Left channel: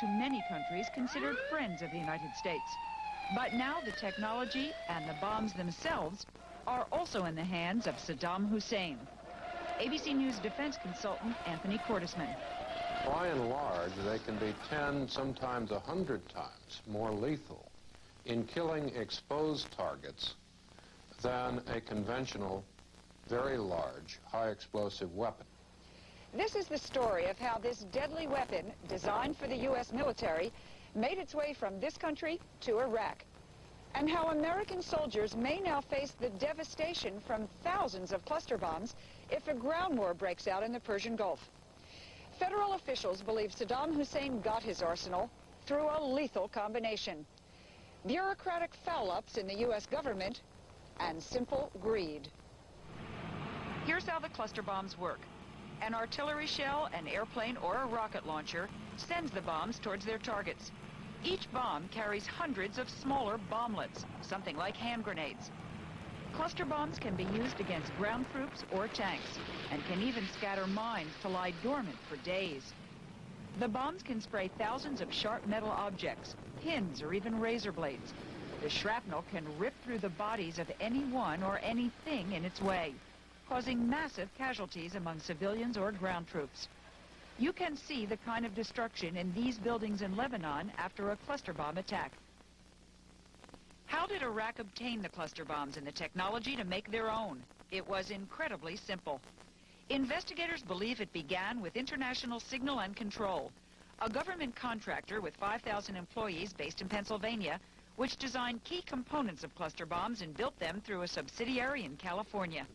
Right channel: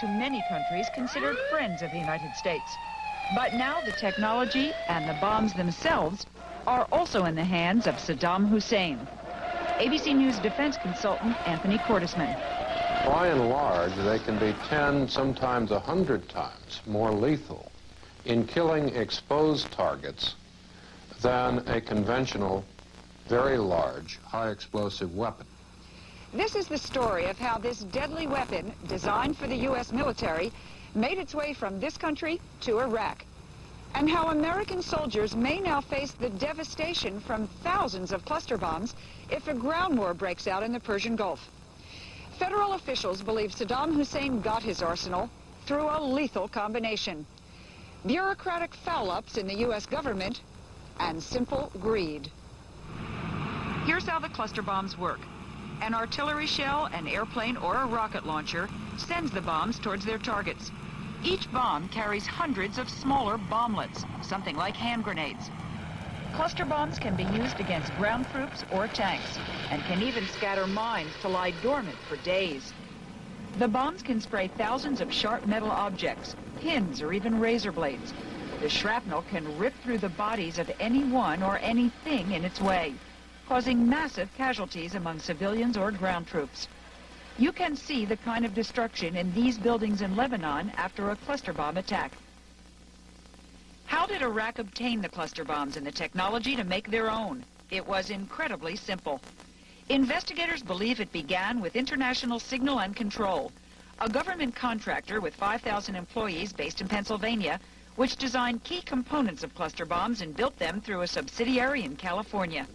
to many countries considered friends of the United States. But now the technology and the bombs themselves are also in the hands of Saddam Hussein. ABC News defense consultant Anthony Cordesman. By and large, they can be 10, sometimes 100 times more lethal in killing exposed targets than a conventional, very large, high-explosive weapon. This is the story of how this deadly weapon, designed for the U.S. military, made its way from this country to Iraq, and how American soldiers may now face the devastation from thousands of cluster bombs if a ground war breaks out in the Persian Gulf. Federal officials believe Saddam Hussein got his arsenal through a lethal combination: bureaucratic foul-ups in the U.S. government and simple greed. Here's how the cluster bombs work. An artillery shell, an airplane, or a rocket launcher sends the bombs towards their targets. Each bomb carries hundreds of smaller bomblets, something like hand grenades. Cluster bombs can be used against ground troops or tanks, and can even scatter mines to lie dormant for days. The bombs can spray thousands of sharp metal objects, pins, or even razor blades. The shrapnel can rip through the bodies of anyone or anything in its way, causing massive casualties among civilians or ground troops. You can see the kind of destruction in these buildings in Lebanon after a cluster bomb attack. How did Iraq obtain the cluster bombs and the technology to make their own? It was incredibly simple. Investigators believe it began with International Signal and Control, a government contractor with 5,000 employees based in Pennsylvania, which designed key components of cluster bombs and built them through a subsidiary in California.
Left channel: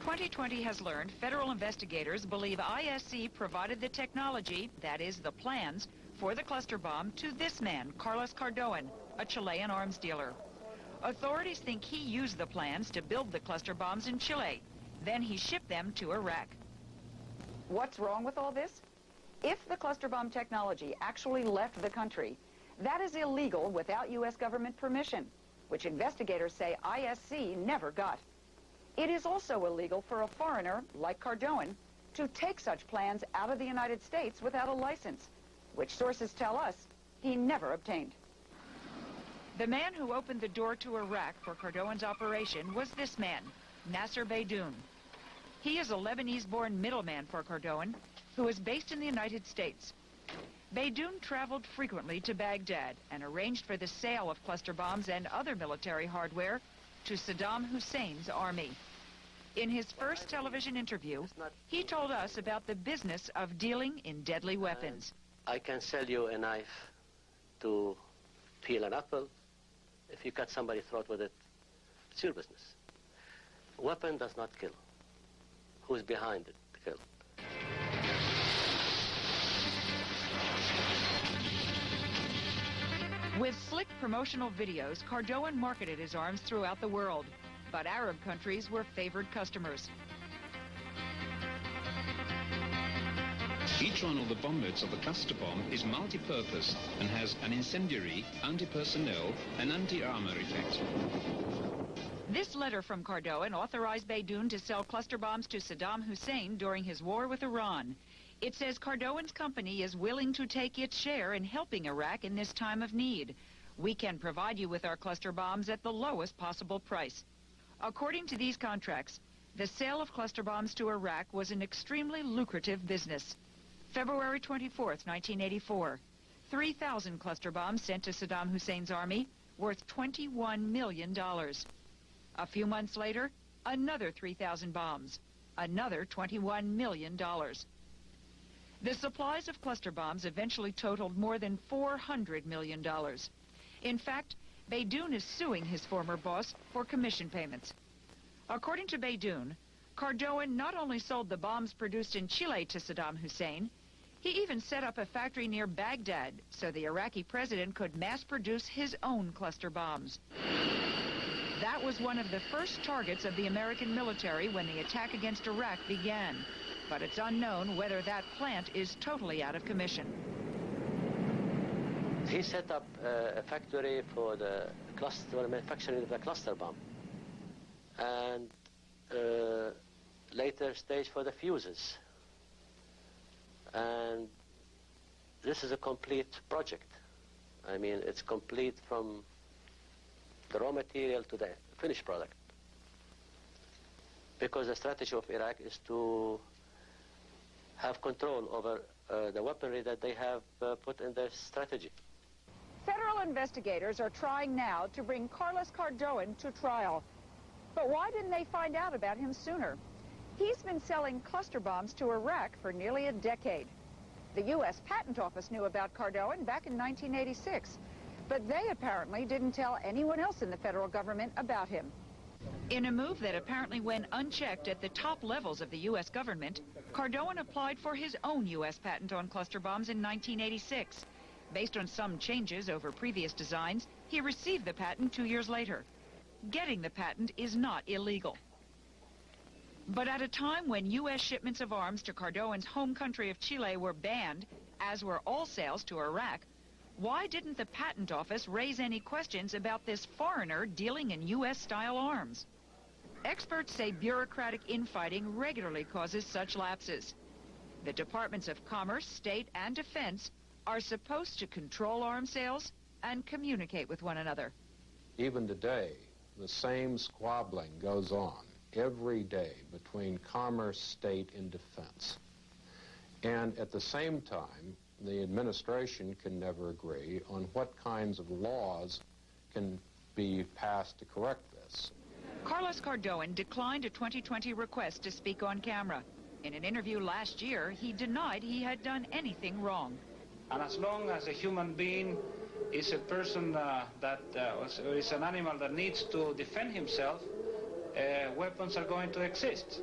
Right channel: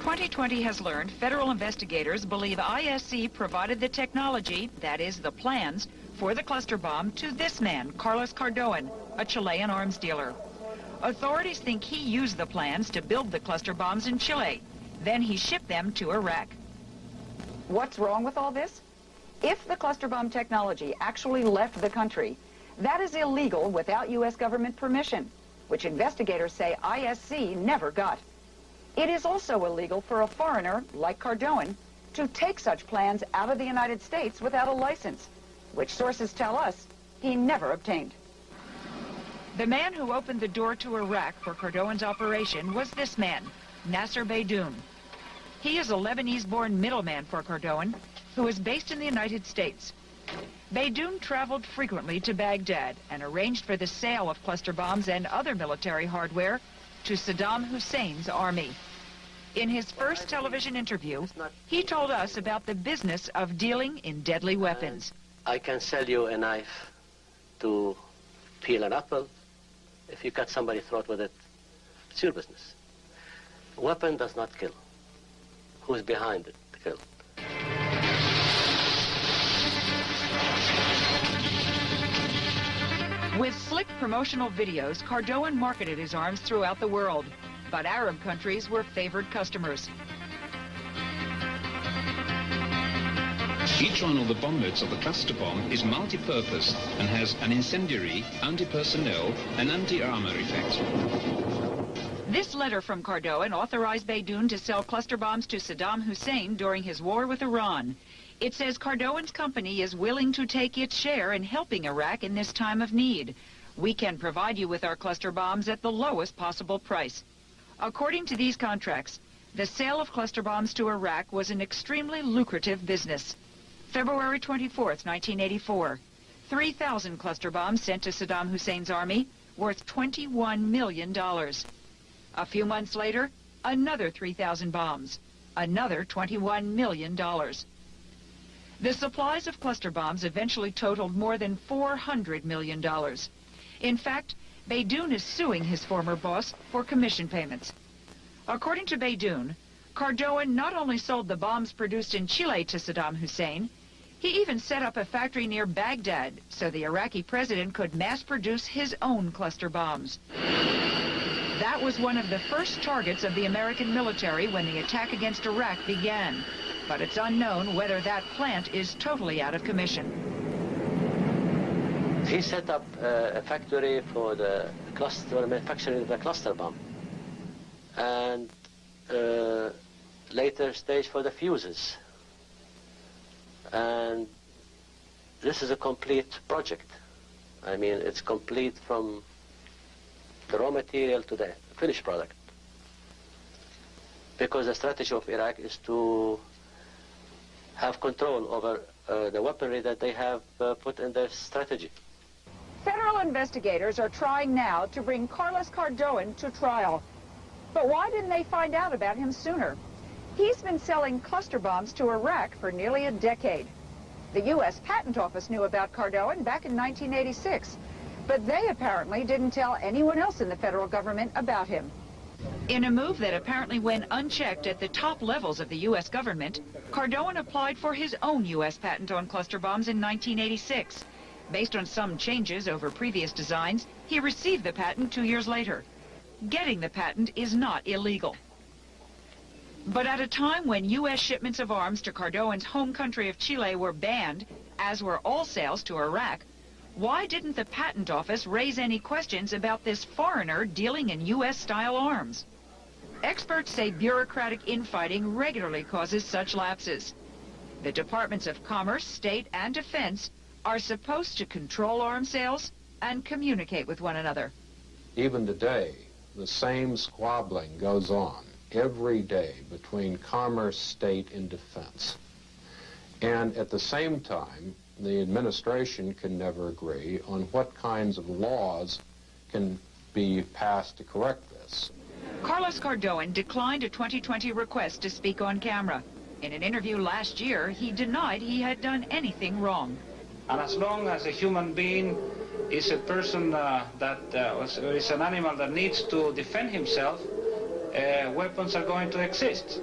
2020 has learned federal investigators believe ISC provided the technology, that is, the plans, for the cluster bomb to this man, Carlos Caterbone, a Chilean arms dealer. Authorities think he used the plans to build the cluster bombs in Chile. Then he shipped them to Iraq. What's wrong with all this? If the cluster bomb technology actually left the country, that is illegal without U.S. government permission, which investigators say ISC never got. It is also illegal for a foreigner, like Caterbone, to take such plans out of the United States without a license, which sources tell us he never obtained. The man who opened the door to Iraq for Cardone's operation was this man, Nasser Beydoun. He is a Lebanese-born middleman for Caterbone, who is based in the United States. Beydoun traveled frequently to Baghdad and arranged for the sale of cluster bombs and other military hardware to Saddam Hussein's army. In his first television interview, he told us about the business of dealing in deadly weapons. I can sell you a knife to peel an apple. If you cut somebody's throat with it, it's your business. A weapon does not kill. Who's behind it to kill? With slick promotional videos, Caterbone marketed his arms throughout the world, but Arab countries were favored customers. Each one of the bomblets of the cluster bomb is multi-purpose and has an incendiary, anti-personnel, and anti-armor effect. This letter from Caterbone authorized Beydoun to sell cluster bombs to Saddam Hussein during his war with Iran. It says Cardone's company is willing to take its share in helping Iraq in this time of need. We can provide you with our cluster bombs at the lowest possible price. According to these contracts, the sale of cluster bombs to Iraq was an extremely lucrative business. February 24th, 1984, 3,000 cluster bombs sent to Saddam Hussein's army, worth $21 million. A few months later, another 3,000 bombs, another $21 million. The supplies of cluster bombs eventually totaled more than $400 million. In fact, Beydoun is suing his former boss for commission payments. According to Beydoun, Caterbone not only sold the bombs produced in Chile to Saddam Hussein, he even set up a factory near Baghdad so the Iraqi president could mass produce his own cluster bombs. That was one of the first targets of the American military when the attack against Iraq began. But it's unknown whether that plant is totally out of commission. He set up a factory for the cluster, manufacturing the cluster bomb. And later stage for the fuses. And this this is a complete project. I mean, it's complete from the raw material to the finished product. Because the strategy of Iraq is to have control over the weaponry that they have put in their strategy. Federal investigators are trying now to bring Carlos Caterbone to trial. But why didn't they find out about him sooner? He's been selling cluster bombs to Iraq for nearly a decade. The U.S. Patent Office knew about Caterbone back in 1986, but they apparently didn't tell anyone else in the federal government about him. In a move that apparently went unchecked at the top levels of the U.S. government, Caterbone applied for his own U.S. patent on cluster bombs in 1986. Based on some changes over previous designs, he received the patent 2 years later. Getting the patent is not illegal. But at a time when U.S. shipments of arms to Cardone's home country of Chile were banned, as were all sales to Iraq, why didn't the Patent Office raise any questions about this foreigner dealing in U.S.-style arms? Experts say bureaucratic infighting regularly causes such lapses. The Departments of Commerce, State, and Defense are supposed to control arms sales and communicate with one another. Even today, the same squabbling goes on every day between Commerce, State, and Defense. And at the same time, the administration can never agree on what kinds of laws can be passed to correct this. Carlos Caterbone declined a 2020 request to speak on camera. In an interview last year, he denied he had done anything wrong. And as long as a human being is a person is an animal that needs to defend himself, weapons are going to exist.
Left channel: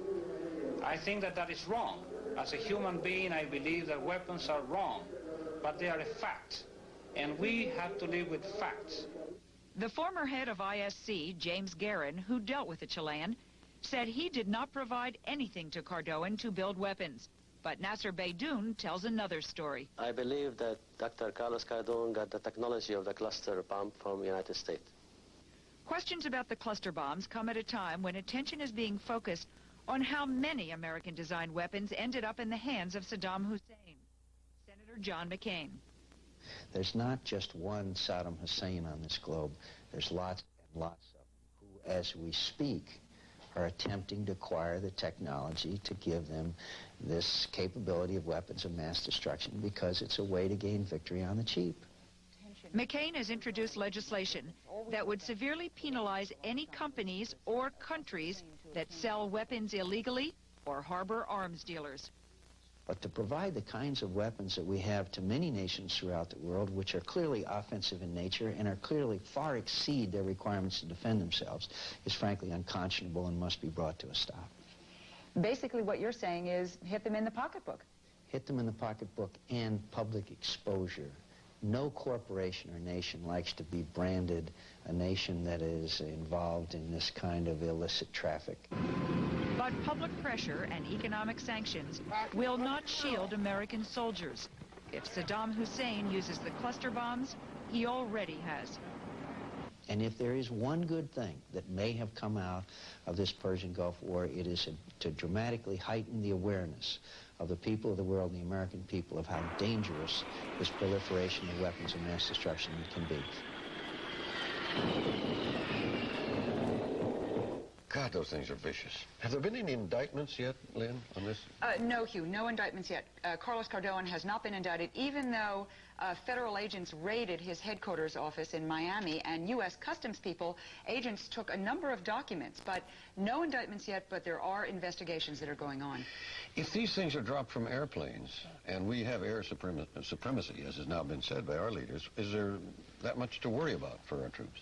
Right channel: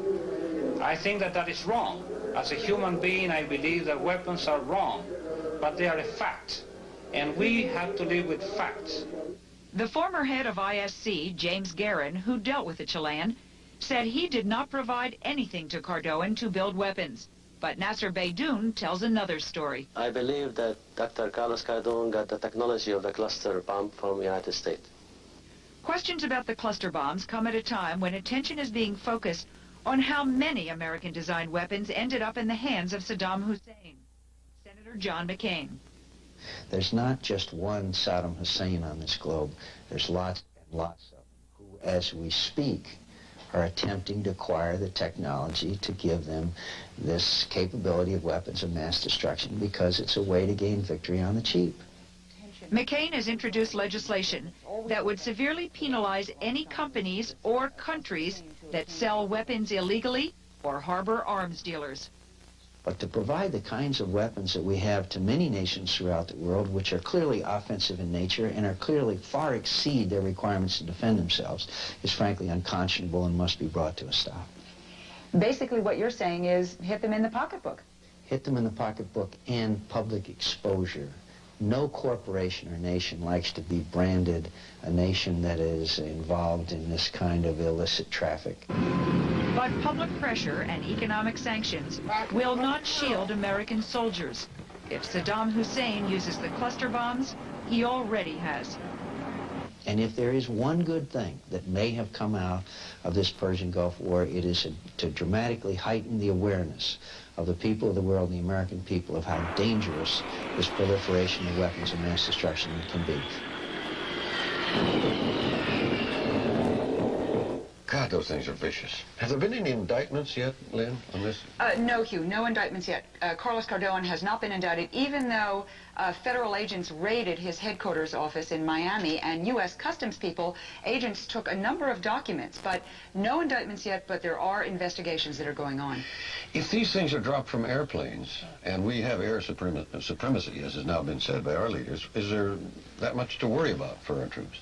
I think that that is wrong. As a human being, I believe that weapons are wrong, but they are a fact, and we have to live with facts. The former head of ISC, James Guerin, who dealt with the Chilean, said he did not provide anything to Caterbone to build weapons. But Nasser Beydoun tells another story. I believe that Dr. Carlos Caterbone got the technology of the cluster bomb from the United States. Questions about the cluster bombs come at a time when attention is being focused on how many American-designed weapons ended up in the hands of Saddam Hussein. Senator John McCain. There's not just one Saddam Hussein on this globe. There's lots and lots of them who, as we speak, are attempting to acquire the technology to give them this capability of weapons of mass destruction because it's a way to gain victory on the cheap. McCain has introduced legislation that would severely penalize any companies or countries that sell weapons illegally or harbor arms dealers. But to provide the kinds of weapons that we have to many nations throughout the world, which are clearly offensive in nature and are clearly far exceed their requirements to defend themselves, is frankly unconscionable and must be brought to a stop. Basically what you're saying is hit them in the pocketbook. Hit them in the pocketbook and public exposure. No corporation or nation likes to be branded a nation that is involved in this kind of illicit traffic. But public pressure and economic sanctions will not shield American soldiers. If Saddam Hussein uses the cluster bombs, he already has. And if there is one good thing that may have come out of this Persian Gulf War, it is to dramatically heighten the awareness of the people of the world and the American people of how dangerous this proliferation of weapons of mass destruction can be. God, those things are vicious. Have there been any indictments yet, Lynn, on this? No, Hugh, no indictments yet. Carlos Caterbone has not been indicted, even though federal agents raided his headquarters office in Miami, and U.S. Customs agents took a number of documents, but no indictments yet, but there are investigations that are going on. If these things are dropped from airplanes, and we have air supremacy, as has now been said by our leaders, is there that much to worry about for our troops?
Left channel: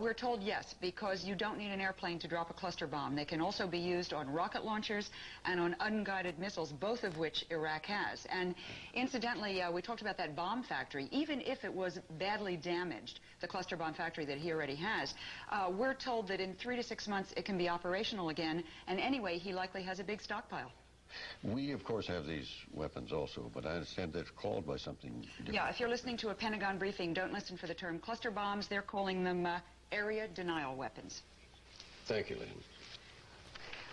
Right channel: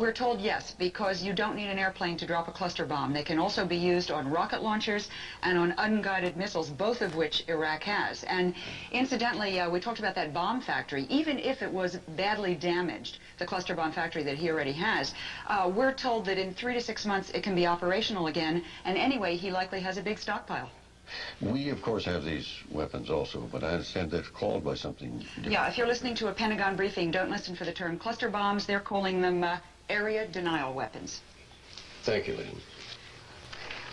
We're told yes, because you don't need an airplane to drop a cluster bomb. They can also be used on rocket launchers and on unguided missiles, both of which Iraq has. And incidentally, we talked about that bomb factory. Even if it was badly damaged, the cluster bomb factory that he already has, we're told that in 3 to 6 months it can be operational again. And anyway, he likely has a big stockpile. We, of course, have these weapons also, but I understand they're called by something different. Yeah, if you're listening to a Pentagon briefing, don't listen for the term cluster bombs. They're calling them area denial weapons. Thank you, Lynn.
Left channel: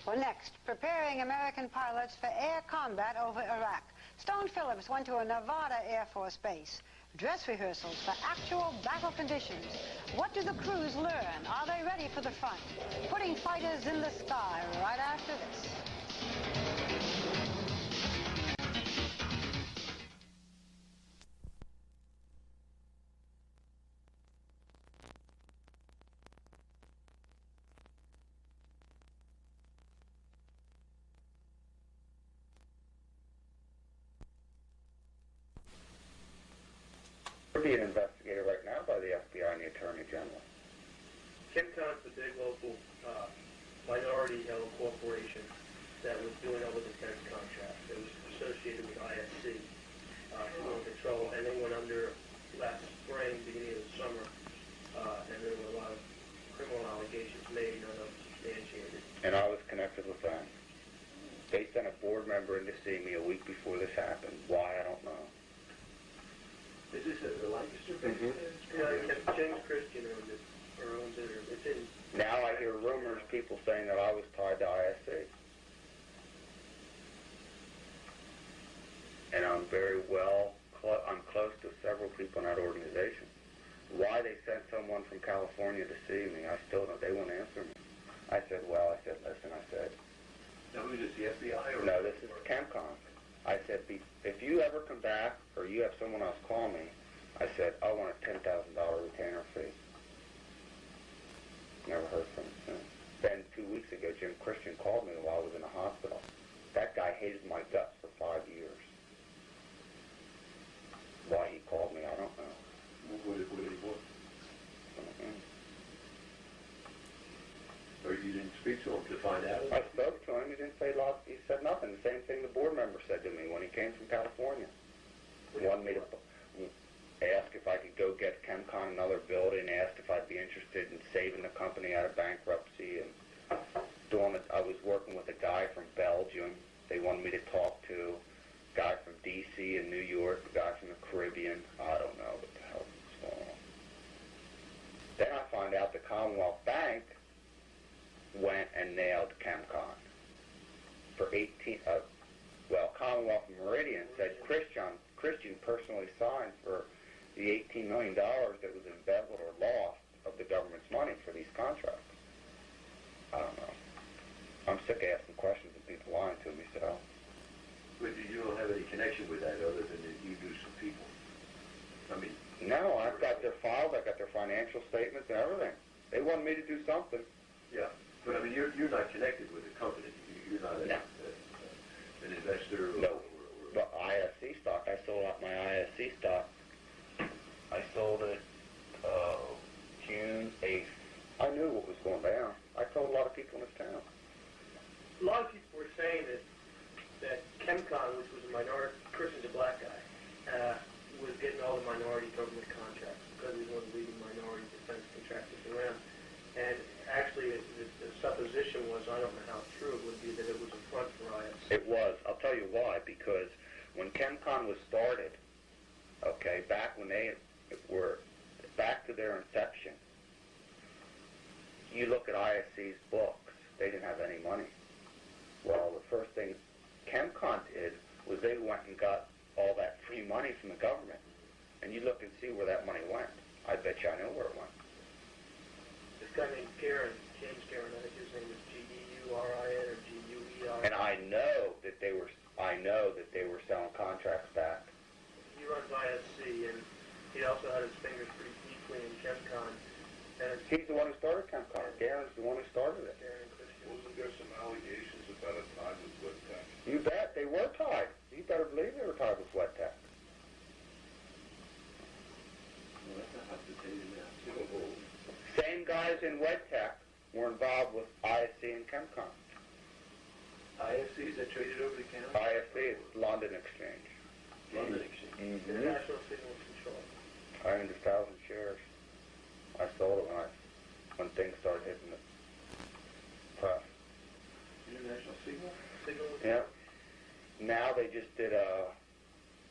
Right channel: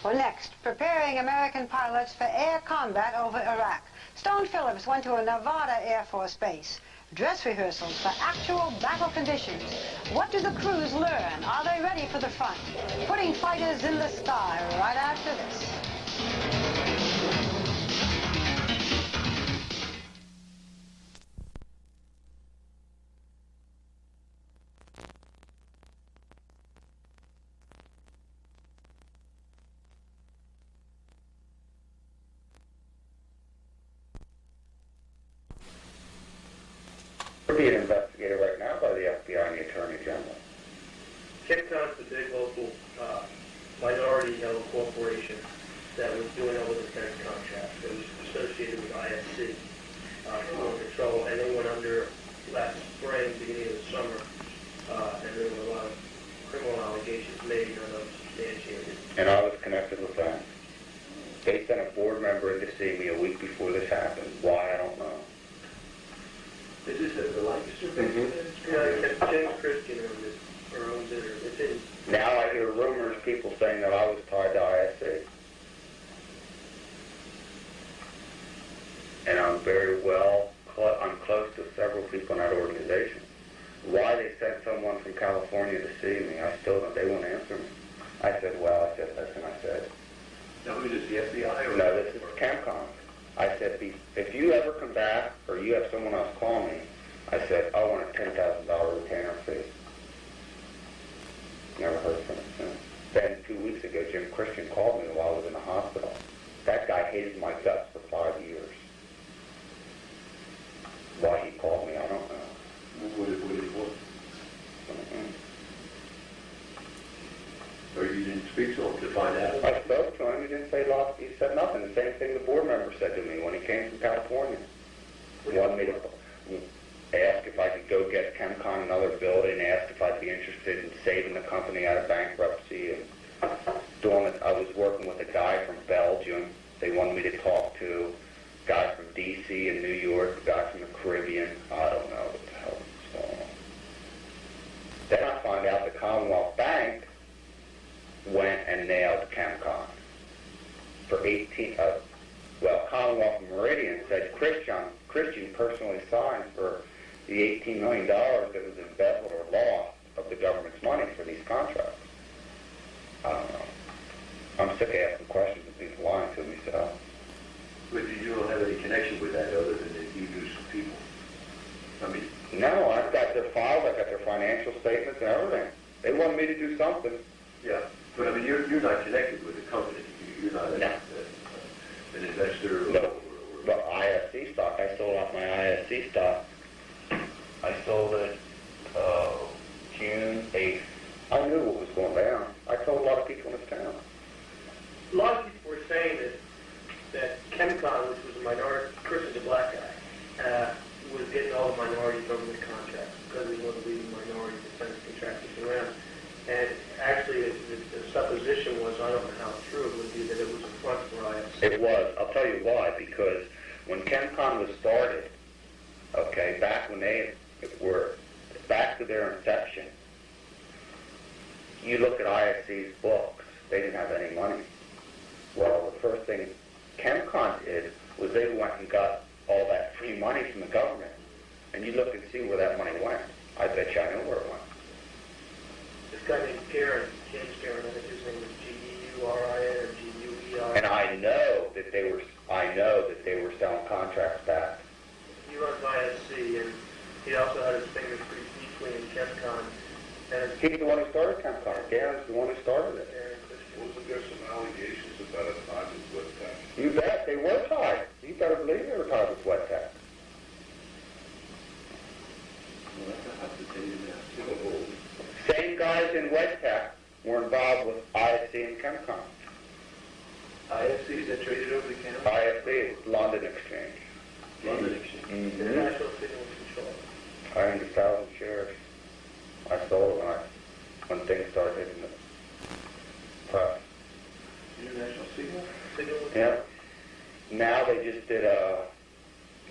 Well, next, preparing American pilots for air combat over Iraq. Stone Phillips went to a Nevada Air Force base. Dress rehearsals for actual battle conditions. What do the crews learn? Are they ready for the front? Putting fighters in the sky right after this. We're being investigated right now by the FBI and the Attorney General. Caterbone is a big local minority-owned corporation that was doing all the defense contracts. It was associated with ISC. And they went under last spring, beginning of the summer, and there were a lot of criminal allegations made and unsubstantiated. And I was connected with that. They sent a board member to see me a week before this happened. Why, I don't know. This is the life James Christian owns it, or it's his. Now I hear rumors, people saying that I was tied to ISC. And I'm very well, I'm close to several people in that organization. Why they sent someone from California to see me, I still don't, they won't answer me. I said, well, I said, that's what I said. No, this is the FBI. No, this is Caterbone. I said, if you ever come back, or you have someone else call me, I said, I want a $10,000 retainer fee. Never heard from him since. Then 2 weeks ago, Jim Christian called me while I was in the hospital. That guy hated my guts for 5 years. Why he called me, I don't know. What did he want? Or you didn't speak to him to find out? I spoke to him, he didn't say a lot, he said nothing. The same thing the board member said to me when he came to California. He wanted me to ask if I could go get Caterbone another building, asked if I'd be interested in saving the company out of bankruptcy. And I was working with a guy from Belgium. They wanted me to talk to a guy from D.C. and New York, a guy from the Caribbean. I don't know what the hell was going on. Then I found out the Commonwealth Bank went and nailed Caterbone for 18, Commonwealth Meridian said Christian personally signed for the $18 million that was embezzled or lost of the government's money for these contracts. I don't know. I'm sick of asking questions and being lying to myself. But you don't have any connection with that other than that you use people? I mean... No, I've got the files, I've got the financial statements and everything. They want me to do something. Yeah, but I mean, you're not connected with the company. You're not an investor. The ISC stock, I sold off my ISC stock. I sold it June 8th. I knew what was going down. I told a lot of people in the town. A lot of people were saying that Caterbone, which is a minority, Christian black guy, was getting all the minority government contracts because he was one of the leading minority defense contractors around. And actually, the supposition was, I don't know how true it would be, that it was a front for ISC. It was. I'll tell you why. Because when Caterbone was started, okay, back when they were back to their inception, you look at ISC's books, they didn't have any money. Well, the first thing Caterbone did was they went and got all that free money from the government, and you look and see where that money went. I bet you I know where it went. This guy named James Karen, his name was G-U-R-I-N or G-U-E-R. And I know that they were selling contracts back. He runs ISC, and he also had his finger between Caterbone. He's the one who started Caterbone. Garen's the one who started it. You bet, they were tied. You better believe they were tied with West Hat. Same guys in West Hat were involved with ISC and Caterbone. ISC is traded over the Caterbone. ISC is London Exchange. London Exchange. International City Control. 100,000 shares. I sold when they started in the press. International City? Yeah. Now they just did a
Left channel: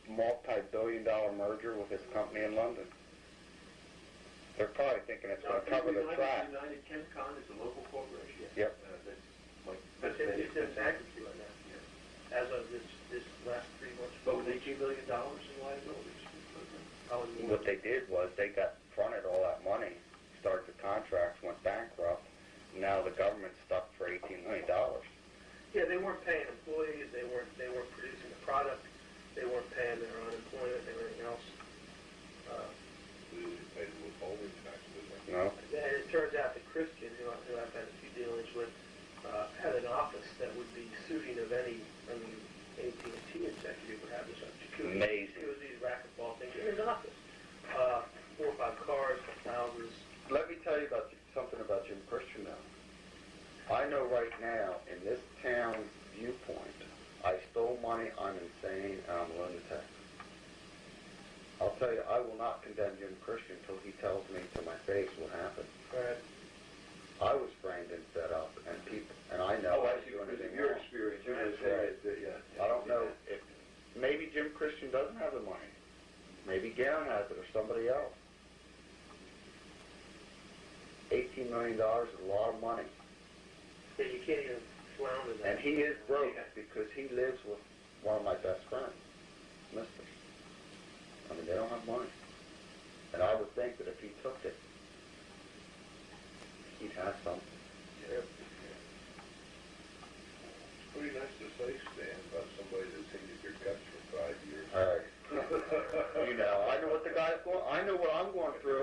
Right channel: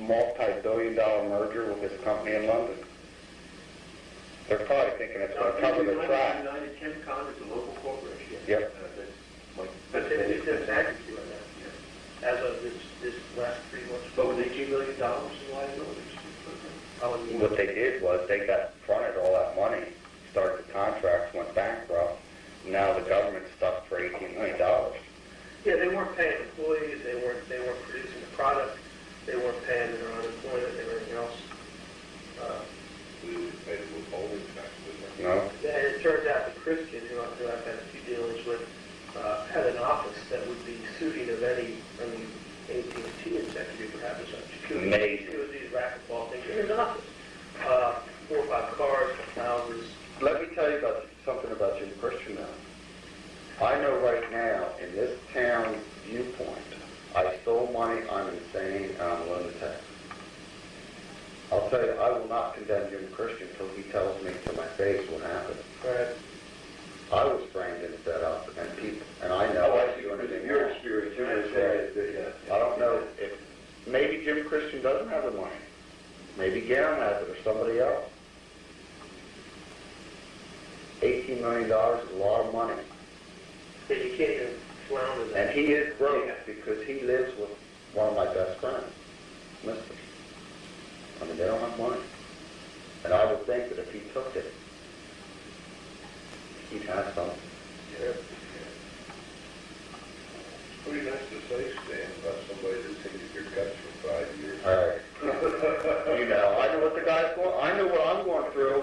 multi-billion-dollar merger with a company in London. They're probably thinking it's going to cover the track. Yep. But they said an act as of this last 3 months. But when they what they did was they got fronted all that money, started the contract, went bankrupt. Now the government is stuck for $18 million. Yeah, they weren't paying employees, they weren't producing the product, they weren't paying their unemployment and everything else. No. And it turned out the Christian, who I had a few dealings with, had an office that would be suited of any AT&T executive perhaps. Amazing. It was these racquetball things. It was an office. 4 or 5 cars, houses. Let me tell you something about you, Christian. I know right now, in this town viewpoint, I stole money on insane loan tax. I'll tell you, I will not condemn you, Christian, until he tells me to my face when I have it. Right. I was trained in that up, and I know your experience. I don't know if maybe Jimmy Christian doesn't have the money. Maybe Garen has it or somebody else. $18 million is a lot of money. And he is broke because he lives with one of my best friends, Mr. I mean, they don't have money. And I would think that if he took it, he'd have something. Yeah. What do you have to say, Stan, about somebody who's taking your guts for 5 years? All right. You know, I know what the guy's going. I know what I'm going through,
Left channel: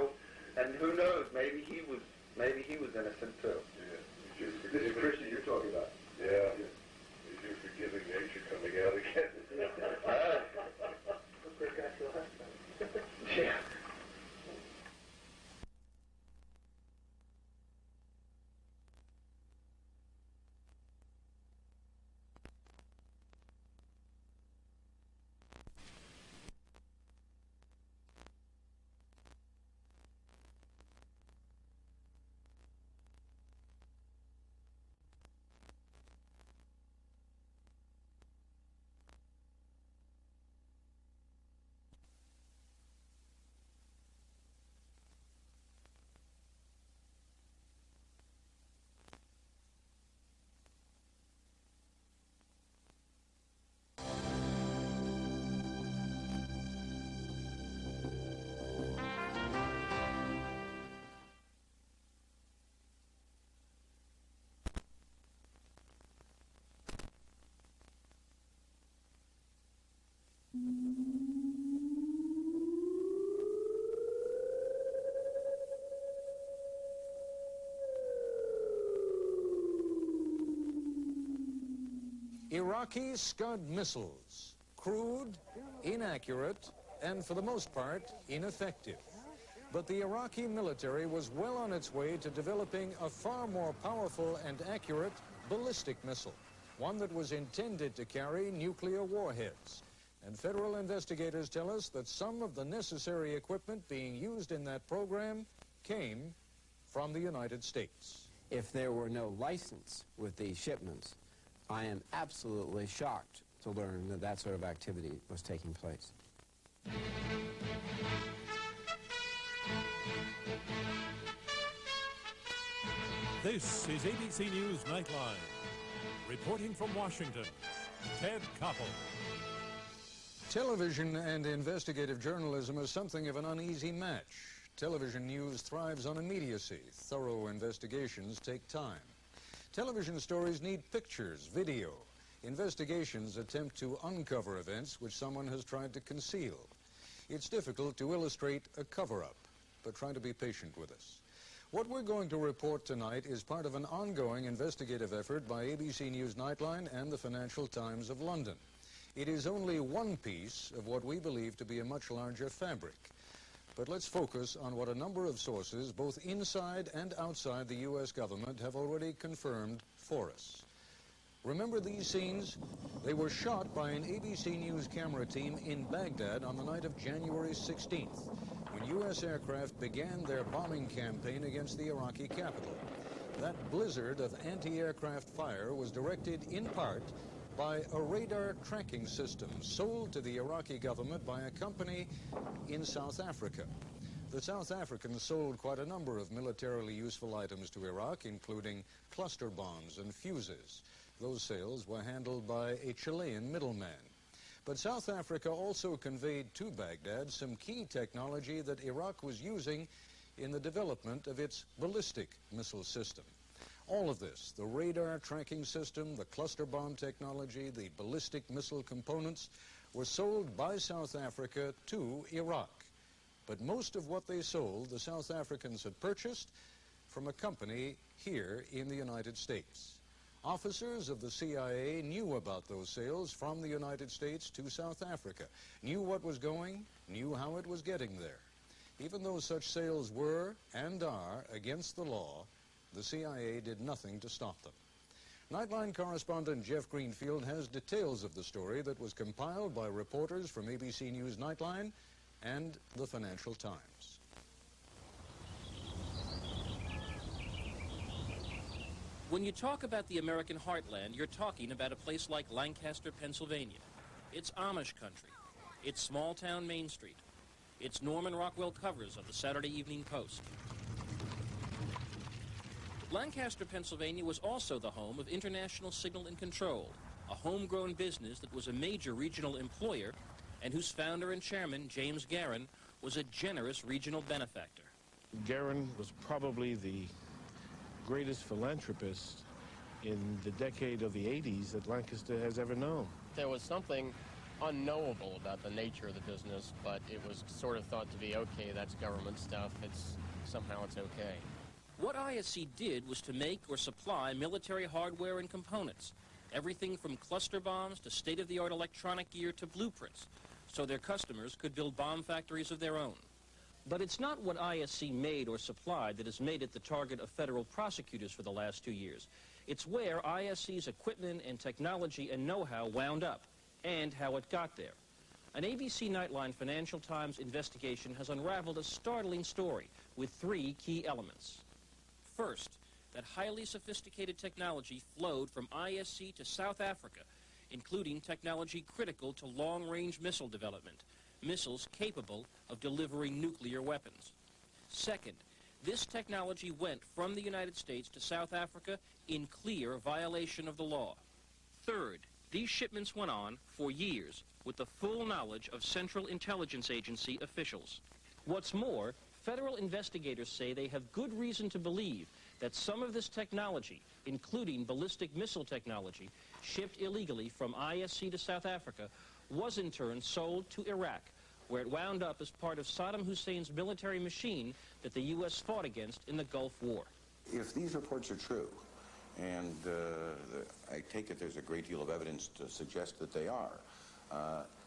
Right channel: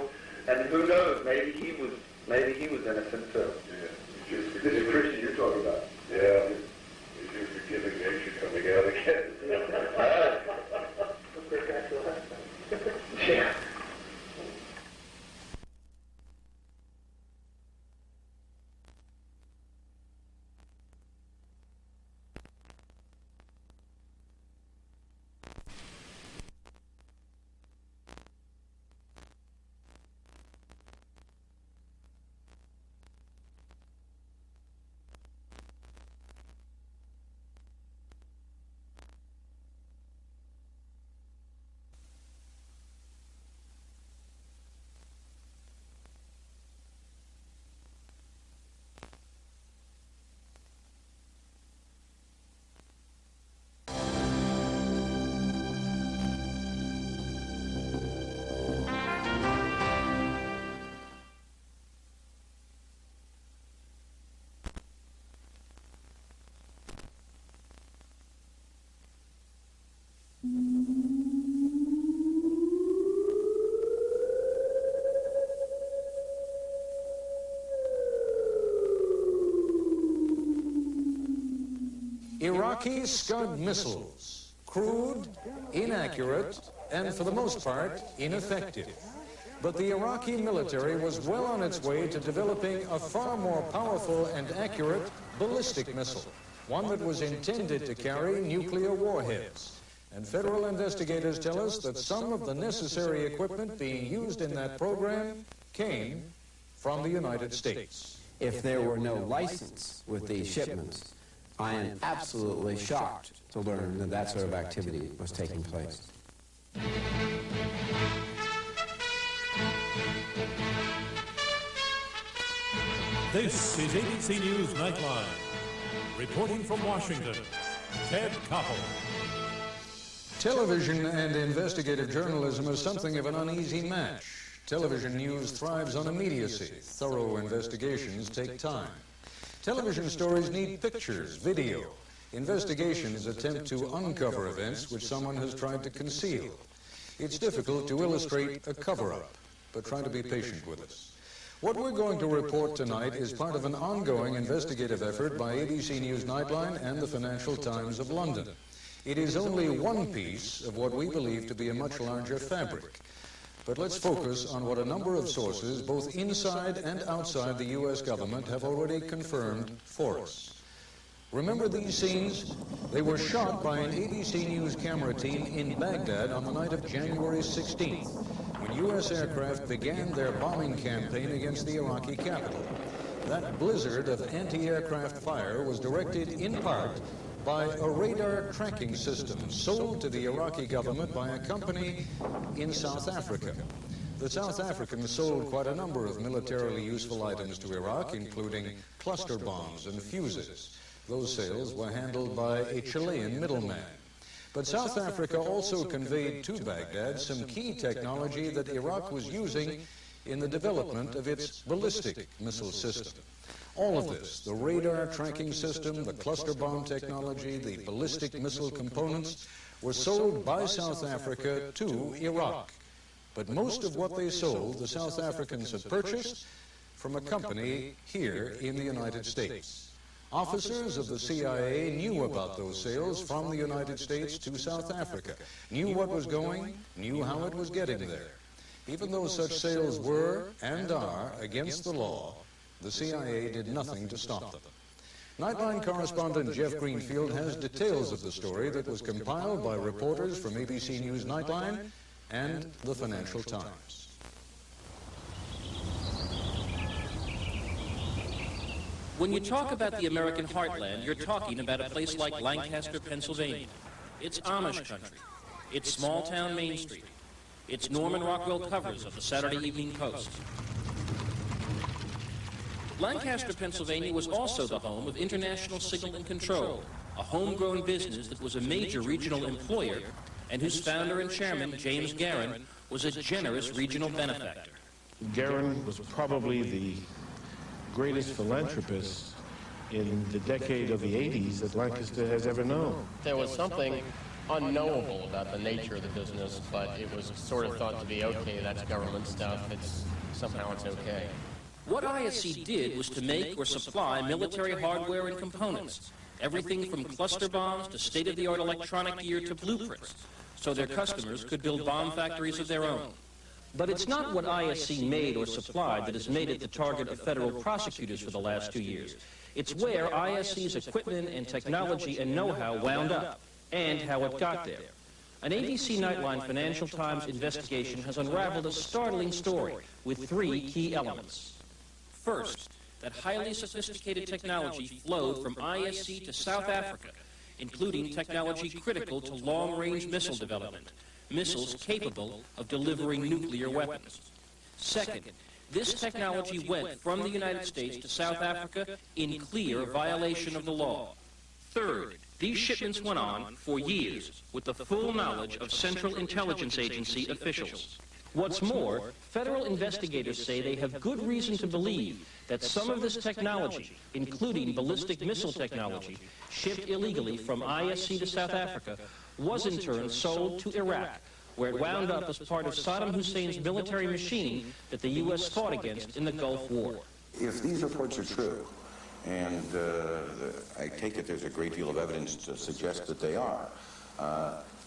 and who knows? Maybe he was innocent too. Yeah. This is Christian you're talking about. Yeah. You're giving me coming out again. Yeah. Iraqi Scud missiles, crude, inaccurate, and for the most part, ineffective. But the Iraqi military was well on its way to developing a far more powerful and accurate ballistic missile, one that was intended to carry nuclear warheads. And federal investigators tell us that some of the necessary equipment being used in that program came from the United States. If there were no license with these shipments, I am absolutely shocked to learn that that sort of activity was taking place. This is ABC News Nightline. Reporting from Washington, Ted Koppel. Television and investigative journalism is something of an uneasy match. Television news thrives on immediacy. Thorough investigations take time. Television stories need pictures, video. Investigations attempt to uncover events which someone has tried to conceal. It's difficult to illustrate a cover-up, but try to be patient with us. What we're going to report tonight is part of an ongoing investigative effort by ABC News Nightline and the Financial Times of London. It is only one piece of what we believe to be a much larger fabric. But let's focus on what a number of sources, both inside and outside the U.S. government, have already confirmed for us. Remember these scenes? They were shot by an ABC News camera team in Baghdad on the night of January 16th, when U.S. aircraft began their bombing campaign against the Iraqi capital. That blizzard of anti-aircraft fire was directed in part by a radar tracking system sold to the Iraqi government by a company in South Africa. The South Africans sold quite a number of militarily useful items to Iraq, including cluster bombs and fuses. Those sales were handled by a Chilean middleman. But South Africa also conveyed to Baghdad some key technology that Iraq was using in the development of its ballistic missile system. All of this, the radar tracking system, the cluster bomb technology, the ballistic missile components, were sold by South Africa to Iraq. But most of what they sold, the South Africans had purchased from a company here in the United States. Officers of the CIA knew about those sales from the United States to South Africa, knew what was going, knew how it was getting there. Even though such sales were and are against the law, the CIA did nothing to stop them. Nightline correspondent Jeff Greenfield has details of the story that was compiled by reporters from ABC News Nightline and the Financial Times. When you talk about the American heartland, you're talking about a place like Lancaster, Pennsylvania. It's Amish country. It's small-town Main Street. It's Norman Rockwell covers of the Saturday Evening Post. Lancaster, Pennsylvania was also the home of International Signal Control, a homegrown business that was a major regional employer and whose founder and chairman, James Guerin, was a generous regional benefactor. Guerin was probably the greatest philanthropist in the decade of the 80s that Lancaster has ever known. There was something unknowable about the nature of the business, but it was sort of thought to be okay, that's government stuff, somehow it's okay. What ISC did was to make or supply military hardware and components, everything from cluster bombs to state-of-the-art electronic gear to blueprints, so their customers could build bomb factories of their own. But it's not what ISC made or supplied that has made it the target of federal prosecutors for the last 2 years. It's where ISC's equipment and technology and know-how wound up, and how it got there. An ABC Nightline Financial Times investigation has unraveled a startling story with 3 key elements. First, that highly sophisticated technology flowed from ISC to South Africa, including technology critical to long-range missile development, missiles capable of delivering nuclear weapons. Second, this technology went from the United States to South Africa in clear violation of the law. Third, these shipments went on for years with the full knowledge of Central Intelligence Agency officials. What's more, federal investigators say they have good reason to believe that some of this technology, including ballistic missile technology, shipped illegally from ISC to South Africa, was in turn sold to Iraq, where it wound up as part of Saddam Hussein's military machine that the U.S. fought against in the Gulf War. If these reports are true, and I take it there's a great deal of evidence to suggest that they are,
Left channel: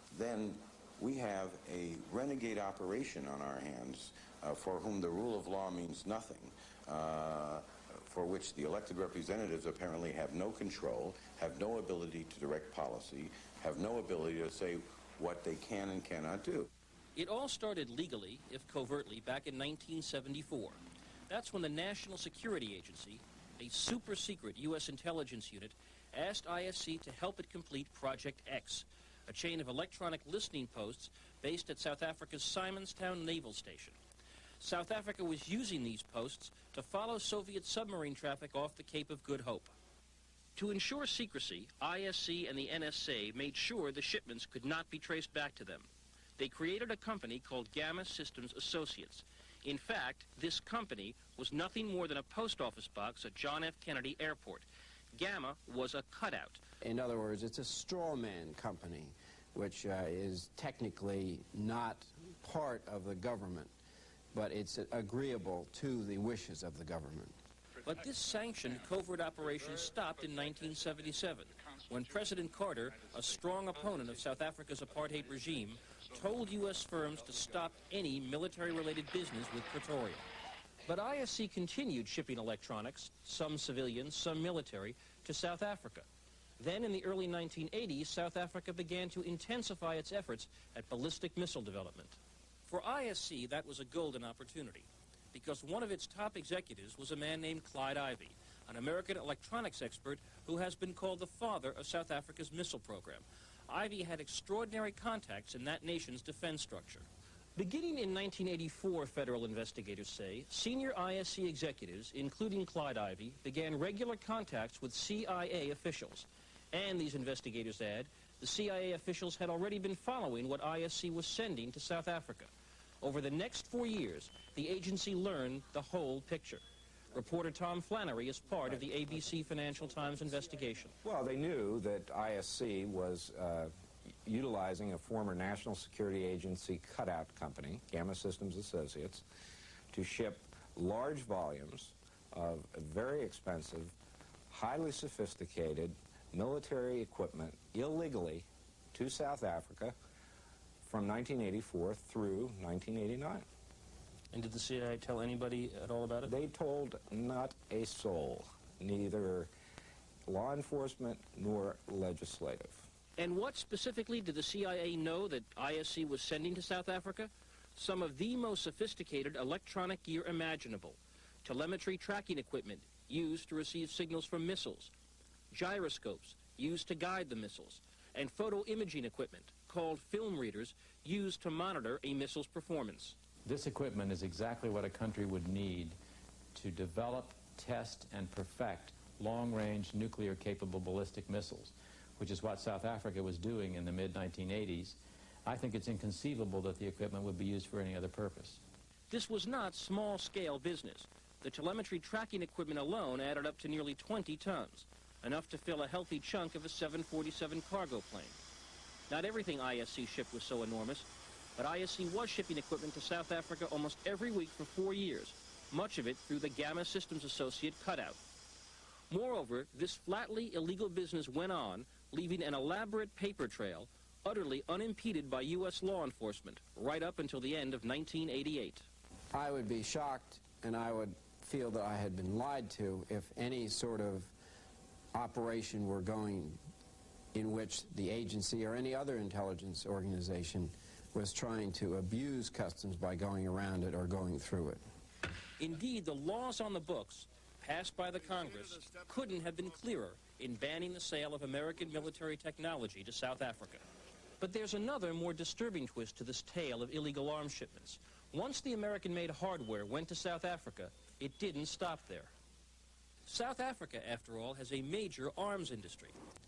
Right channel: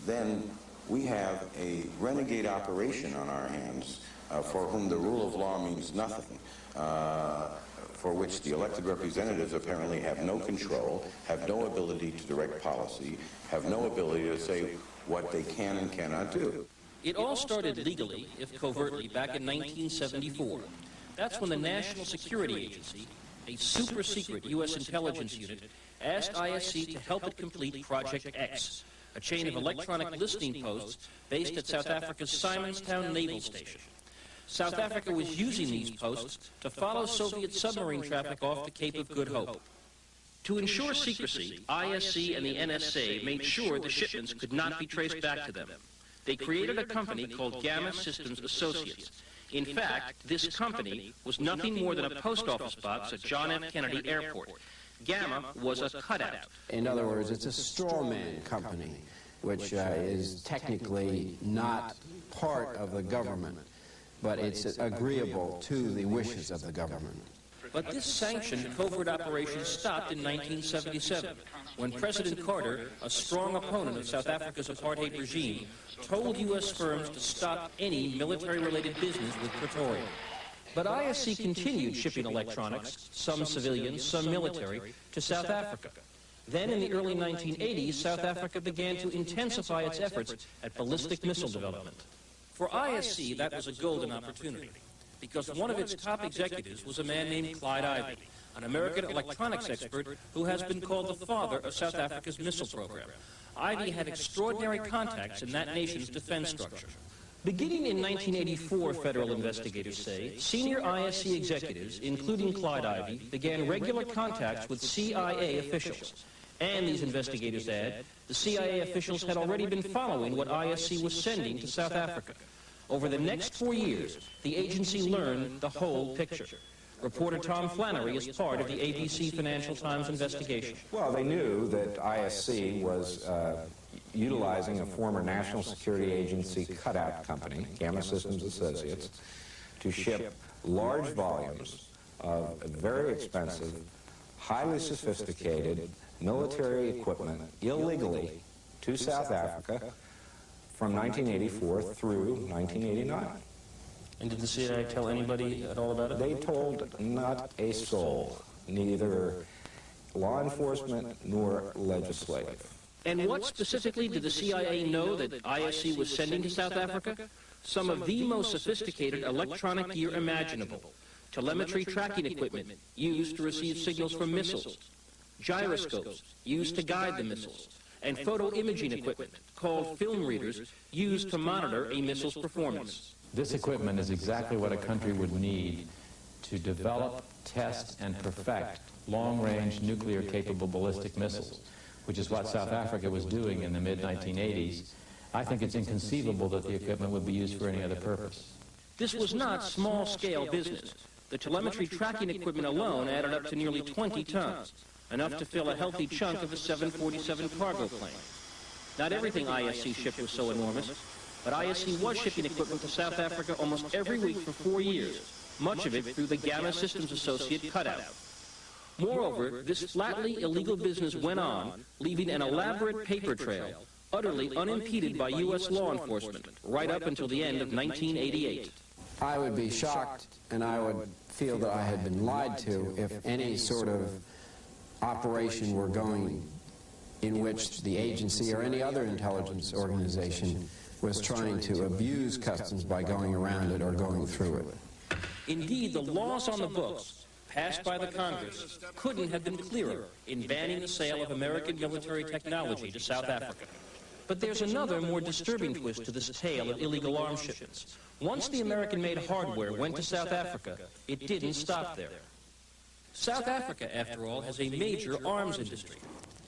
then we have a renegade operation on our hands for whom the rule of law means nothing, for which the elected representatives apparently have no control, have no ability to direct policy, have no ability to say what they can and cannot do. It all started legally, if covertly, back in 1974. That's when the National Security Agency, a super-secret U.S. intelligence unit, asked ISC to help it complete Project X, a chain of electronic listening posts based at South Africa's Simonstown Naval Station. South Africa was using these posts to follow Soviet submarine traffic off the Cape of Good Hope. To ensure secrecy, ISC and the NSA made sure the shipments could not be traced back to them. They created a company called Gamma Systems Associates. In fact, this company was nothing more than a post office box at John F. Kennedy Airport. Gamma was a cutout. In other words, it's a strawman company, which is technically not part of the government, but it's agreeable to the wishes of the government. But this sanctioned covert operation stopped in 1977, when President Carter, a strong opponent of South Africa's apartheid regime, told U.S. firms to stop any military-related business with Pretoria. But ISC continued shipping electronics, some civilian, some military, to South Africa. Then in the early 1980s, South Africa began to intensify its efforts at ballistic missile development. For ISC, that was a golden opportunity, because one of its top executives was a man named Clyde Ivey, an American electronics expert who has been called the father of South Africa's missile program. Ivey had extraordinary contacts in that nation's defense structure. Beginning in 1984, federal investigators say, senior ISC executives, including Clyde Ivey, began regular contacts with CIA officials. And as investigators add, the CIA officials had already been following what ISC was sending to South Africa. Over the next 4 years, the agency learned the whole picture. Reporter Tom Flannery is part of the ABC Financial Times investigation. Well, they knew that ISC was utilizing a former National Security Agency cutout company, Gamma Systems Associates, to ship large volumes of very expensive, highly sophisticated military equipment illegally to South Africa from 1984 through 1989. And did the CIA tell anybody at all about it? They told not a soul, neither law enforcement nor legislative. And what specifically did the CIA know that ISC was sending to South Africa? Some of the most sophisticated electronic gear imaginable. Telemetry tracking equipment used to receive signals from missiles. Gyroscopes used to guide the missiles. And photo imaging equipment called film readers used to monitor a missile's performance. This equipment is exactly what a country would need to develop, test, and perfect long-range nuclear-capable ballistic missiles, which is what South Africa was doing in the mid-1980s. I think it's inconceivable that the equipment would be used for any other purpose. This was not small-scale business. The telemetry tracking equipment alone added up to nearly 20 tons, enough to fill a healthy chunk of a 747 cargo plane. Not everything ISC shipped was so enormous, but ISC was shipping equipment from South Africa almost every week for 4 years, much of it through the Gamma Systems Associate cutout. Moreover, this flatly illegal business went on, leaving an elaborate paper trail, utterly unimpeded by U.S. law enforcement, right up until the end of 1988. I would be shocked, and I would feel that I had been lied to if any sort of operation were going in which the agency or any other intelligence organization was trying to abuse customs by going around it or going through it. Indeed, the laws on the books passed by the Congress couldn't have been clearer in banning the sale of American military technology to South Africa. But there's another more disturbing twist to this tale of illegal arms shipments. Once the American-made hardware went to South Africa, it didn't stop there. South Africa, after all, has a major arms industry.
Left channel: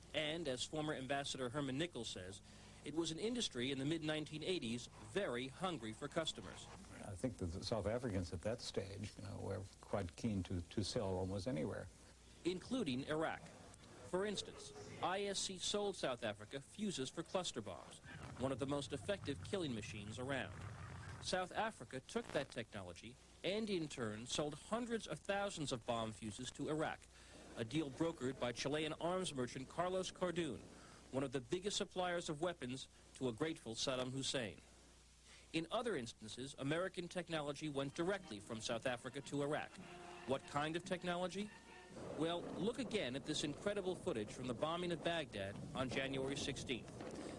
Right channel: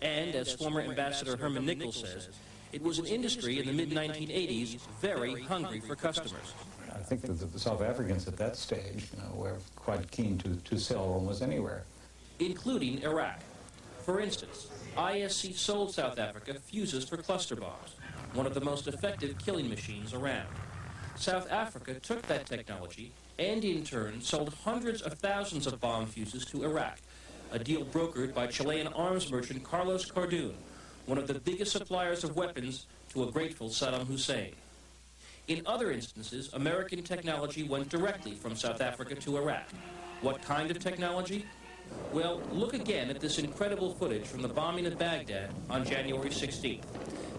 And, as former Ambassador Herman Nichols says, it was an industry in the mid-1980s very hungry for customers. I think that the South Africans at that stage were quite keen to sell almost anywhere. Including Iraq. For instance, ISC sold South Africa fuses for cluster bombs, one of the most effective killing machines around. South Africa took that technology and in turn sold hundreds of thousands of bomb fuses to Iraq, a deal brokered by Chilean arms merchant Carlos Cardoon, one of the biggest suppliers of weapons to a grateful Saddam Hussein. In other instances, American technology went directly from South Africa to Iraq. What kind of technology? Well, look again at this incredible footage from the bombing of Baghdad on January 16th.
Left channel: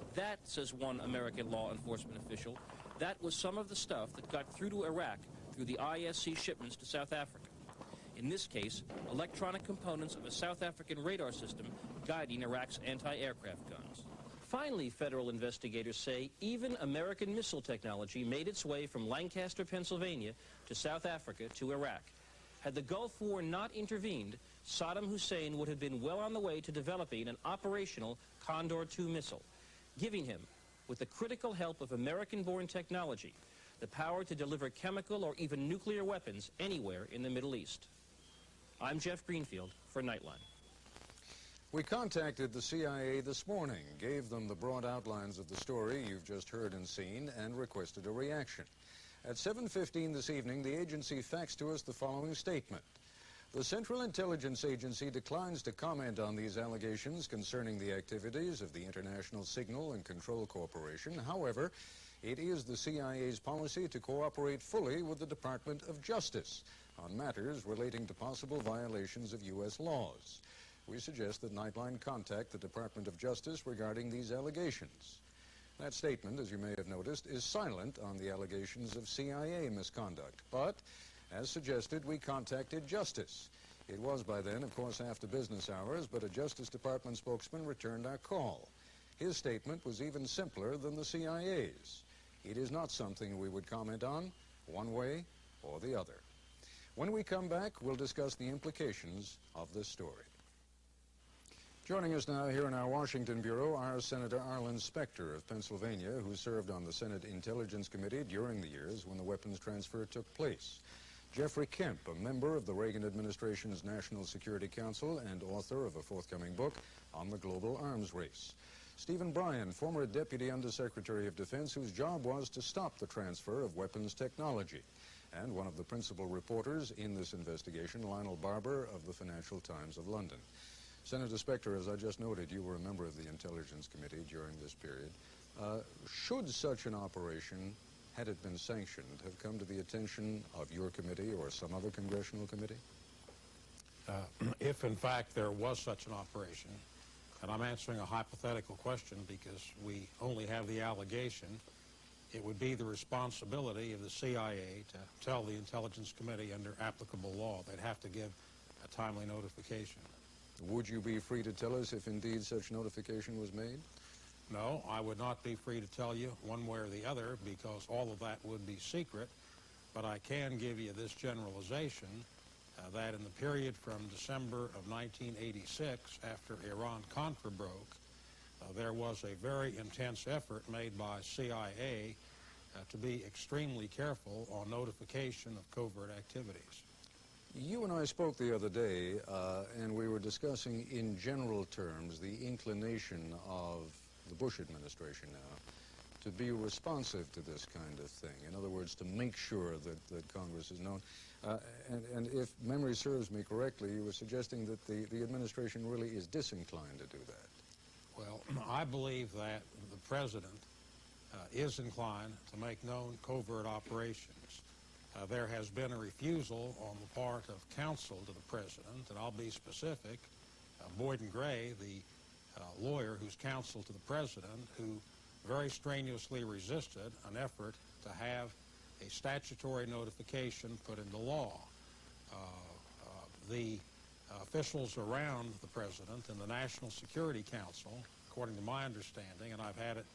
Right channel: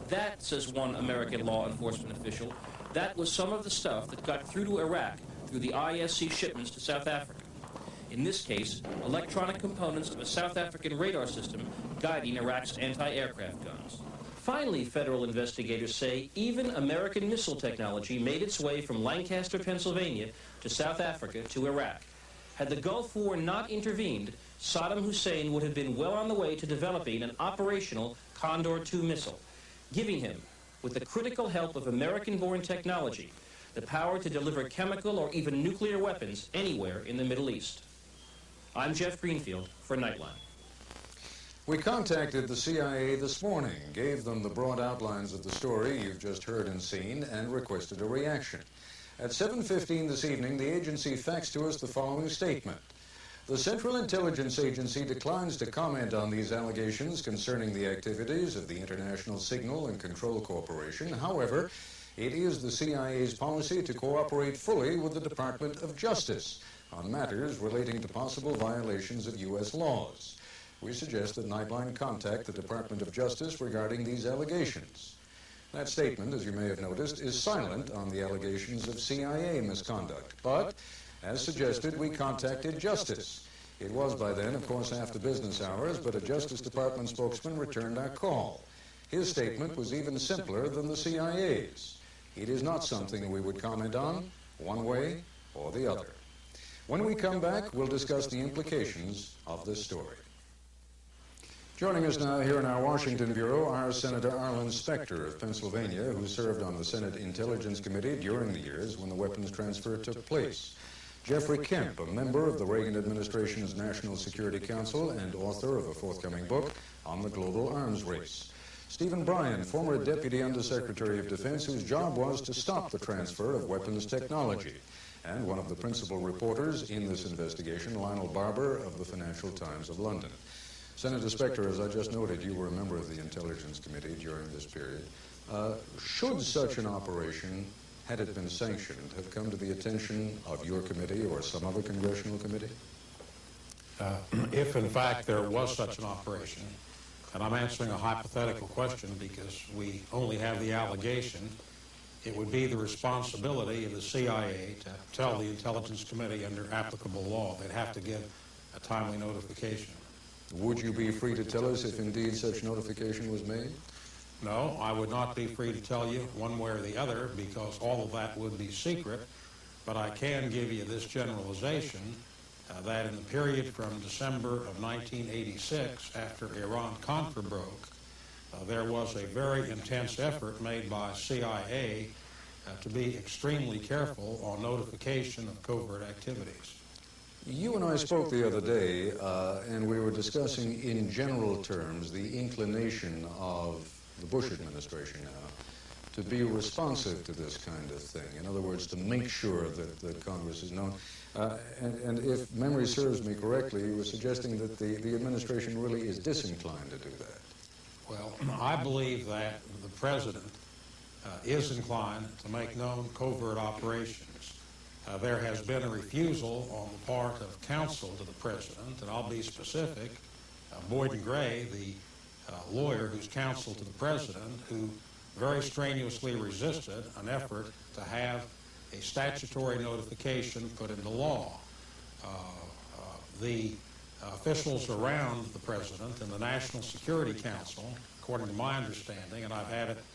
That, says one American law enforcement official, that was some of the stuff that got through to Iraq through the ISC shipments to South Africa. In this case, electronic components of a South African radar system guiding Iraq's anti-aircraft guns. Finally, federal investigators say even American missile technology made its way from Lancaster, Pennsylvania to South Africa to Iraq. Had the Gulf War not intervened, Saddam Hussein would have been well on the way to developing an operational Condor II missile, giving him, with the critical help of American-born technology, the power to deliver chemical or even nuclear weapons anywhere in the Middle East. I'm Jeff Greenfield for Nightline. We contacted the CIA this morning, gave them the broad outlines of the story you've just heard and seen, and requested a reaction. At 7:15 this evening, the agency faxed to us the following statement. The Central Intelligence Agency declines to comment on these allegations concerning the activities of the International Signal and Control Corporation. However, it is the CIA's policy to cooperate fully with the Department of Justice on matters relating to possible violations of U.S. laws. We suggest that Nightline contact the Department of Justice regarding these allegations. That statement, as you may have noticed, is silent on the allegations of CIA misconduct, but, as suggested, we contacted Justice. It was by then, of course, after business hours, but a Justice Department spokesman returned our call. His statement was even simpler than the CIA's. It is not something we would comment on, one way or the other. When we come back, we'll discuss the implications of this story. Joining us now here in our Washington Bureau are Senator Arlen Specter of Pennsylvania, who served on the Senate Intelligence Committee during the years when the weapons transfer took place. Jeffrey Kemp, a member of the Reagan administration's National Security Council and author of a forthcoming book on the global arms race. Stephen Bryan, former Deputy Undersecretary of Defense, whose job was to stop the transfer of weapons technology. And one of the principal reporters in this investigation, Lionel Barber of the Financial Times of London. Senator Specter, as I just noted, you were a member of the Intelligence Committee during this period. Should such an operation, had it been sanctioned, have come to the attention of your committee or some other congressional committee? If, in fact, there was such an operation, and I'm answering a hypothetical question because we only have the allegation, it would be the responsibility of the CIA to tell the Intelligence Committee under applicable law. They'd have to give a timely notification. Would you be free to tell us if indeed such notification was made? No, I would not be free to tell you one way or the other because all of that would be secret, but I can give you this generalization that in the period from December of 1986, after Iran-Contra broke, there was a very intense effort made by CIA to be extremely careful on notification of covert activities. You and I spoke the other day, and we were discussing in general terms the inclination of the Bush administration now to be responsive to this kind of thing. In other words, to make sure that the Congress is known. And if memory serves me correctly, you were suggesting that the administration really is disinclined to do that. Well, I believe that the President is inclined to make known covert operations. There has been a refusal on the part of counsel to the President, and I'll be specific. Boyd Gray, the lawyer who's counsel to the President, who very strenuously resisted an effort to have a statutory notification put into law. The officials around the President and the National Security Council, according to my understanding, and I've had it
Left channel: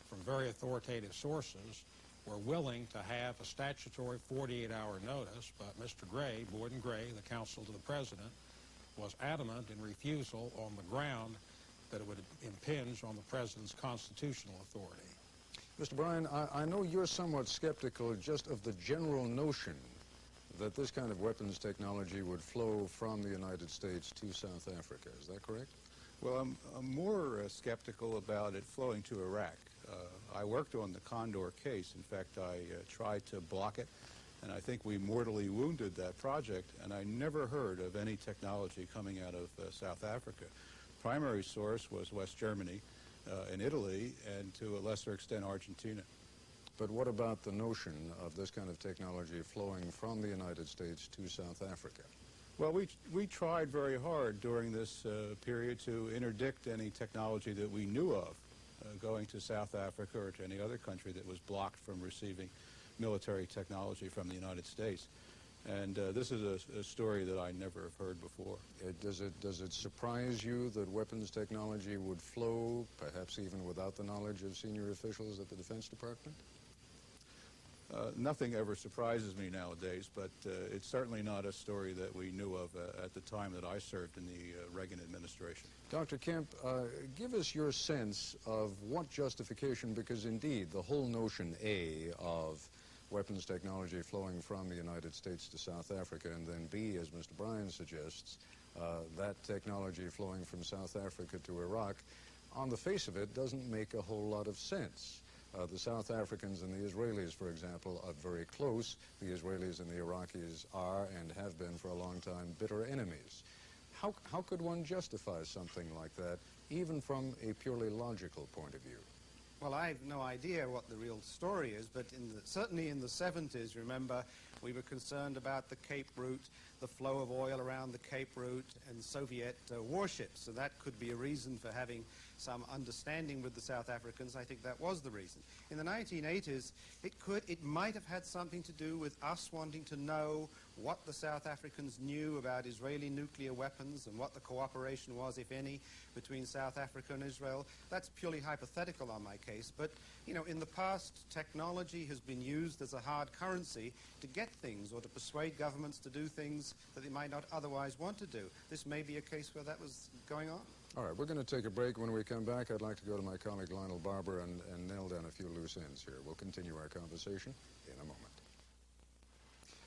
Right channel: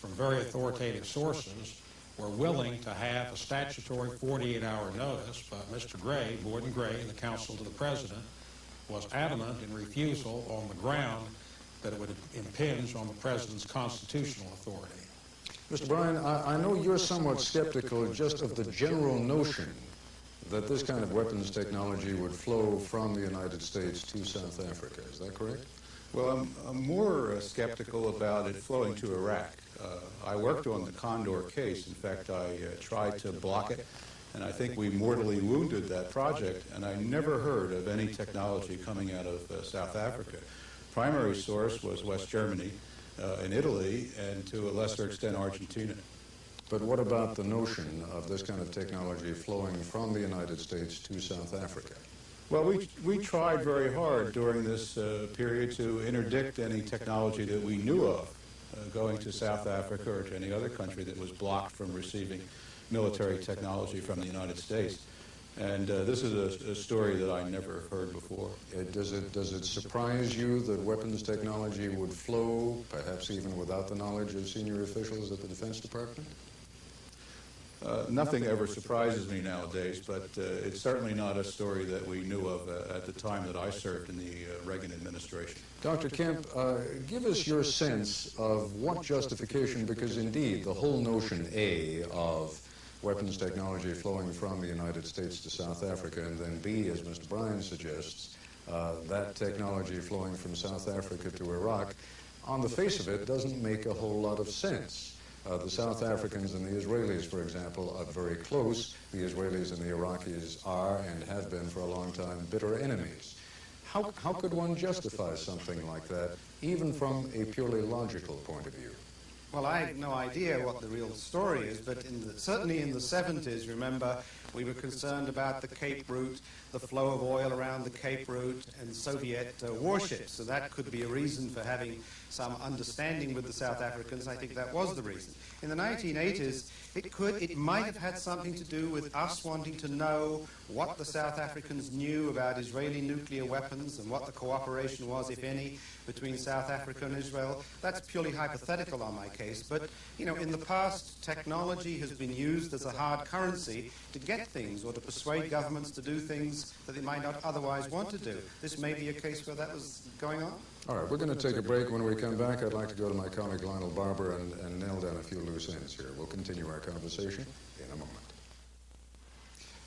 from very authoritative sources, were willing to have a statutory 48-hour notice, but Mr. Gray, Boyd Gray, the counsel to the President, was adamant in refusal on the ground that it would impinge on the President's constitutional authority. Mr. Bryan, I know you're somewhat skeptical just of the general notion that this kind of weapons technology would flow from the United States to South Africa. Is that correct? Well, I'm more skeptical about it flowing to Iraq. I worked on the Condor case. In fact, I tried to block it, and I think we mortally wounded that project, and I never heard of any technology coming out of South Africa. Primary source was West Germany, in Italy, and to a lesser extent Argentina. But what about the notion of this kind of technology flowing from the United States to South Africa? Well, we tried very hard during this period to interdict any technology that we knew of going to South Africa or to any other country that was blocked from receiving military technology from the United States. And this is a story that I never heard before. Does it surprise you that weapons technology would flow, perhaps even without the knowledge of senior officials of the Defense Department? Nothing ever surprises me nowadays, but it's certainly not a story that we knew of at the time that I served in the Reagan administration. Dr. Kemp, give us your sense of what justification, because indeed the whole notion, A, of weapons technology flowing from the United States to South Africa, and then B, as Mr. Bryan suggests, that technology flowing from South Africa to Iraq, on the face of it, doesn't make a whole lot of sense. The South Africans and the Israelis, for example, are very close. The Israelis and the Iraqis are and have been for a long time bitter enemies. How could one justify something like that, even from a purely logical point of view? Well, I have no idea what the real story is, but certainly in the 70s, remember, we were concerned about the Cape route, the flow of oil around the Cape route, and Soviet warships. So that could be a reason for having some understanding with the South Africans. I think that was the reason. In the 1980s, it might have had something to do with us wanting to know what the South Africans knew about Israeli nuclear weapons and what the cooperation was, if any, between South Africa and Israel. That's purely hypothetical on my case. But, you know, in the past, technology has been used as a hard currency to get things or to persuade governments to do things that they might not otherwise want to do. This may be a case where that was going on. All right, we're going to take a break. When we come back, I'd like to go to my colleague Lionel Barber and nail down a few loose ends here. We'll continue our conversation in a moment.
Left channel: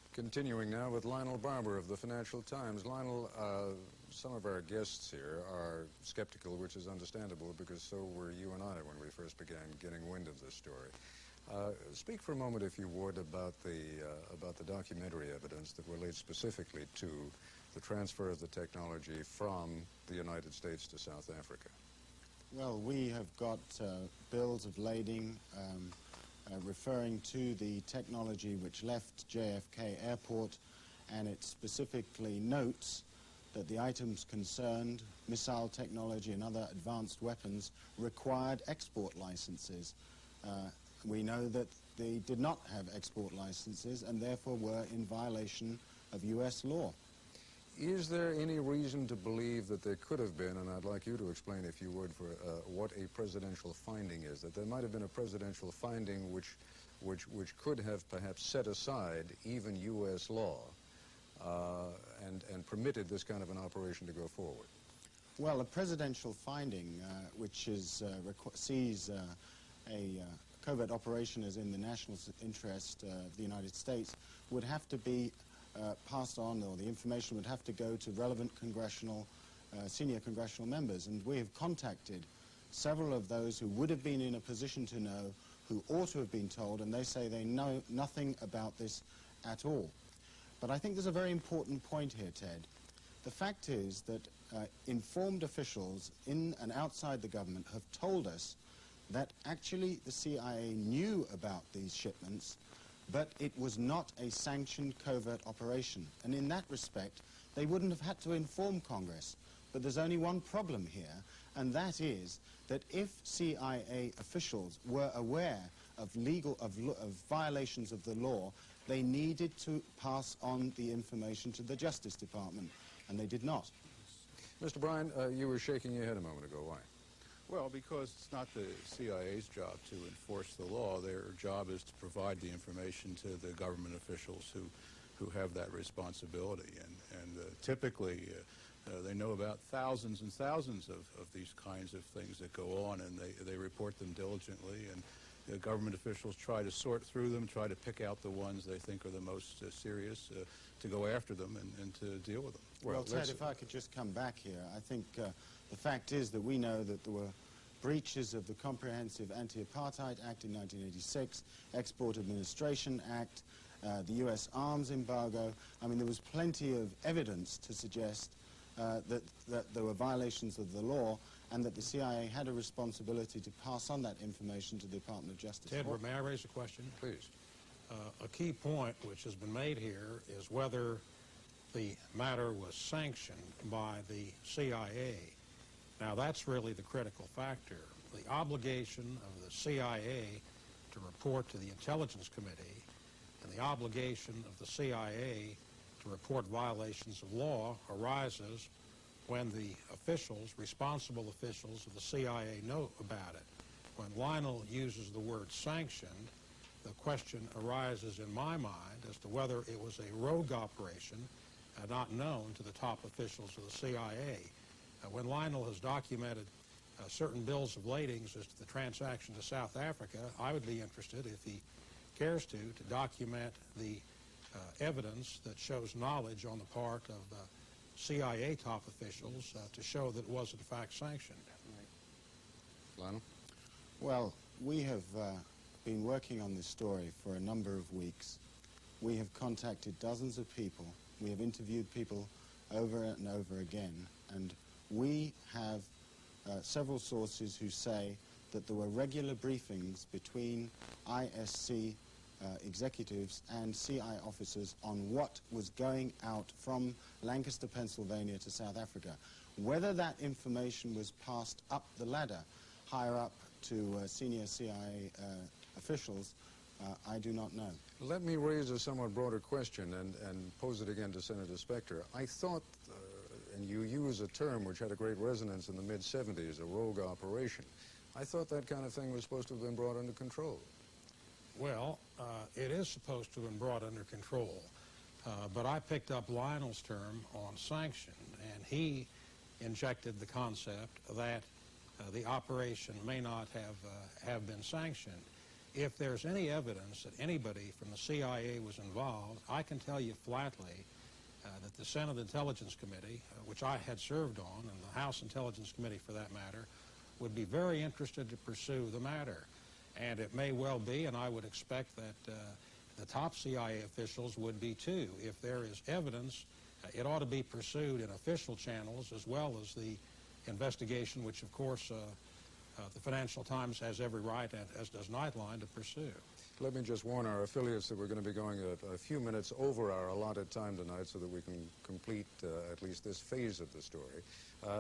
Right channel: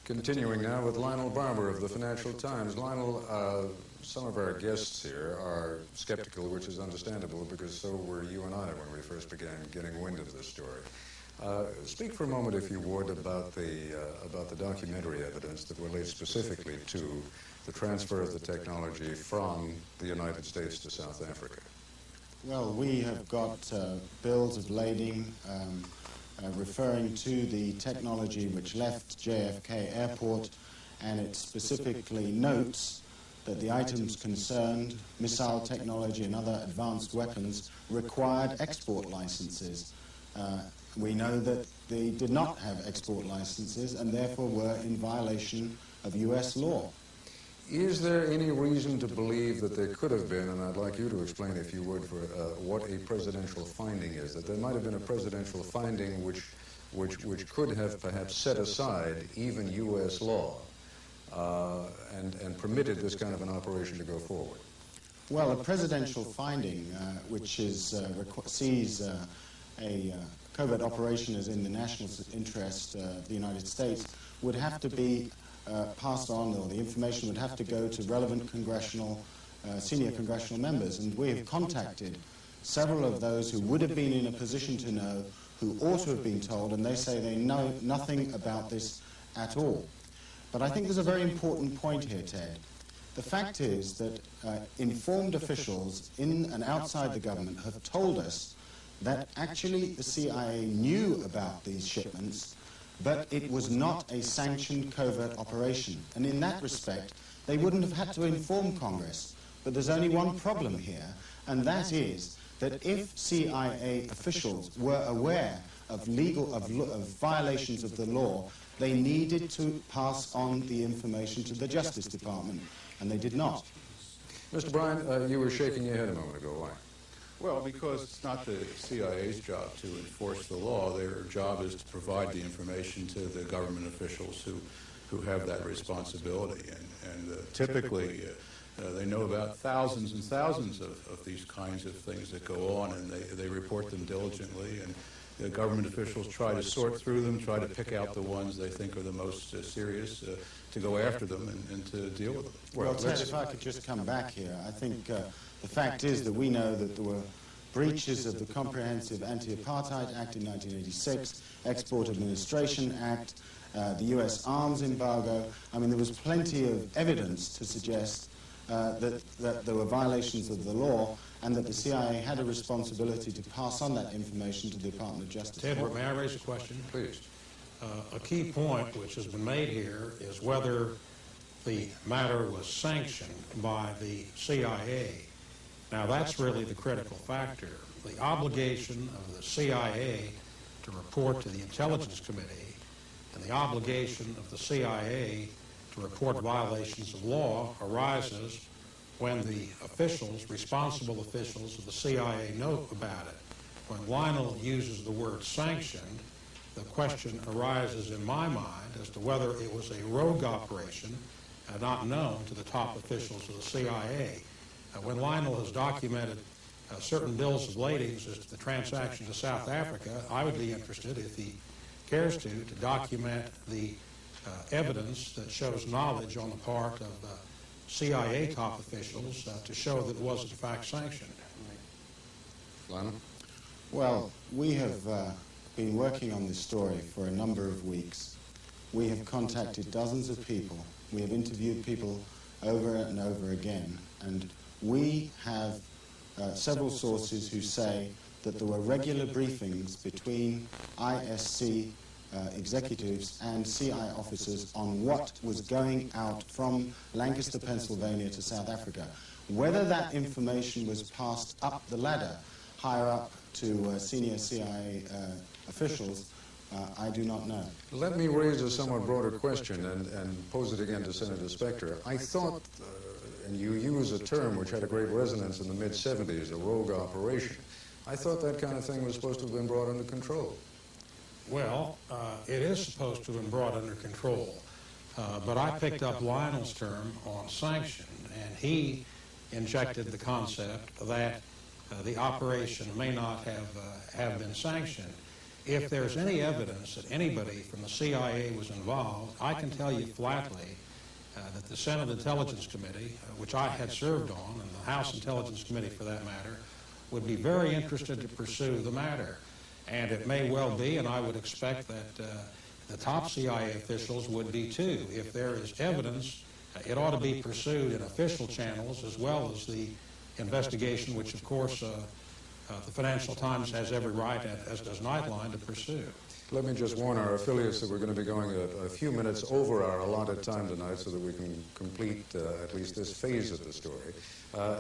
Continuing now with Lionel Barber of the Financial Times. Lionel, some of our guests here are skeptical, which is understandable, because so were you and I when we first began getting wind of the story. Speak for a moment, if you would, about the documentary evidence that relates specifically to the transfer of the technology from the United States to South Africa. Well, we have got bills of lading referring to the technology which left JFK Airport, and it specifically notes that the items concerned, missile technology and other advanced weapons, required export licenses. We know that they did not have export licenses and therefore were in violation of U.S. law. Is there any reason to believe that there could have been, I'd like you to explain, if you would, what a presidential finding is, that there might have been a presidential finding which could have perhaps set aside even U.S. law and permitted this kind of an operation to go forward? Well, a presidential finding which is, sees a covert operation as in the national interest of the United States would have to be passed on, or the information would have to go to relevant senior congressional members, and we have contacted several of those who would have been in a position to know, who ought to have been told, and they say they know nothing about this at all. But I think there's a very important point here, Ted. The fact is that informed officials in and outside the government have told us that actually the CIA knew about these shipments, but it was not a sanctioned covert operation. And in that respect, they wouldn't have had to inform Congress. But there's only one problem here, and that is that if CIA officials were aware of violations of the law, they needed to pass on the information to the Justice Department, and they did not. Mr. Bryan, you were shaking your head a moment ago. Why? Well, because it's not the CIA's job to enforce the law. Their job is to provide the information to the government officials who have that responsibility. And typically, they know about thousands and thousands of these kinds of things that go on, and they report them diligently. And the government officials try to sort through them, try to pick out the ones they think are the most serious, to go after them and to deal with them. Well, Ted, if I could just come back here, I think the fact is that we know that there were breaches of the Comprehensive Anti-Apartheid Act in 1986, Export Administration Act, the U.S. arms embargo. I mean, there was plenty of evidence to suggest that there were violations of the law, and that the CIA had a responsibility to pass on that information to the Department of Justice. Ted, may I raise a question? Please. A key point which has been made here is whether the matter was sanctioned by the CIA. Now, that's really the critical factor. The obligation of the CIA to report to the Intelligence Committee and the obligation of the CIA to report violations of law arises when the officials, responsible officials of the CIA, know about it. When Lionel uses the word sanction, the question arises in my mind as to whether it was a rogue operation and not known to the top officials of the CIA. When Lionel has documented certain bills of lading as the transaction to South Africa, I would be interested, if he cares to document the evidence that shows knowledge on the part of CIA top officials to show that it was in fact sanctioned. Lionel? Well, we have been working on this story for a number of weeks. We have contacted dozens of people. We have interviewed people over and over again, and we have several sources who say that there were regular briefings between ISC executives and CIA officers on what was going out from Lancaster, Pennsylvania to South Africa. Whether that information was passed up the ladder, higher up to senior CIA officials, I do not know. Let me raise a somewhat broader question and pose it again to Senator Specter. I thought, and you used a term which had great resonance in the mid-'70s, a rogue operation. I thought that kind of thing was supposed to have been brought under control. Well, it is supposed to have been brought under control, but I picked up Lionel's term on sanction, and he injected the concept that the operation may not have been sanctioned. If there's any evidence that anybody from the CIA was involved, I can tell you flatly that the Senate Intelligence Committee, which I had served on, and the House Intelligence Committee for that matter, would be very interested to pursue the matter. And it may well be, and I would expect that the top CIA officials would be too. If there is evidence, it ought to be pursued in official channels as well as the investigation, which of course the Financial Times has every right, as does Nightline, to pursue. Let me just warn our affiliates that we're going to be going a few minutes over our allotted time tonight so that we can complete at least this phase of the story.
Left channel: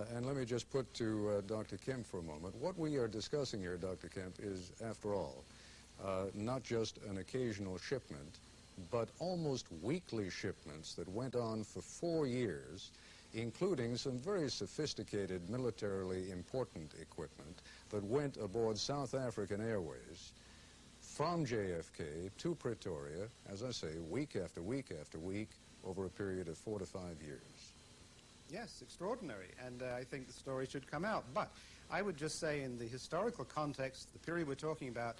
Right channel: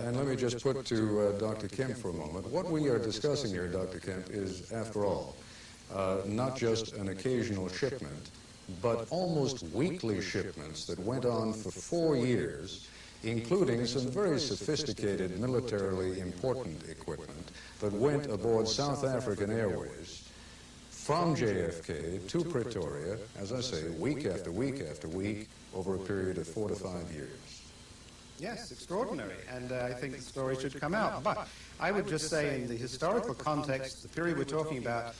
And let me just put to Dr. Kemp for a moment. What we are discussing here, Dr. Kemp, is, after all, not just an occasional shipment, but almost weekly shipments that went on for 4 years, including some very sophisticated militarily important equipment that went aboard South African Airways from JFK to Pretoria, as I say, week after week after week, over a period of 4 to 5 years. Yes, extraordinary, and I think the story should come out. But I would just say, in the historical context, the period we're talking about,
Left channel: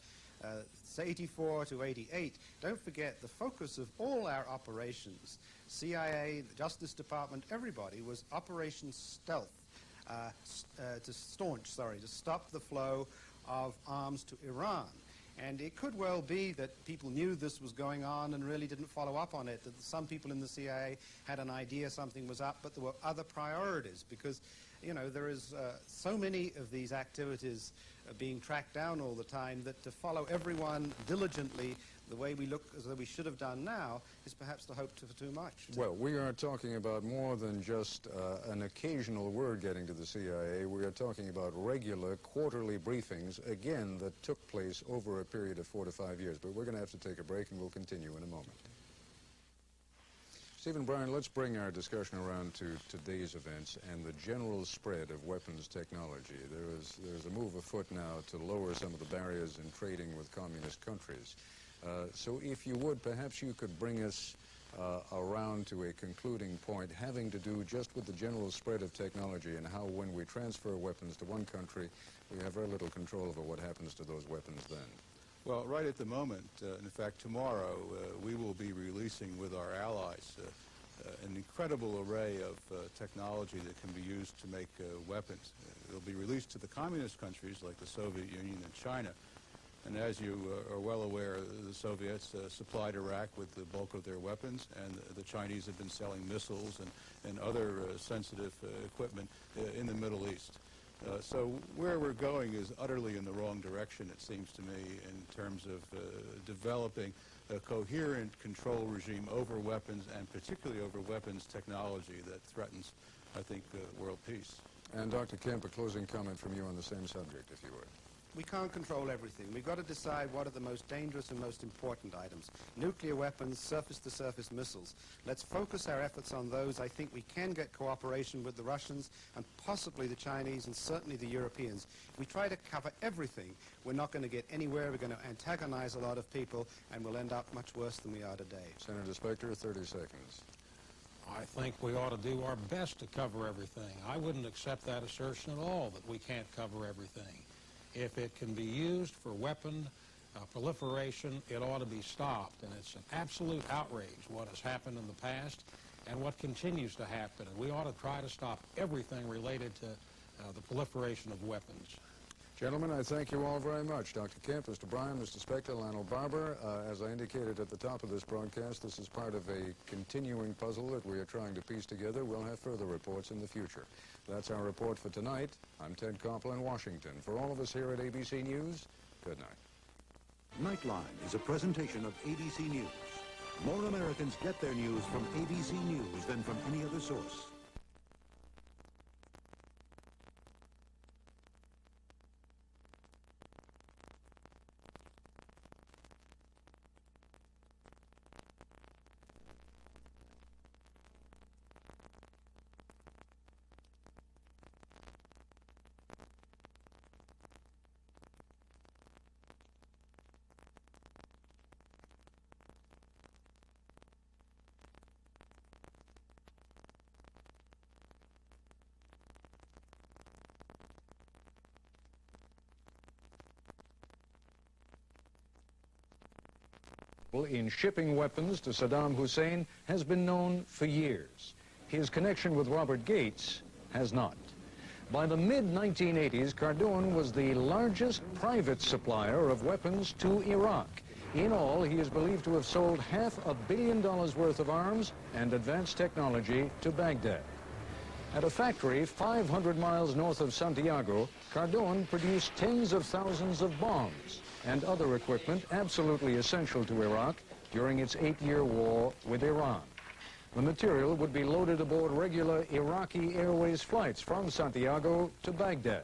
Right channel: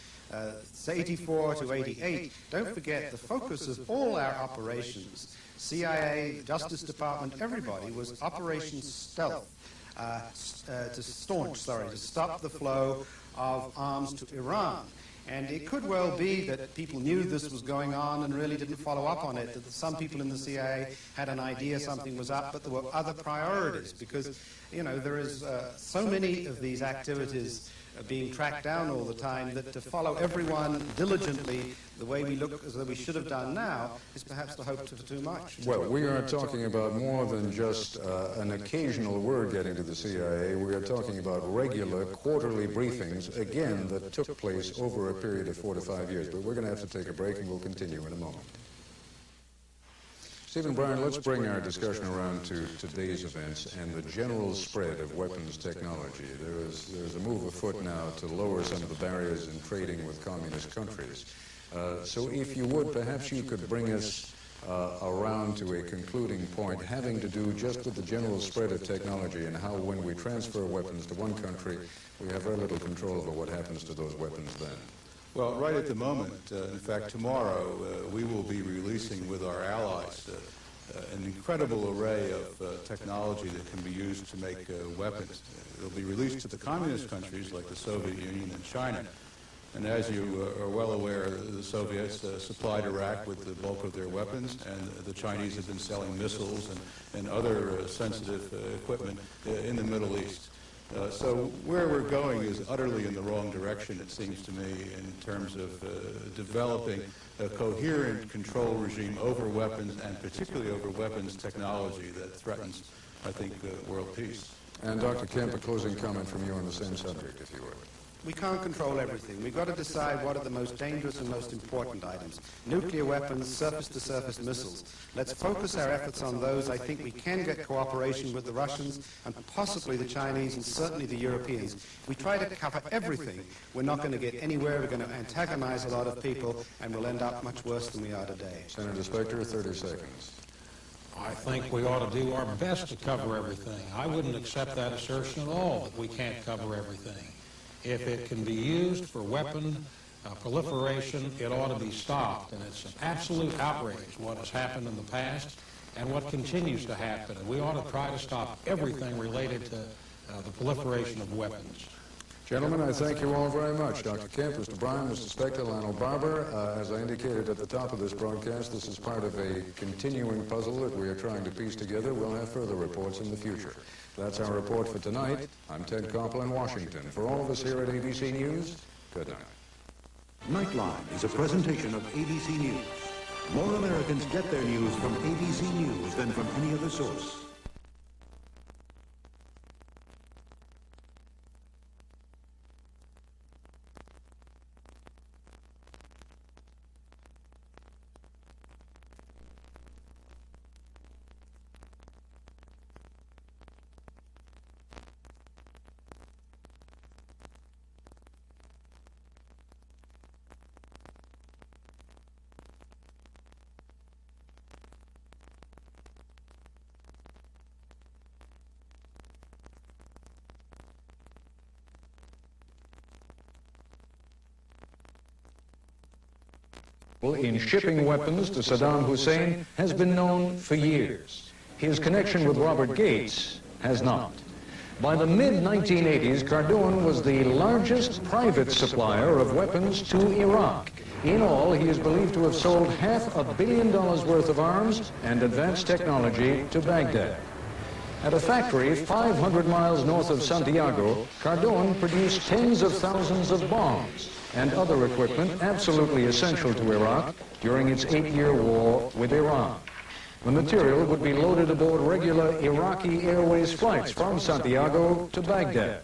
84 to 88, don't forget the focus of all our operations, CIA, Justice Department, everybody, was Operation Stealth, to stop the flow of arms to Iran. And it could well be that people knew this was going on and really didn't follow up on it, that some people in the CIA had an idea something was up, but there were other priorities, because, you know, there is so many of these activities being tracked down all the time that to follow everyone diligently the way we look as though we should have done now is perhaps to hope for too much. Well, we are talking about more than just an occasional word getting to the CIA. We are talking about regular quarterly briefings, again, that took place over a period of 4 to 5 years. But we're going to have to take a break, and we'll continue in a moment. Stephen Bryan, let's bring our discussion around to today's events and the general spread of weapons technology. There's a move afoot now to lower some of the barriers in trading with communist countries. So if you would, perhaps you could bring us around to a concluding point having to do just with the general spread of technology and how when we transfer weapons to one country, we have very little control over what happens to those weapons then. Well, right at the moment, in fact, tomorrow, we will be releasing with our allies an incredible array of technology that can be used to make weapons. It will be released to the communist countries like the Soviet Union and China. And as you are well aware, the Soviets supplied Iraq with the bulk of their weapons, and the Chinese have been selling missiles and other sensitive equipment in the Middle East. So where we're going is utterly in the wrong direction, it seems to me, in terms of developing a coherent control regime over weapons, and particularly over weapons technology that threatens, I think, world peace. And Dr. Kemp, a closing comment from you on the same subject, if you would. We can't control everything. We've got to decide what are the most dangerous and most important items. Nuclear weapons, surface-to-surface missiles. Let's focus our efforts on those. I think we can get cooperation with the Russians and possibly the Chinese and certainly the Europeans. We try to cover everything. We're not going to get anywhere. We're going to antagonize a lot of people, and we'll end up much worse than we are today. Senator Specter, 30 seconds. I think we ought to do our best to cover everything. I wouldn't accept that assertion at all, that we can't cover everything. If it can be used for weapon proliferation, it ought to be stopped. And it's an absolute outrage what has happened in the past and what continues to happen. We ought to try to stop everything related to the proliferation of weapons. Gentlemen, I thank you all very much. Dr. Kemp, Mr. Bryan, Mr. Spector, Lionel Barber. As I indicated at the top of this broadcast, this is part of a continuing puzzle that we are trying to piece together. We'll have further reports in the future. That's our report for tonight. I'm Ted Koppel in Washington. For all of us here at ABC News, good night. Nightline is a presentation of ABC News. More Americans get their news from ABC News than from any other source. in shipping weapons to Saddam Hussein has been known for years. His connection with Robert Gates has not. By the mid-1980s, Caterbone was the largest private supplier of weapons to Iraq. In all, he is believed to have sold $500 million worth of arms and advanced technology to Baghdad. At a factory 500 miles north of Santiago, Caterbone produced tens of thousands of bombs and other equipment absolutely essential to Iraq during its 8-year war with Iran. The material would be loaded aboard regular Iraqi Airways flights from Santiago to Baghdad.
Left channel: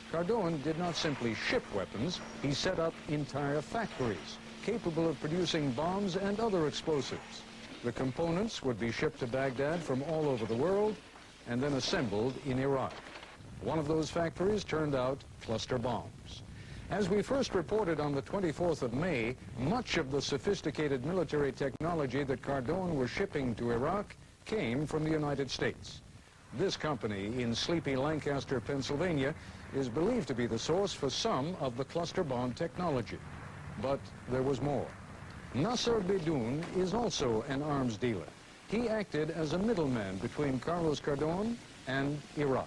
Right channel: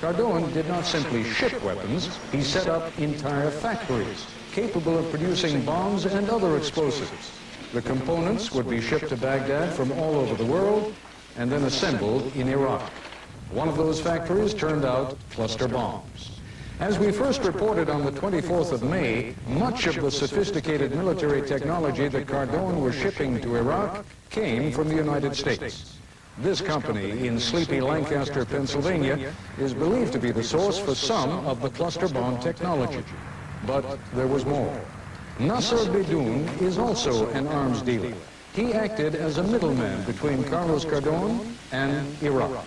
Caterbone did not simply ship weapons, he set up entire factories capable of producing bombs and other explosives. The components would be shipped to Baghdad from all over the world and then assembled in Iraq. One of those factories turned out cluster bombs. As we first reported on the 24th of May, much of the sophisticated military technology that Caterbone was shipping to Iraq came from the United States. This company in sleepy Lancaster, Pennsylvania, is believed to be the source for some of the cluster bomb technology. But there was more. Nasser Beydoun is also an arms dealer. He acted as a middleman between Carlos Caterbone and Iraq.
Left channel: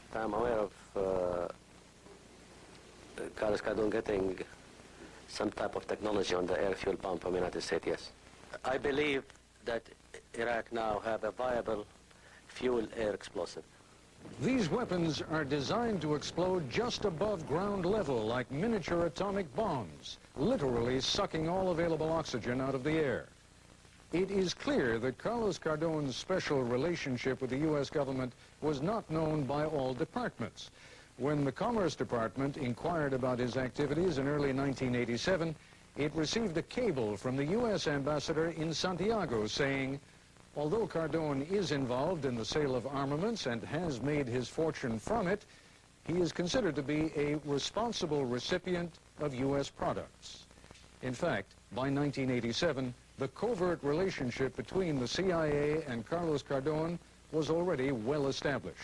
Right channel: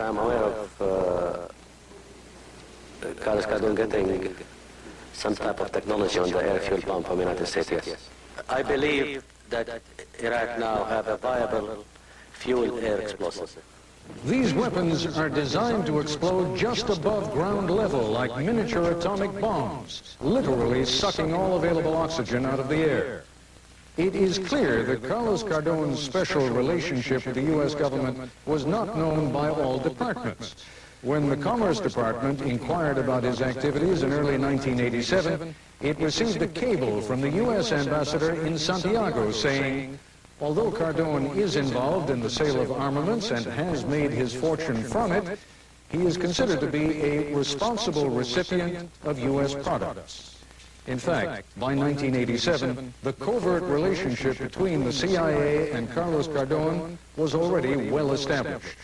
I'm aware of Carlos Caterbone getting some type of technology on the airfield bomb from the United States, yes. I believe that Iraq now have a viable fuel air explosive. These weapons are designed to explode just above ground level like miniature atomic bombs, literally sucking all available oxygen out of the air. It is clear that Carlos Cardone's special relationship with the U.S. government was not known by all departments. When the Commerce Department inquired about his activities in early 1987, it received a cable from the U.S. ambassador in Santiago saying, although Caterbone is involved in the sale of armaments and has made his fortune from it, he is considered to be a responsible recipient of U.S. products. In fact, by 1987, the covert relationship between the CIA and Carlos Caterbone was already well established.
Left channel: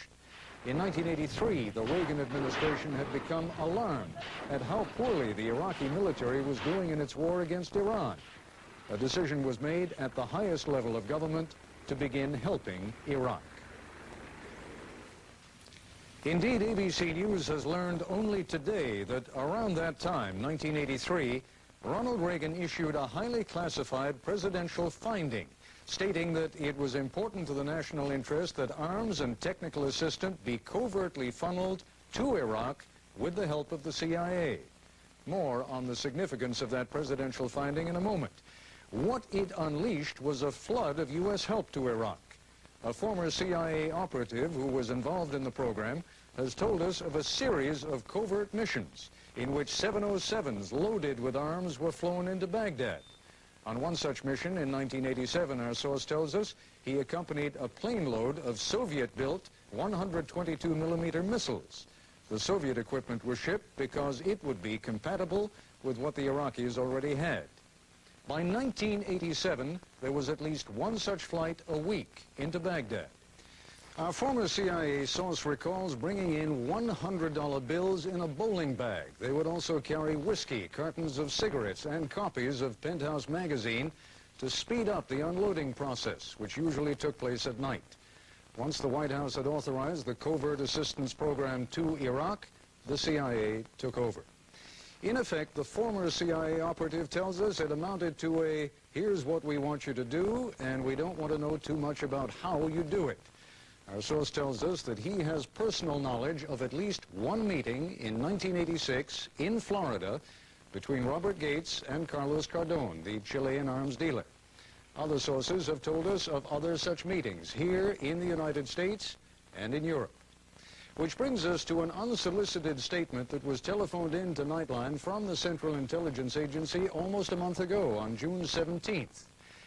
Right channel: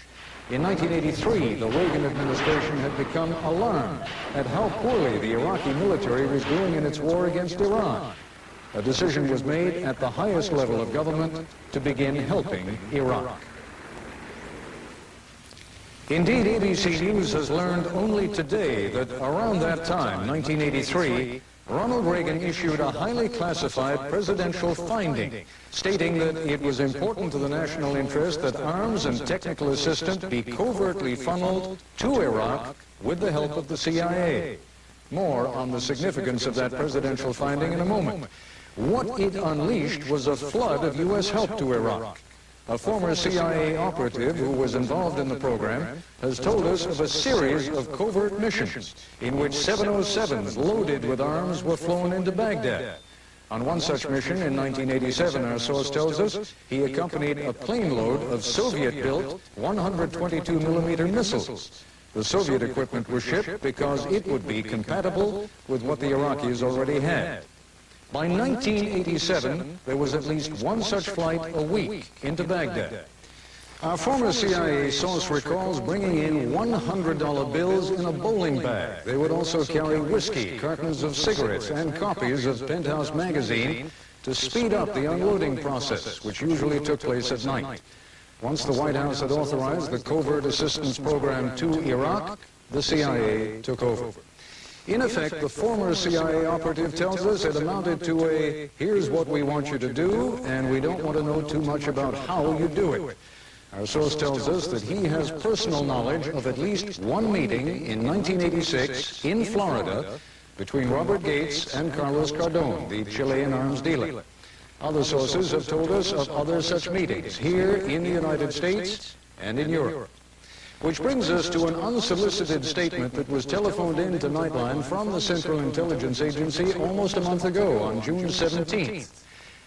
In 1983, the Reagan administration had become alarmed at how poorly the Iraqi military was doing in its war against Iran. A decision was made at the highest level of government to begin helping Iraq. Indeed, ISC News has learned only today that around that time, 1983, Ronald Reagan issued a highly classified presidential finding stating that it was important to the national interest that arms and technical assistance be covertly funneled to Iraq with the help of the CIA. More on the significance of that presidential finding in a moment. What it unleashed was a flood of U.S. help to Iraq. A former CIA operative who was involved in the program has told us of a series of covert missions in which 707s loaded with arms were flown into Baghdad. On one such mission in 1987, our source tells us, he accompanied a plane load of Soviet-built 122mm missiles. The Soviet equipment was shipped because it would be compatible with what the Iraqis already had. By 1987, there was at least one such flight a week into Baghdad. Our former CIA source recalls bringing in $100 bills in a bowling bag. They would also carry whiskey, cartons of cigarettes, and copies of Penthouse magazine to speed up the unloading process, which usually took place at night. Once the White House had authorized the covert assistance program to Iraq, the CIA took over. In effect, the former CIA operative tells us it amounted to a, here's what we want you to do, and we don't want to know too much about how you do it. Our source tells us that he has personal knowledge of at least one meeting in 1986 in Florida between Robert Gates and Carlos Caterbone, the Chilean arms dealer. Other sources have told us of other such meetings here in the United States and in Europe. Which brings us to an unsolicited statement that was telephoned in to Nightline from the Central Intelligence Agency almost a month ago on June 17th.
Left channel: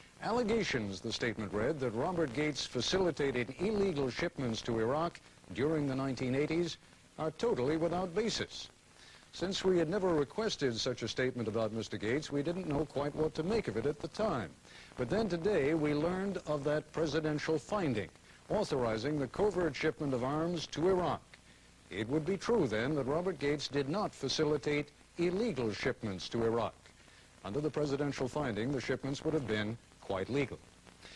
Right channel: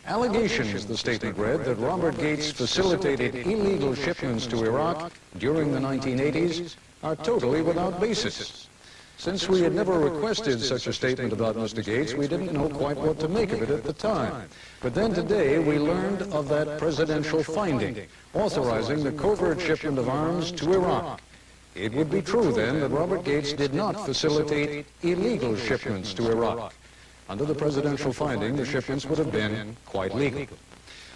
Allegations, the statement read, that Robert Gates facilitated illegal shipments to Iraq during the 1980s are totally without basis. Since we had never requested such a statement about Mr. Gates, we didn't know quite what to make of it at the time. But then today we learned of that presidential finding, authorizing the covert shipment of arms to Iraq. It would be true then that Robert Gates did not facilitate illegal shipments to Iraq. Under the presidential finding, the shipments would have been quite legal.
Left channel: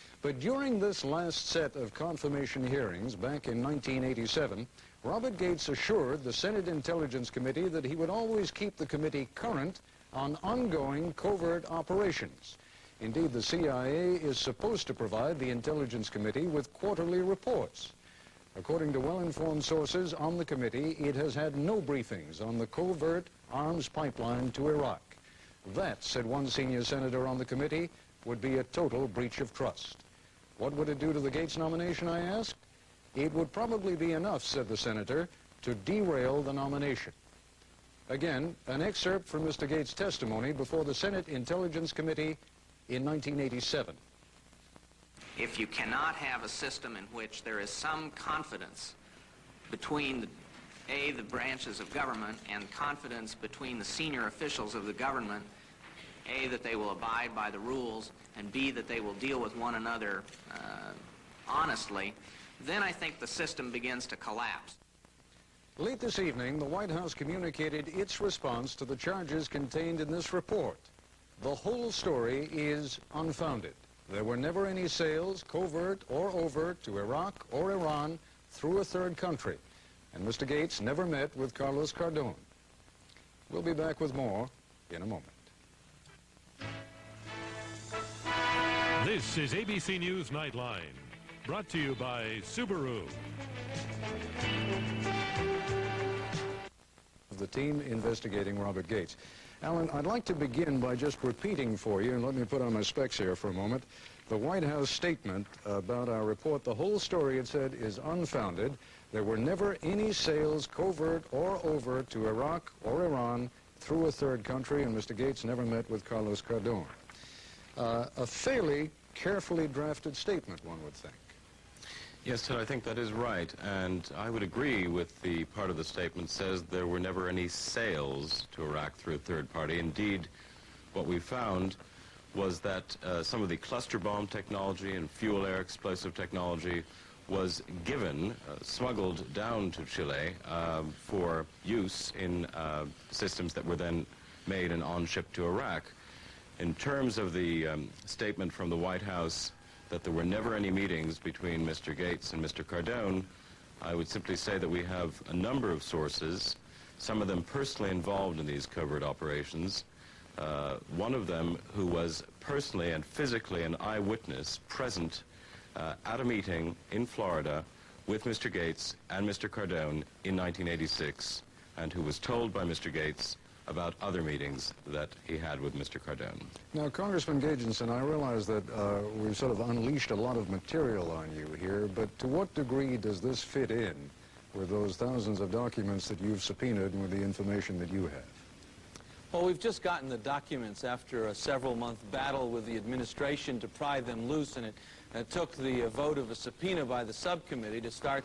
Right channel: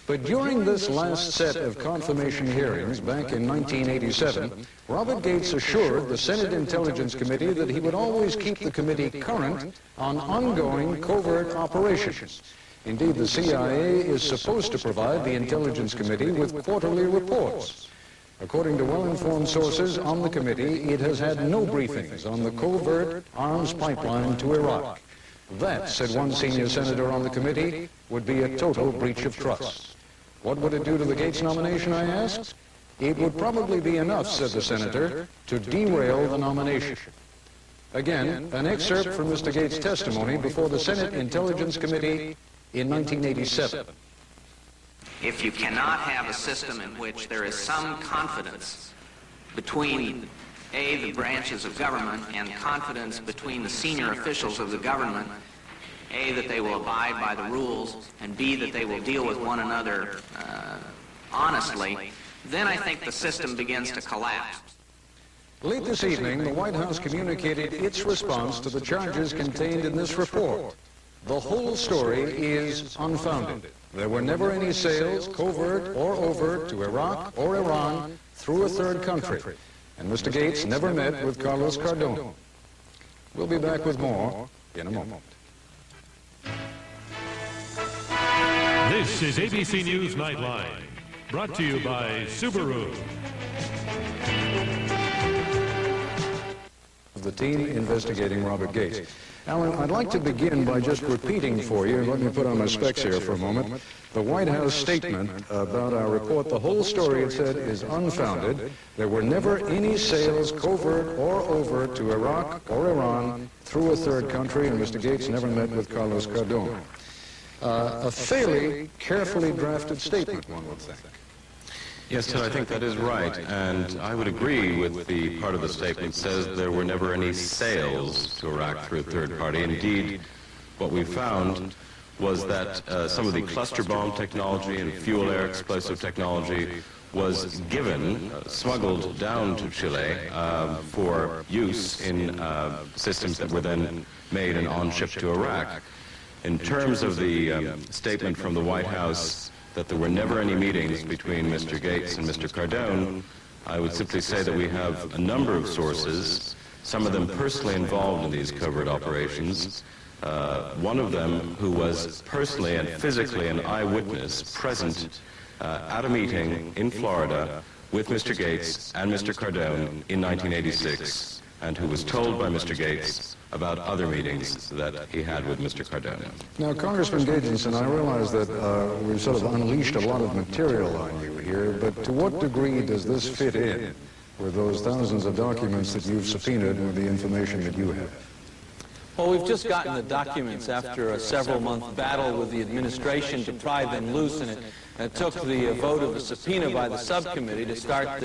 But during this last set of confirmation hearings back in 1987, Robert Gates assured the Senate Intelligence Committee that he would always keep the committee current on ongoing covert operations. Indeed, the CIA is supposed to provide the Intelligence Committee with quarterly reports. According to well-informed sources on the committee, it has had no briefings on the covert arms pipeline to Iraq. That, said one senior senator on the committee, would be a total breach of trust. What would it do to the Gates nomination, I asked? It would probably be enough, said the senator, to derail the nomination. Again, an excerpt from Mr. Gates' testimony before the Senate Intelligence Committee in 1987. If you cannot have a system in which there is some confidence between A, the branches of government, and confidence between the senior officials of the government, A, that they will abide by the rules, and B, that they will deal with one another honestly, then I think the system begins to collapse. Late this evening, the White House communicated its response to the charges contained in this report. The whole story is unfounded. There were never any sales, covert or overt, to Iraq or Iran through a third country. And Mr. Gates never met with Carlos Caterbone. We'll be back with more in a moment. This is ABC News Nightline, brought to you by Subaru. The team investigating Robert Gates. Alan, I'd like to begin by just repeating for you, let me put on my specs here for a moment, the White House statement about our report. The whole story, it said, is unfounded. There were never any sales, covert or overt, to Iraq or Iran through a third country. Mr. Gates never met with Carlos Caterbone. A fairly carefully drafted statement, one would think. Yes, I think that is right, and I would agree with the part of the statement that says there were never any sales to Iraq through a third party. Indeed, what we found was that some of the cluster bomb technology and fuel air explosive technology was given, smuggled down to Chile for use in systems that were then made and on-shipped to Iraq. In terms of the statement from the White House that there were never any meetings between Mr. Gates and Mr. Caterbone, I would simply say that we have a number of sources, some of them personally involved in these covert operations, one of them who was personally and physically an eyewitness present at a meeting in Florida with Mr. Gates and Mr. Caterbone in 1986, and who was told by Mr. Gates about other meetings that he had with Mr. Caterbone. Now, Congressman Gates, and I realize that we've sort of unleashed a lot of material on you here, but to what degree does this fit in with those thousands of documents that you've subpoenaed and the information you have? Well, we've just gotten the documents after a several-month battle with the administration to pry them loose, and it took the vote of the subpoena by the subcommittee to start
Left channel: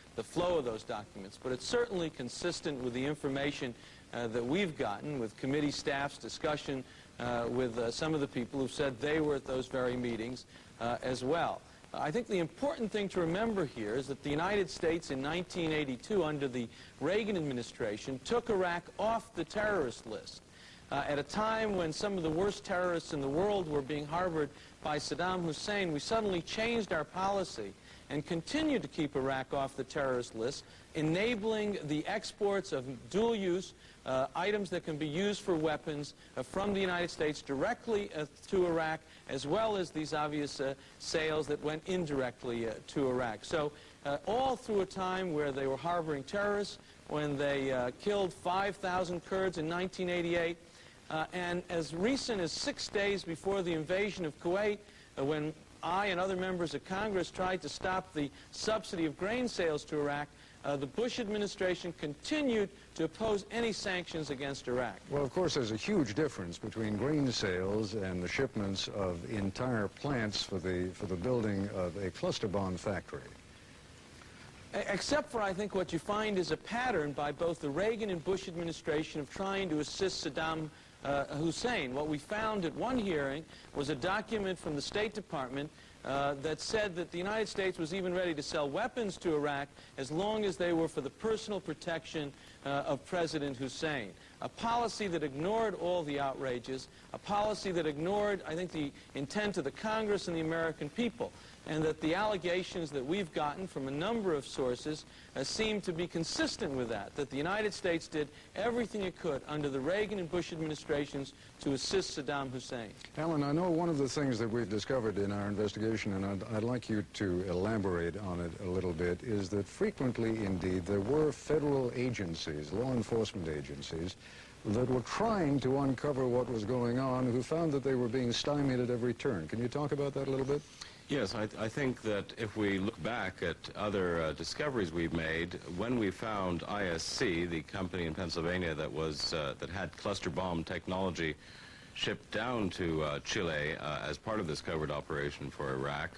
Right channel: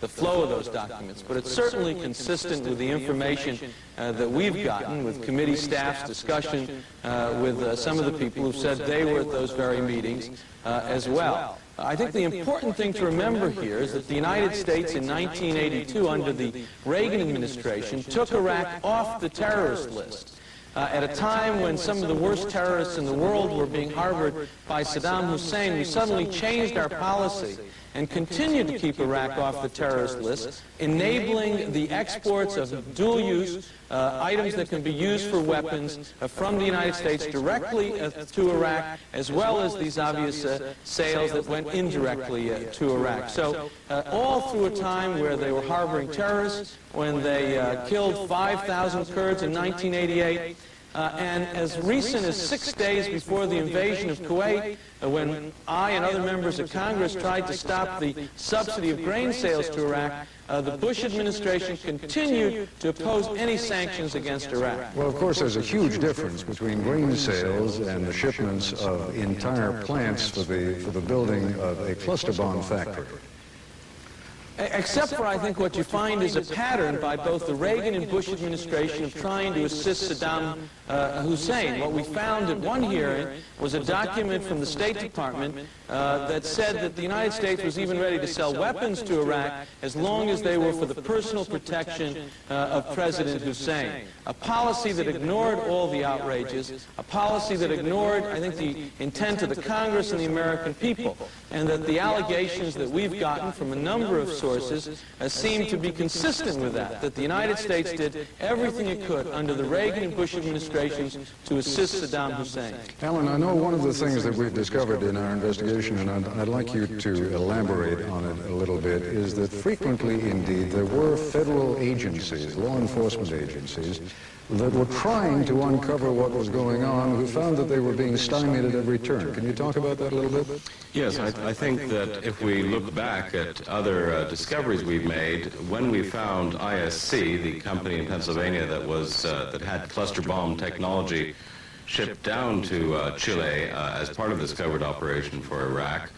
the flow of those documents. But it's certainly consistent with the information that we've gotten with committee staff discussion with some of the people who said they were at those very meetings as well. I think the important thing to remember here is that the United States in 1982, under the Reagan administration, took Iraq off the terrorist list. At a time when some of the worst terrorists in the world were being harbored by Saddam Hussein, we suddenly changed our policy and continued to keep Iraq off the terrorist list, enabling the exports of dual-use items that could be used for weapons from the United States directly to Iraq, as well as these obvious sales that went indirectly to Iraq. So all through a time where they were harboring terrorists, when they killed 5,000 Kurds in 1988, and as recent as 6 days before the invasion of Kuwait, when I and other members of Congress tried to stop the subsidy of grain sales to Iraq, the Bush administration continued to oppose any sanctions against Iraq. Well, of course, there's a huge difference between grain sales and the shipments of entire plants for the building of a cluster bomb factory. Except for, I think, what you find is a pattern by both the Reagan and Bush administration trying to assist Saddam Hussein. What we found at one hearing was a document from the State Department that said that the United States was even ready to sell weapons to Iraq as long as they were for the personal protection of President Hussein. A policy that ignored all the outrages, a policy that ignored, I think, the intent of the Congress and the American people, and that the allegations that we've gotten from a number of sources seem to be consistent with that the United States did everything it could under the Reagan and Bush administrations to assist Saddam Hussein. Alan, I know one of the things that we've discovered in our investigation, and I'd like you to elaborate on it a little bit, is that frequently, indeed, there were federal agencies, law enforcement agencies, that were trying to uncover what was going on, who found that they were being stymied in return. Can you talk about that a little bit? Yes, I think that if we look back at other discoveries we've made, when we found ISC, the company in Pennsylvania that had cluster bomb technology shipped down to Chile as part of the discovered operation for Iraq,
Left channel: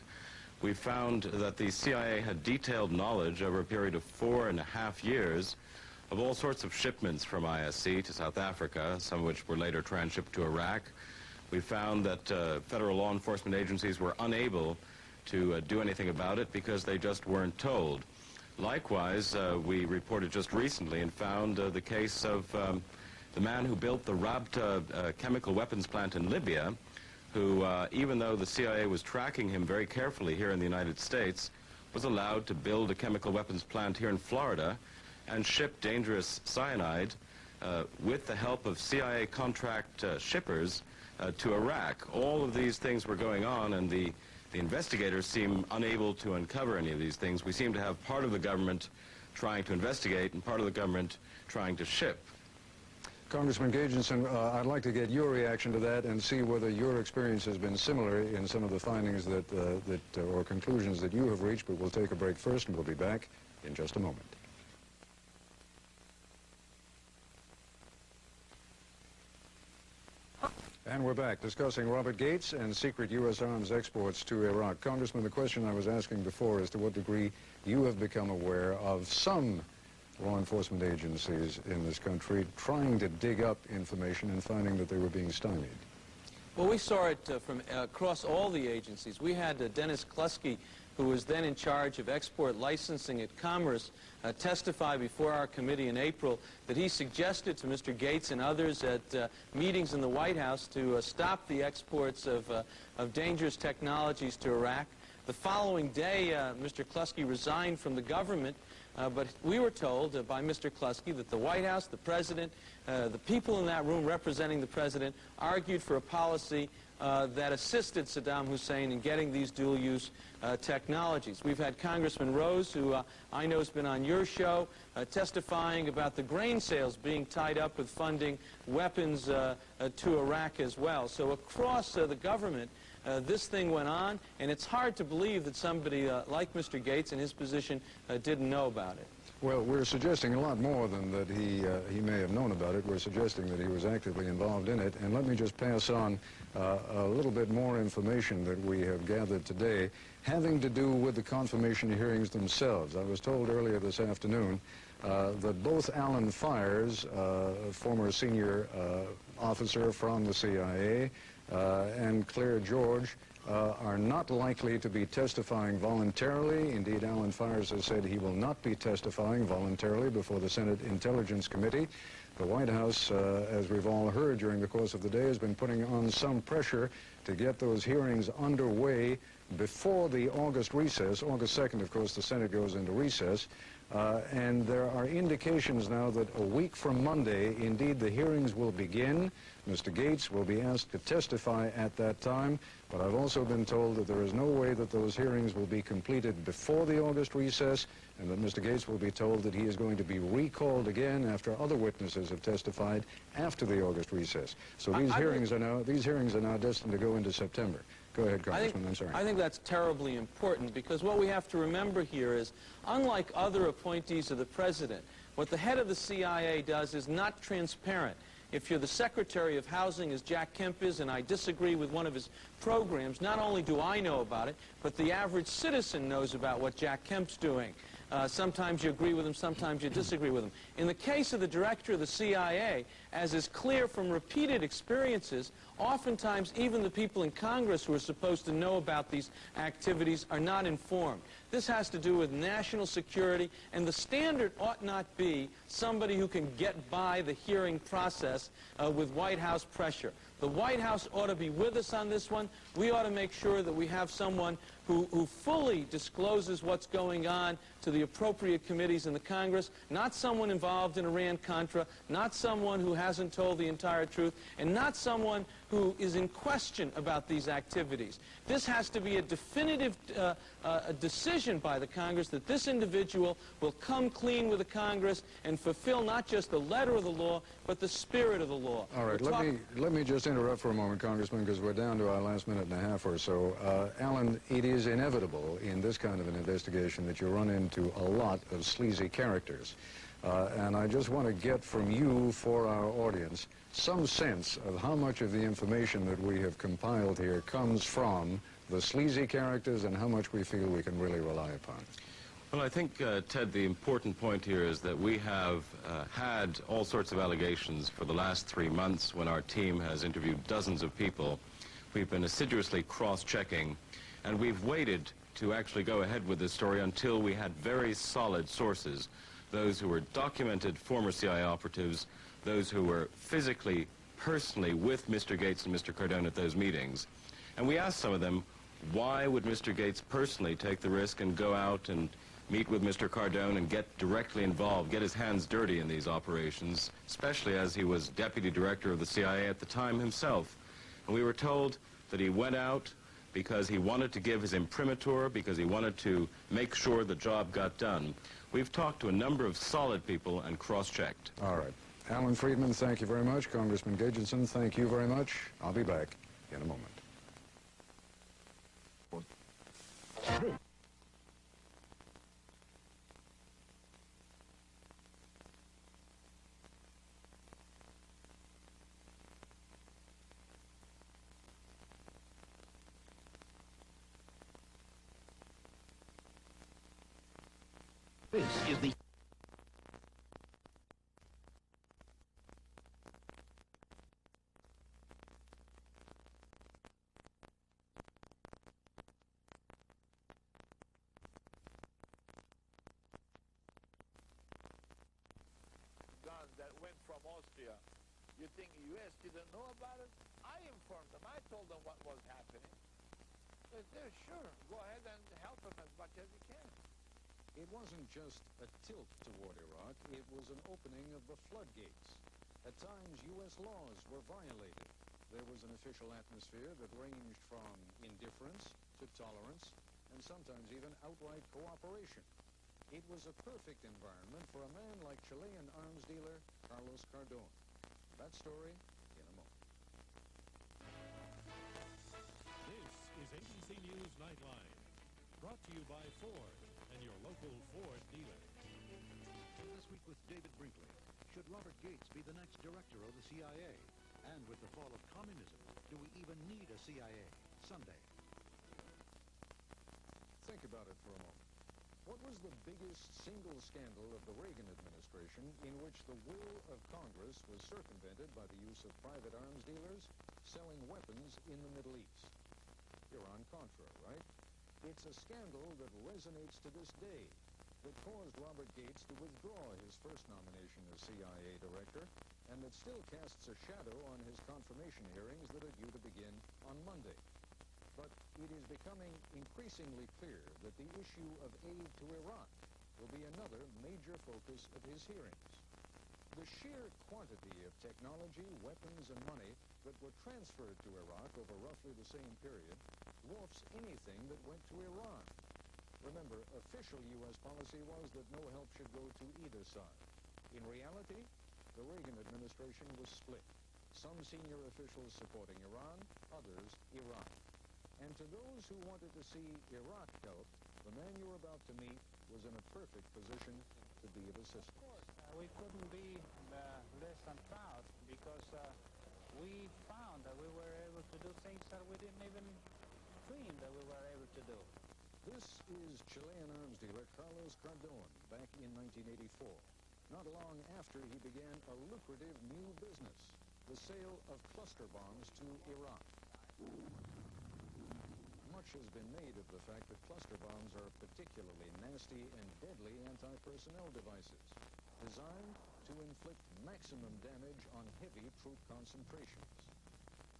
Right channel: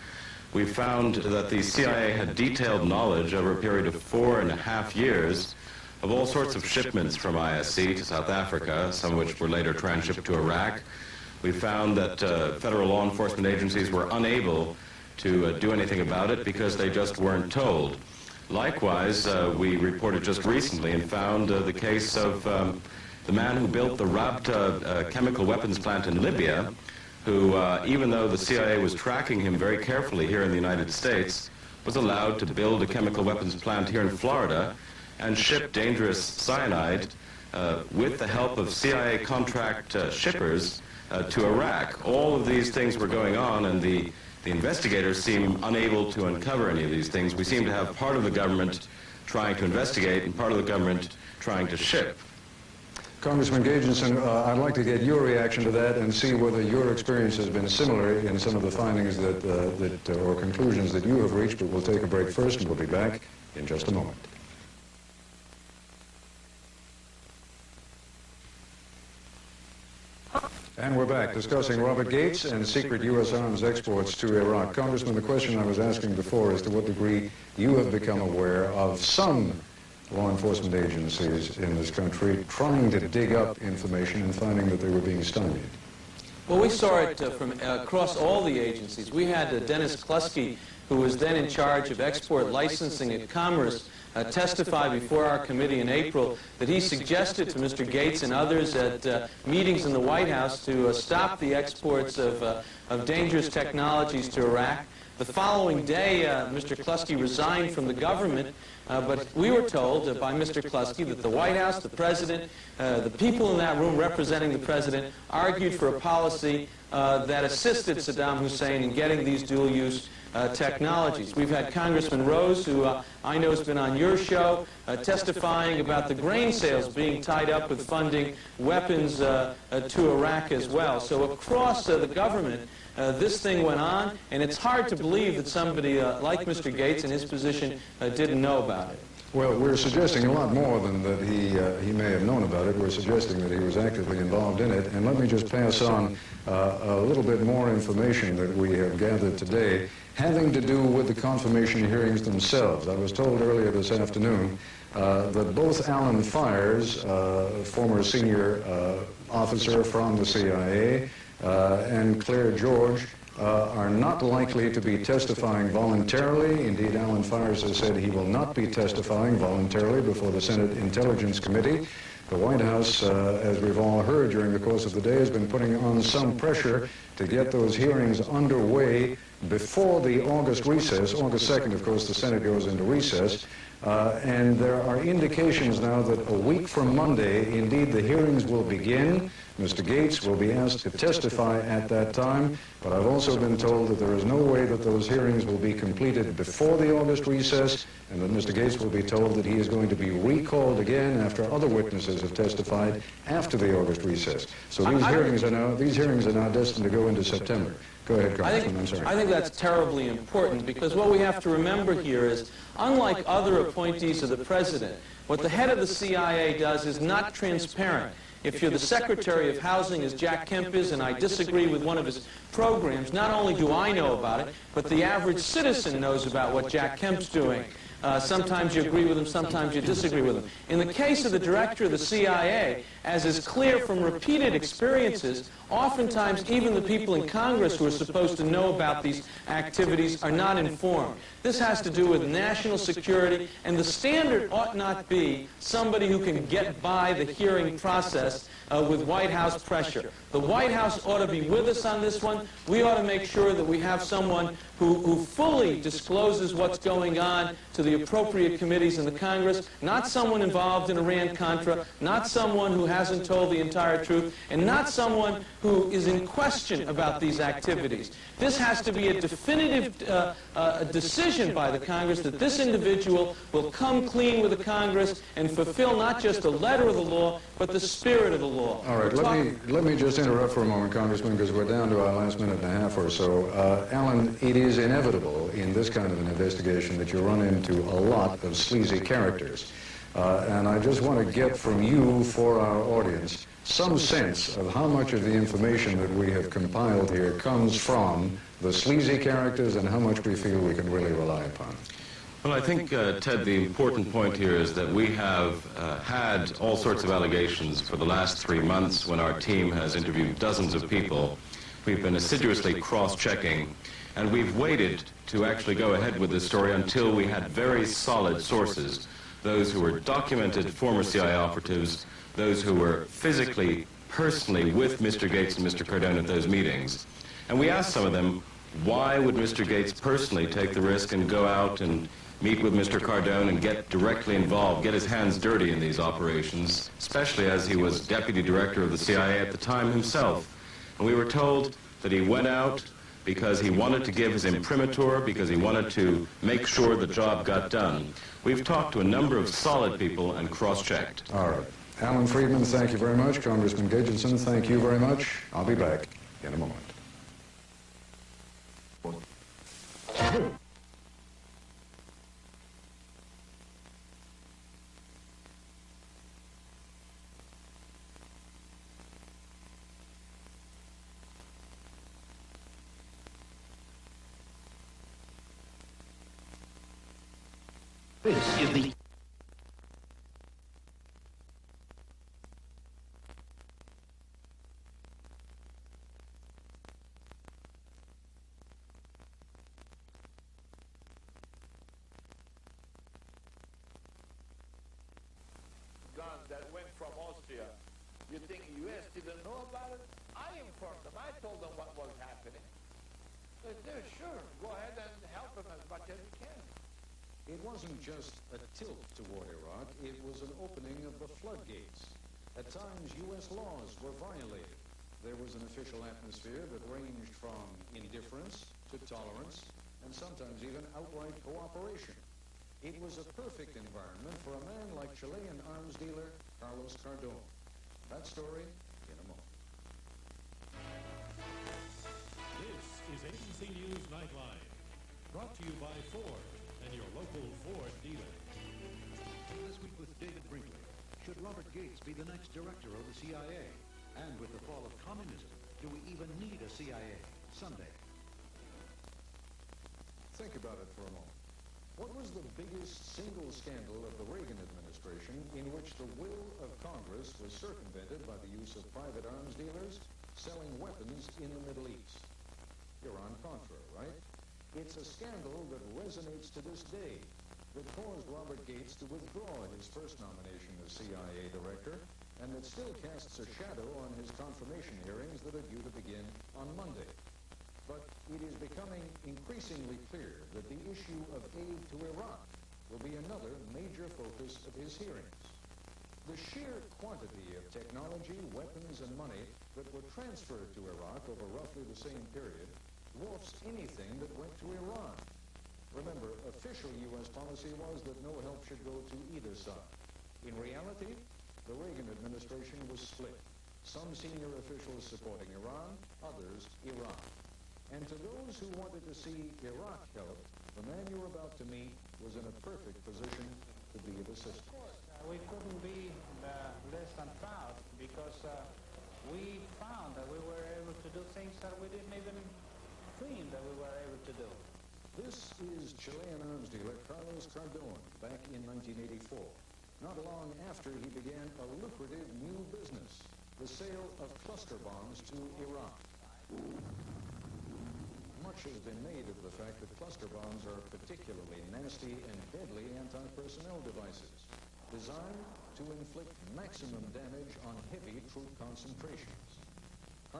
we found that the CIA had detailed knowledge over a period of 4.5 years of all sorts of shipments from ISC to South Africa, some of which were later transshipped to Iraq. We found that federal law enforcement agencies were unable to do anything about it because they just weren't told. Likewise, we reported just recently and found the case of the man who built the Rabta chemical weapons plant in Libya, who, even though the CIA was tracking him very carefully here in the United States, was allowed to build a chemical weapons plant here in Florida and ship dangerous cyanide with the help of CIA contract shippers to Iraq. All of these things were going on, and the investigators seem unable to uncover any of these things. We seem to have part of the government trying to investigate and part of the government trying to ship. Congressman Gageson, I'd like to get your reaction to that and see whether your experience has been similar in some of the findings or conclusions that you have reached. But we'll take a break first, and we'll be back in just a moment. And we're back discussing Robert Gates and secret U.S. arms exports to Iraq. Congressman, the question I was asking before is to what degree you have become aware of some law enforcement agencies in this country trying to dig up information and finding that they were being stymied. Well, we saw it from across all the agencies. We had Dennis Kluski, who was then in charge of export licensing and commerce, testified before our committee in April that he suggested to Mr. Gates and others at meetings in the White House to stop the exports of dangerous technologies to Iraq. The following day, Mr. Kluski resigned from the government, but we were told by Mr. Kluski that the White House, the President, the people in that room representing the President argued for a policy that assisted Saddam Hussein in getting these dual-use technologies. We've had Congressman Rose, who I know has been on your show, testifying about the grain sales being tied up with funding weapons to Iraq as well. So across the government, this thing went on, and it's hard to believe that somebody like Mr. Gates in his position didn't know about it. Well, we're suggesting a lot more than that he may have known about it. We're suggesting that he was actively involved in it. And let me just pass on a little bit more information that we have gathered today having to do with the confirmation hearings themselves. I was told earlier this afternoon that both Alan Fires, former senior officer from the CIA, and Claire George are not likely to be testifying voluntarily. Indeed, Alan Fires has said he will not be testifying voluntarily before the Senate Intelligence Committee. The White House, as we've all heard during the course of the day, has been putting on some pressure to get those hearings underway before the August recess. August 2nd, of course, the Senate goes into recess. And there are indications now that a week from Monday, indeed, the hearings will begin. Mr. Gates will be asked to testify at that time, but I've also been told that there is no way that those hearings will be completed before the August recess, and that Mr. Gates will be told that he is going to be recalled again after other witnesses have testified after the August recess. So these hearings are now destined to go into September. Go ahead, I think that's terribly important, because what we have to remember here is, unlike other appointees of the President, what the head of the CIA does is not transparent. If you're the Secretary of Housing, as Jack Kemp is, and I disagree with one of his programs, not only do I know about it, but the average citizen knows about what Jack Kemp's doing. Sometimes you agree with them, sometimes you disagree with them. In the case of the director of the CIA, as is clear from repeated experiences, oftentimes even the people in Congress who are supposed to know about these activities are not informed. This has to do with national security, and the standard ought not be somebody who can get by the hearing process with White House pressure. The White House ought to be with us on this one. We ought to make sure that we have someone who fully discloses what's going on to the appropriate committees in the Congress, not someone involved in Iran-Contra, not someone who hasn't told the entire truth, and not someone who is in question about these activities. This has to be a definitive decision by the Congress that this individual will come clean with the Congress and fulfill not just the letter of the law, but the spirit of the law. All right, let me just interrupt for a moment, Congressman, because we're down to our last minute and a half or so. Alan, it is inevitable in this kind of an investigation that you run into a lot of sleazy characters. And I just want to get from you, for our audience, some sense of how much of the information that we have compiled here comes from the sleazy characters and how much we feel we can really rely upon. Well, I think, Ted, the important point here is that we have had all sorts of allegations for the last 3 months when our team has interviewed dozens of people. We've been assiduously cross-checking, and we've waited to actually go ahead with the story until we had very solid sources, those who were documented former CIA operatives, those who were physically, personally with Mr. Gates and Mr. Cardone at those meetings. And we asked some of them, why would Mr. Gates personally take the risk and go out and meet with Mr. Cardone and get directly involved, get his hands dirty in these operations, especially as he was deputy director of the CIA at the time himself. And we were told that he went out because he wanted to give his imprimatur, because he wanted to make sure the job got done. We've talked to a number of solid people and cross-checked. All right. Alan Friedman, thank you very much. Congressman Gidgetson, thank you very much. I'll be back in a moment. That went from Austria. You think U.S. didn't know about it? I informed them. I told them what was happening. They said, sure, go ahead and help them as much as you can. It wasn't just a tilt toward Iraq, it was an opening of the floodgates. At times, U.S. laws were violated. There was an official atmosphere that ranged from indifference to tolerance, and sometimes even outright cooperation. It was a perfect environment for a man like Chilean arms dealer Carlos Cardone. That story in a moment. This is ABC News Nightline, brought to you by Ford and your local Ford dealer. With David Brinkley, should Robert Gates be the next director of the CIA? And with the fall of communism, do we even need a CIA someday? Think about it for a moment. What was the biggest single scandal of the Reagan administration in which the will of Congress was circumvented by the use of private arms dealers selling weapons in the Middle East? Iran-Contra, right? It's a scandal that resonates to this day, that caused Robert Gates to withdraw his first nomination as CIA director, and that still casts a shadow on his confirmation hearings that are due to begin on Monday. But it is becoming increasingly clear that the issue of aid to Iraq will be another major focus of his hearings. The sheer quantity of technology, weapons, and money that were transferred to Iraq over roughly the same period dwarfs anything that went to Iran. Remember, official U.S. policy was that no help should go to either side. In reality, the Reagan administration was split. Some senior officials supporting Iran, others Iran. And to those who wanted to see Iraq help, the man you were about to meet was in a perfect position to be of assistance. We couldn't be less than proud because we found that we were able to do things that we didn't even dream that we were able to do. This is Chilean arms dealer Carlos Cardone.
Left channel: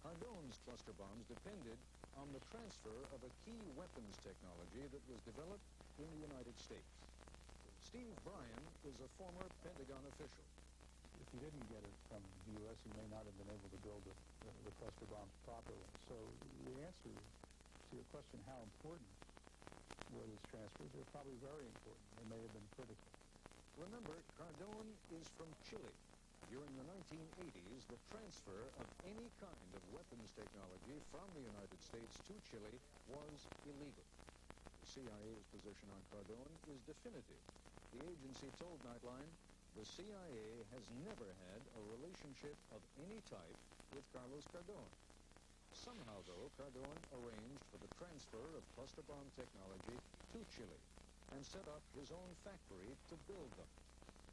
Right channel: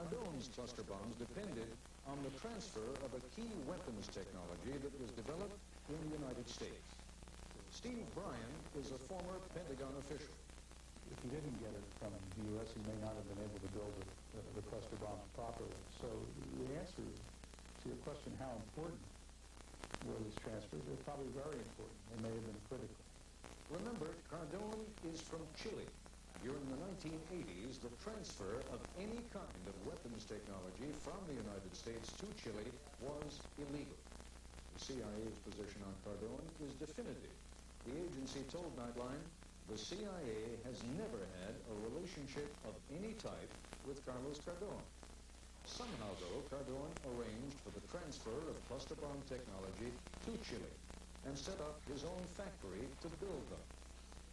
Cardone's cluster bombs depended on the transfer of a key weapons technology that was developed in the United States. Steve Bryan is a former Pentagon official. If he didn't get it from the U.S., he may not have been able to build the cluster bomb properly. So the answer to your question, how important were these transfers, they're probably very important. They may have been critical. Remember, Cardone is from Chile. During the 1980s, the transfer of any kind of weapons technology from the United States to Chile was illegal. The CIA's position on Cardone is definitive. The agency told Nightline, the CIA has never had a relationship of any type with Carlos Cardone. Somehow, though, Cardone arranged for the transfer of cluster bomb technology to Chile and set up his own factory to build them.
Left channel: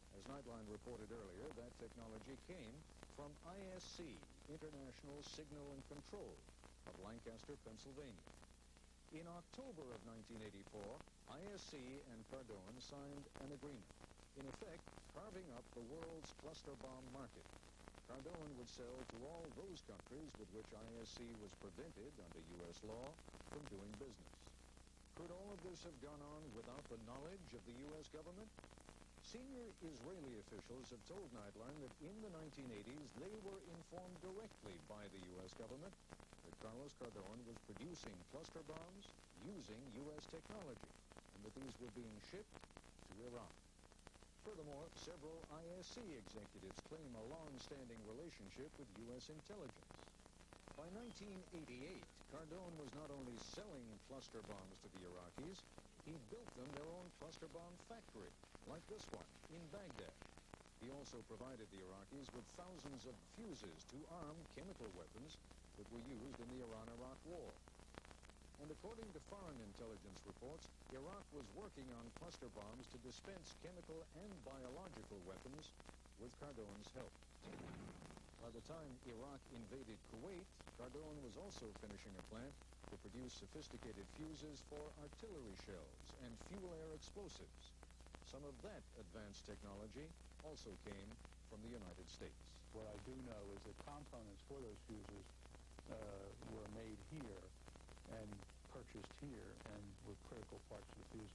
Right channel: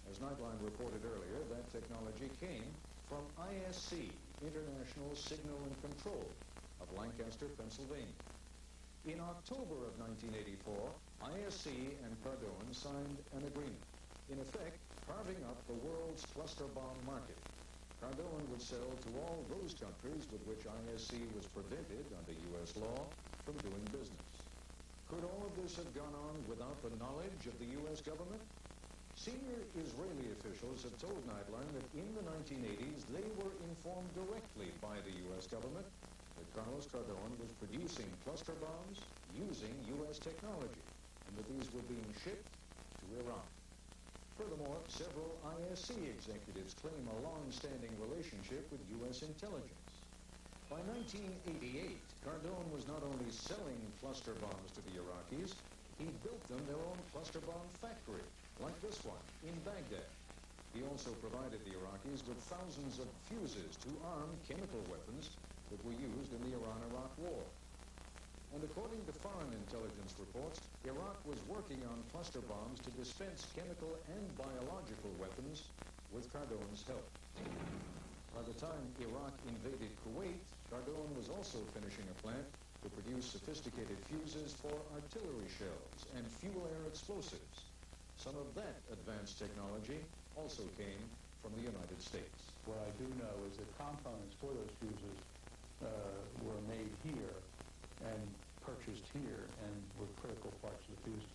As Nightline reported earlier, that technology came from ISC, International Signal and Control, of Lancaster, Pennsylvania. In October of 1984, ISC and Cardone signed an agreement, in effect carving up the world's cluster bomb market. Cardone would sell to all those countries with which ISC was prohibited under U.S. law from doing business. Could all of this have gone on without the knowledge of the U.S. government? Senior Israeli officials have told Nightline that in the 1980s they were informed directly by the U.S. government that Carlos Cardone was producing cluster bombs using U.S. technology and that these were being shipped to Iran. Furthermore, several ISC executives claim a long-standing relationship with U.S. intelligence. By 1988, Cardone was not only selling cluster bombs to the Iraqis, he built them their own cluster bomb factory, like this one, in Baghdad. He also provided the Iraqis with thousands of fuses to arm chemical weapons that were used in the Iran-Iraq War. And according to foreign intelligence reports, Iraq was working on cluster bombs to dispense chemical and biological weapons with Cardone's help. By the time Iraq invaded Kuwait, Cardone was also finishing a plant to produce sophisticated fuses for artillery shells and fuel-air explosives. Some of that advanced technology also came from the United States. What I do know is that components for those fuses were made here and purchased here and were critical parts of the fuses.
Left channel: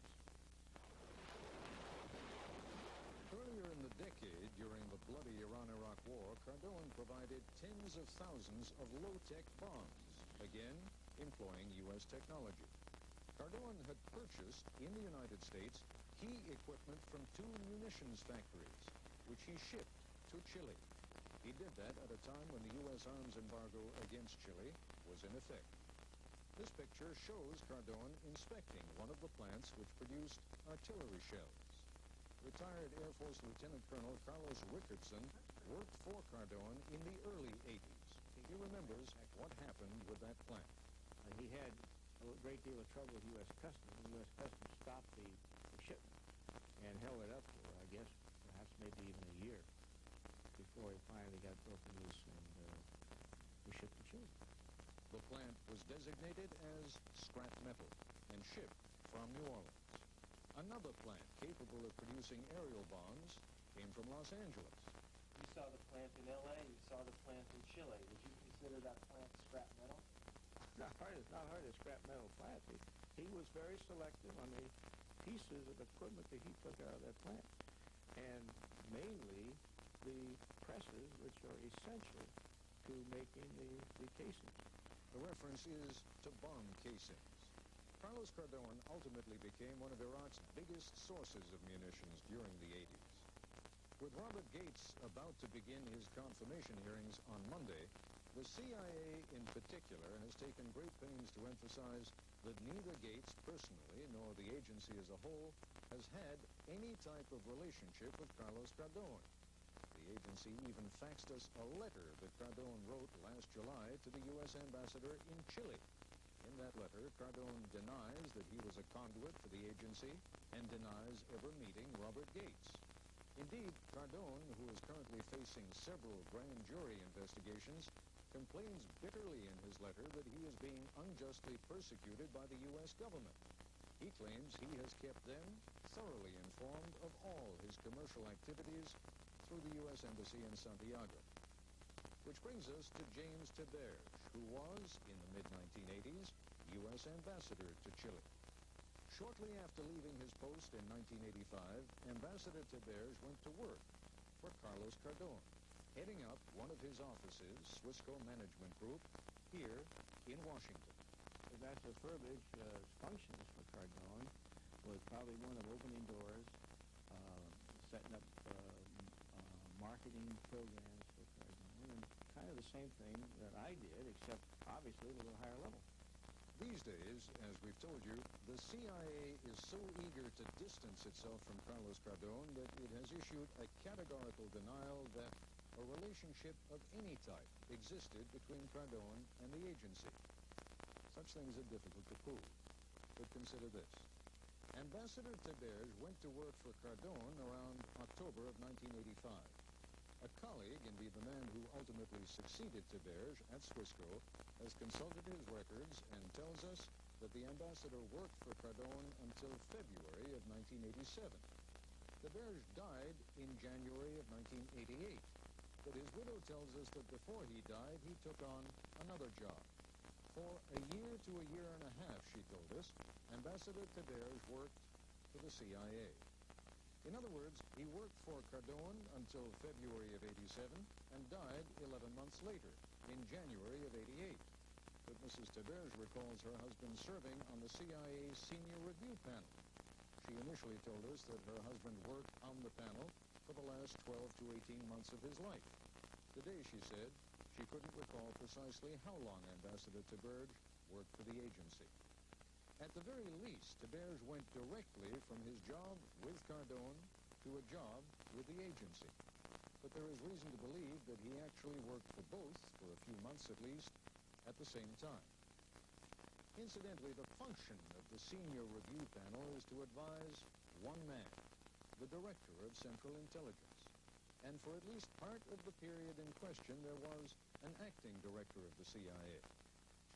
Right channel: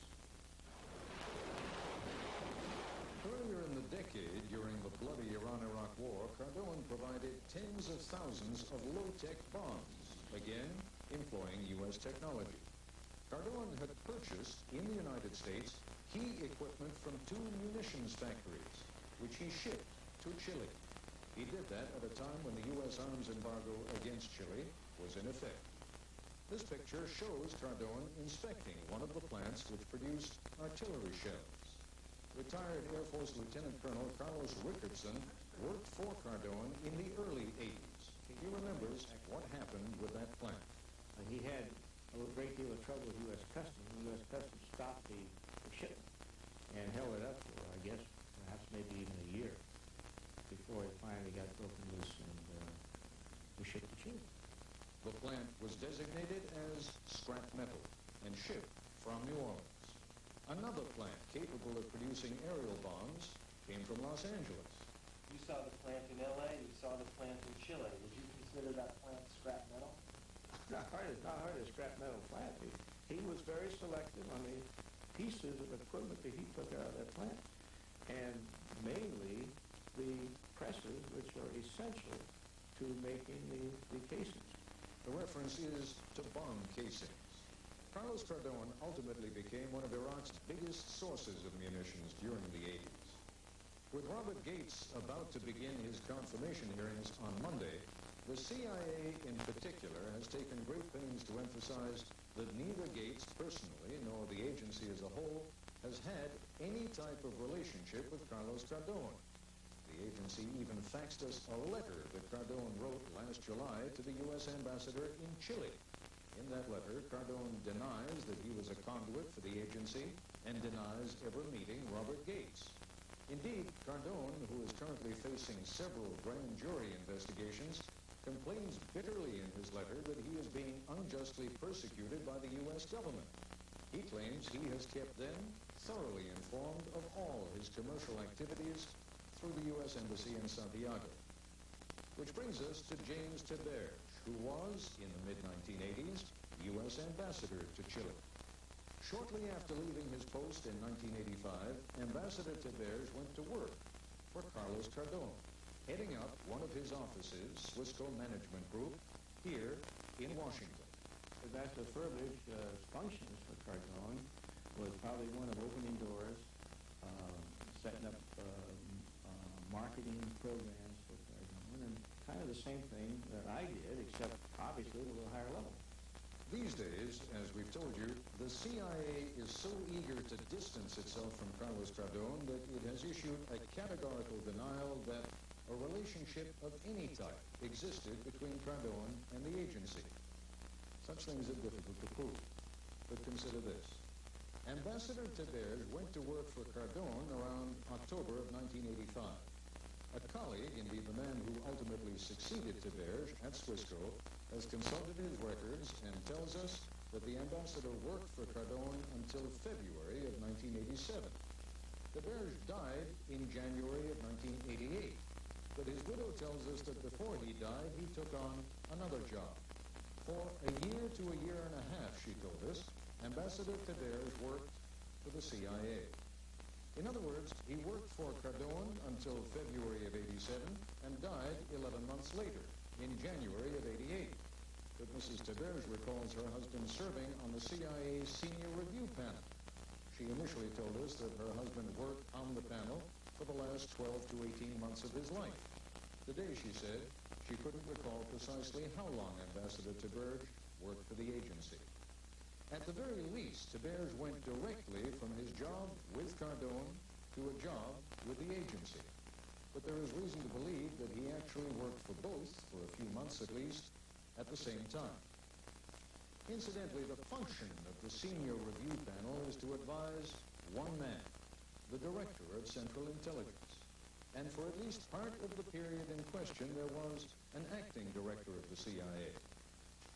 Earlier in the decade, during the bloody Iran-Iraq War, Cardone provided tens of thousands of low-tech bombs, again employing U.S. technology. Cardone had purchased in the United States key equipment from two munitions factories, which he shipped to Chile. He did that at a time when the U.S. arms embargo against Chile was in effect. This picture shows Cardone inspecting one of the plants that produced artillery shells. Retired Air Force Lieutenant Colonel Carlos Richardson worked for Cardone in the early 80s. He remembers what happened with that plant. He had a great deal of trouble with U.S. Customs. U.S. Customs stopped the shipment and held it up for, I guess, perhaps maybe even a year before it finally got broken loose and we shipped to Chile. The plant was designated as scrap metal and shipped from New Orleans. Another plant capable of producing aerial bombs came from Los Angeles. You saw the plant in L.A., you saw the plant in Chile. Would you consider that plant scrap metal? Not hardly a scrap metal plant. He was very selective on the pieces of equipment that he put out of that plant. And mainly the presses, which are essential to making the casings. The reference is to bomb casings. Carlos Cardone ultimately became one of Iraq's biggest sources of munitions during the 80s. With Robert Gates about to begin his confirmation hearings on Monday, the CIA in particular has taken great pains to emphasize that neither Gates personally nor the agency as a whole has had any type of relationship with Carlos Cardone. The agency even faxed us a letter that Cardone wrote last July to the U.S. ambassador in Chile. In that letter, Cardone denies that he was a conduit for the agency and denies ever meeting Robert Gates. Indeed, Cardone, who is currently facing several grand jury investigations, complains bitterly in his letter that he is being unjustly persecuted by the U.S. government. He claims he has kept them thoroughly informed of all his commercial activities through the U.S. Embassy in Santiago. Which brings us to James Tibert, who who was, in the mid-1980s, U.S. ambassador to Chile. Shortly after leaving his post in 1985, Ambassador Tavares went to work for Carlos Cardone, heading up one of his offices, Wisco Management Group, here in Washington. That the privileged function for Caterbone was probably one of the opening doors, setting up marketing programs for Caterbone, and kind of the same thing that I did, except obviously at a higher level. These days, as we've told you, the CIA is so eager to distance itself from Carlos Cardone that it has issued a categorical denial that a relationship of any type existed between Cardone and the agency. Such things are difficult to prove, but consider this. Ambassador Tavares went to work for Cardone around October of 1985. A colleague, indeed the man who ultimately succeeded Tavares at Wisco, has consulted his records and tells us that the ambassador worked for Cardone until February of 1987. Tavares died in January of 1988, but his widow tells us that before he died, he took on another job. For a year to a year and a half, she told us, Ambassador Tavares worked for the CIA. In other words, he worked for Cardone until February of 87 and died 11 months later, in January of 88. But Mrs. Tavares recalls her husband serving on the CIA Senior Review Panel. She initially told us that her husband worked on the panel for the last 12 to 18 months of his life. Today, she said, she couldn't recall precisely how long Ambassador Tavares worked for the agency. At the very least, Tavares went directly from his job with Cardone to a job with the agency. But there is reason to believe that he actually worked for both, for a few months at least, at the same time. Incidentally, the function of the Senior Review Panel is to advise one man, the Director of Central Intelligence. And for at least part of the period in question, there was an acting director of the CIA,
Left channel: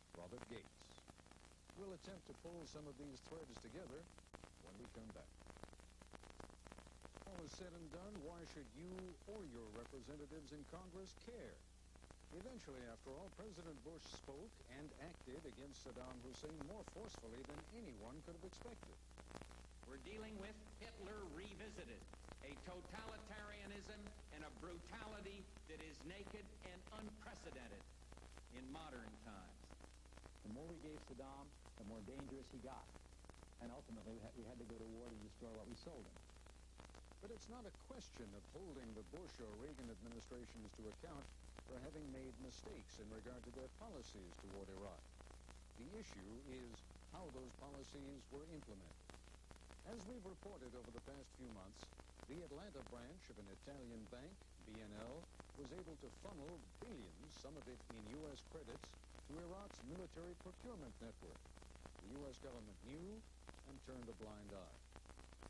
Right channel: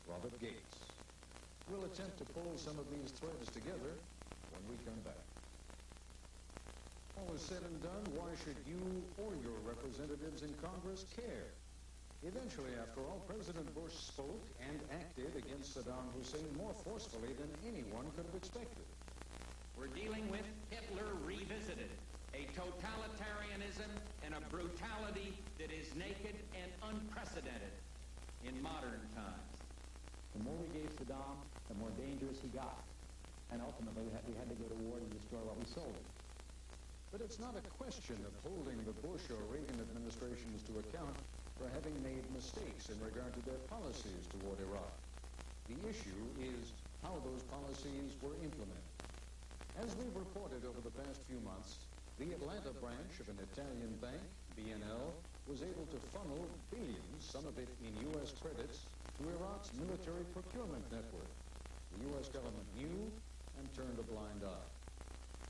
Robert Gates. We'll attempt to pull some of these threads together when we come back. All is said and done, why should you or your representatives in Congress care? Eventually, after all, President Bush spoke and acted against Saddam Hussein more forcefully than anyone could have expected. We're dealing with Hitler revisited, a totalitarianism and a brutality that is naked and unprecedented in modern times. The more we gave Saddam, the more dangerous he got. And ultimately, we had to go to war to destroy all the soldiers. But it's not a question of holding the Bush or Reagan administrations to account for having made mistakes in regard to their policies toward Iraq. The issue is how those policies were implemented. As we've reported over the past few months, the Atlanta branch of an Italian bank, BNL, was able to funnel billions, some of it in U.S. credits, to Iraq's military procurement network. The U.S. government knew and turned a blind eye.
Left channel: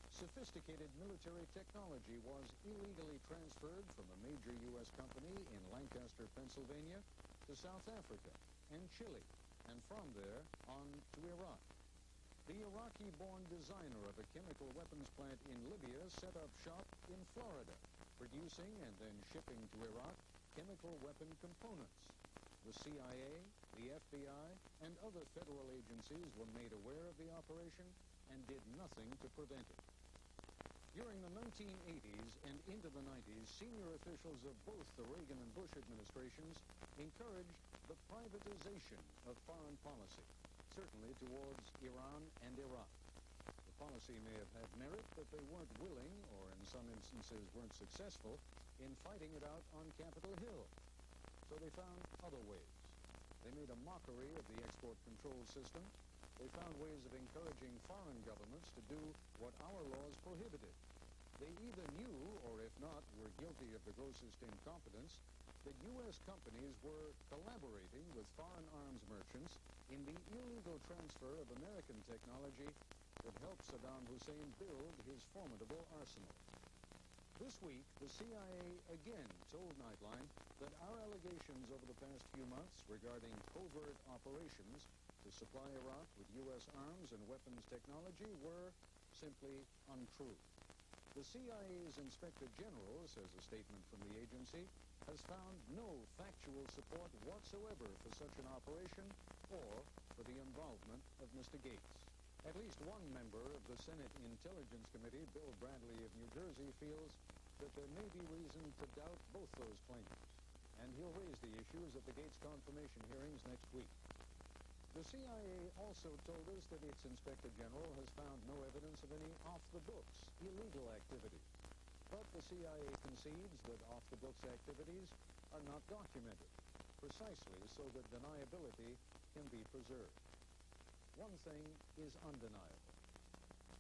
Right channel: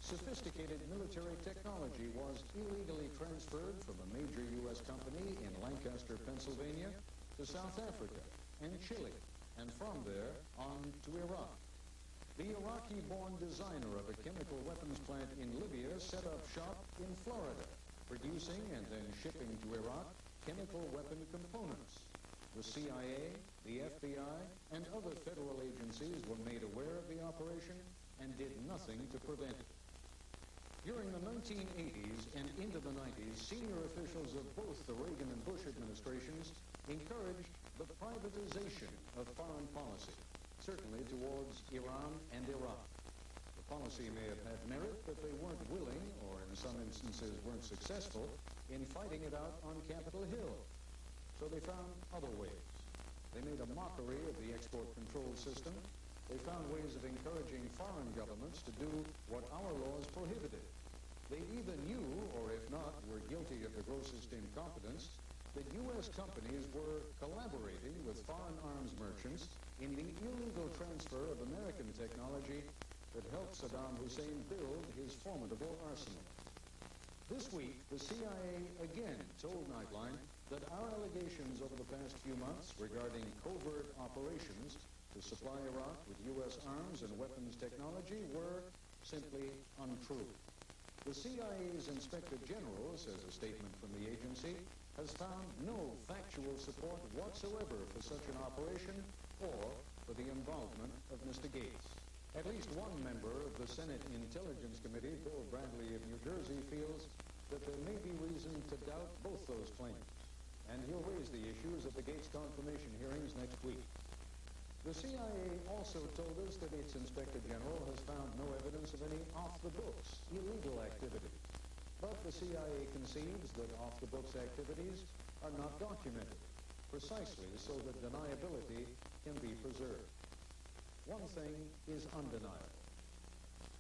Sophisticated military technology was illegally transferred from a major U.S. company in Lancaster, Pennsylvania, to South Africa and Chile, and from there on to Iraq. The Iraqi-born designer of a chemical weapons plant in Libya set up shop in Florida, producing and then shipping to Iraq chemical weapon components. The CIA, the FBI, and other federal agencies were made aware of the operation and did nothing to prevent it. During the 1980s and into the 90s, senior officials of both the Reagan and Bush administrations encouraged the privatization of foreign policy, certainly towards Iran and Iraq. The policy may have had merit, but they weren't willing, or in some instances weren't successful, in fighting it out on Capitol Hill. So they found other ways. They made a mockery of the export control system. They found ways of encouraging foreign governments to do what our laws prohibited. They either knew, or if not, were guilty of the grossest incompetence, that U.S. companies were collaborating with foreign arms merchants in the illegal transfer of American technology that helped Saddam Hussein build his formidable arsenal. This week, the CIA again told Nightline that our allegations over the past few months regarding covert operations to supply Iraq with U.S. arms and weapons technology were simply untrue. The CIA's Inspector General, says a statement from the agency, has found no factual support whatsoever for such an operation. operation or for the involvement of Mr. Gates. At least one member of the Senate Intelligence Committee, Bill Bradley of New Jersey, feels that there may be reason to doubt both those claims, and he'll raise the issues of the Gates confirmation hearings next week. The CIA also told us that its Inspector General has found no evidence of any off-the-books illegal activity. But the CIA concedes that off-the-books activities are not documented, precisely so that deniability can be preserved. One thing is undeniable.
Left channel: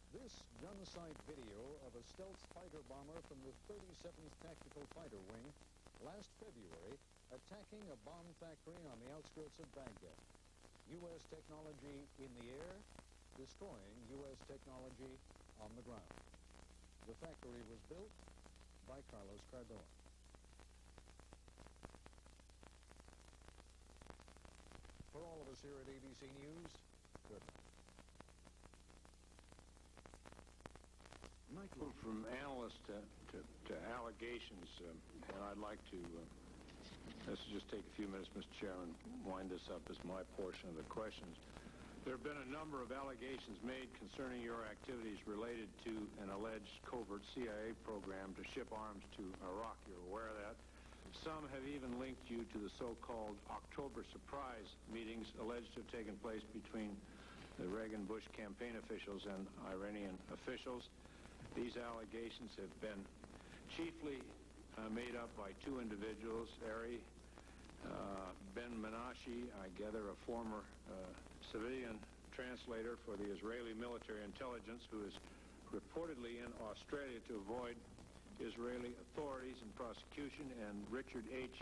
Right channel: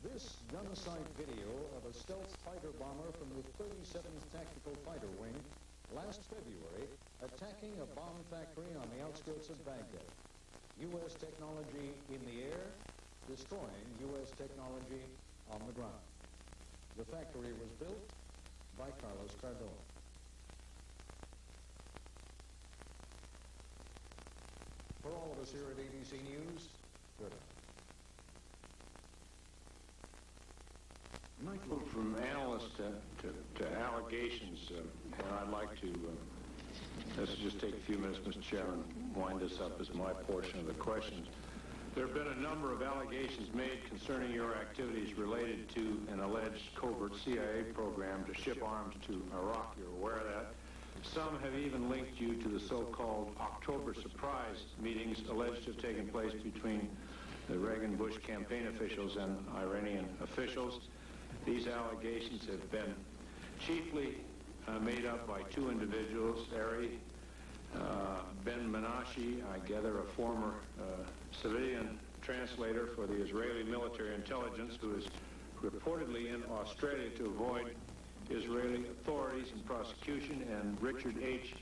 This gunsight video of a stealth fighter bomber from the 37th Tactical Fighter Wing last February attacking a bomb factory on the outskirts of Baghdad. U.S. technology in the air, destroying U.S. technology on the ground. The factory was built by Carlos Caterbone. For all of us here at ABC News, good enough. Michael, from analyst to allegations, and I'd like to, let's just take a few minutes, Mr. Chairman, wind this up as my portion of the questions. There have been a number of allegations made concerning your activities related to an alleged covert CIA program to ship arms to Iraq. You're aware of that. Some have even linked you to the so-called October surprise meetings alleged to have taken place between the Reagan and Bush campaign officials and Iranian officials. These allegations have been chiefly made up by two individuals, Ari Ben Menashe, I gather a former civilian translator for the Israeli military intelligence, who is reportedly in Australia to avoid Israeli authorities and prosecution, and Richard H.,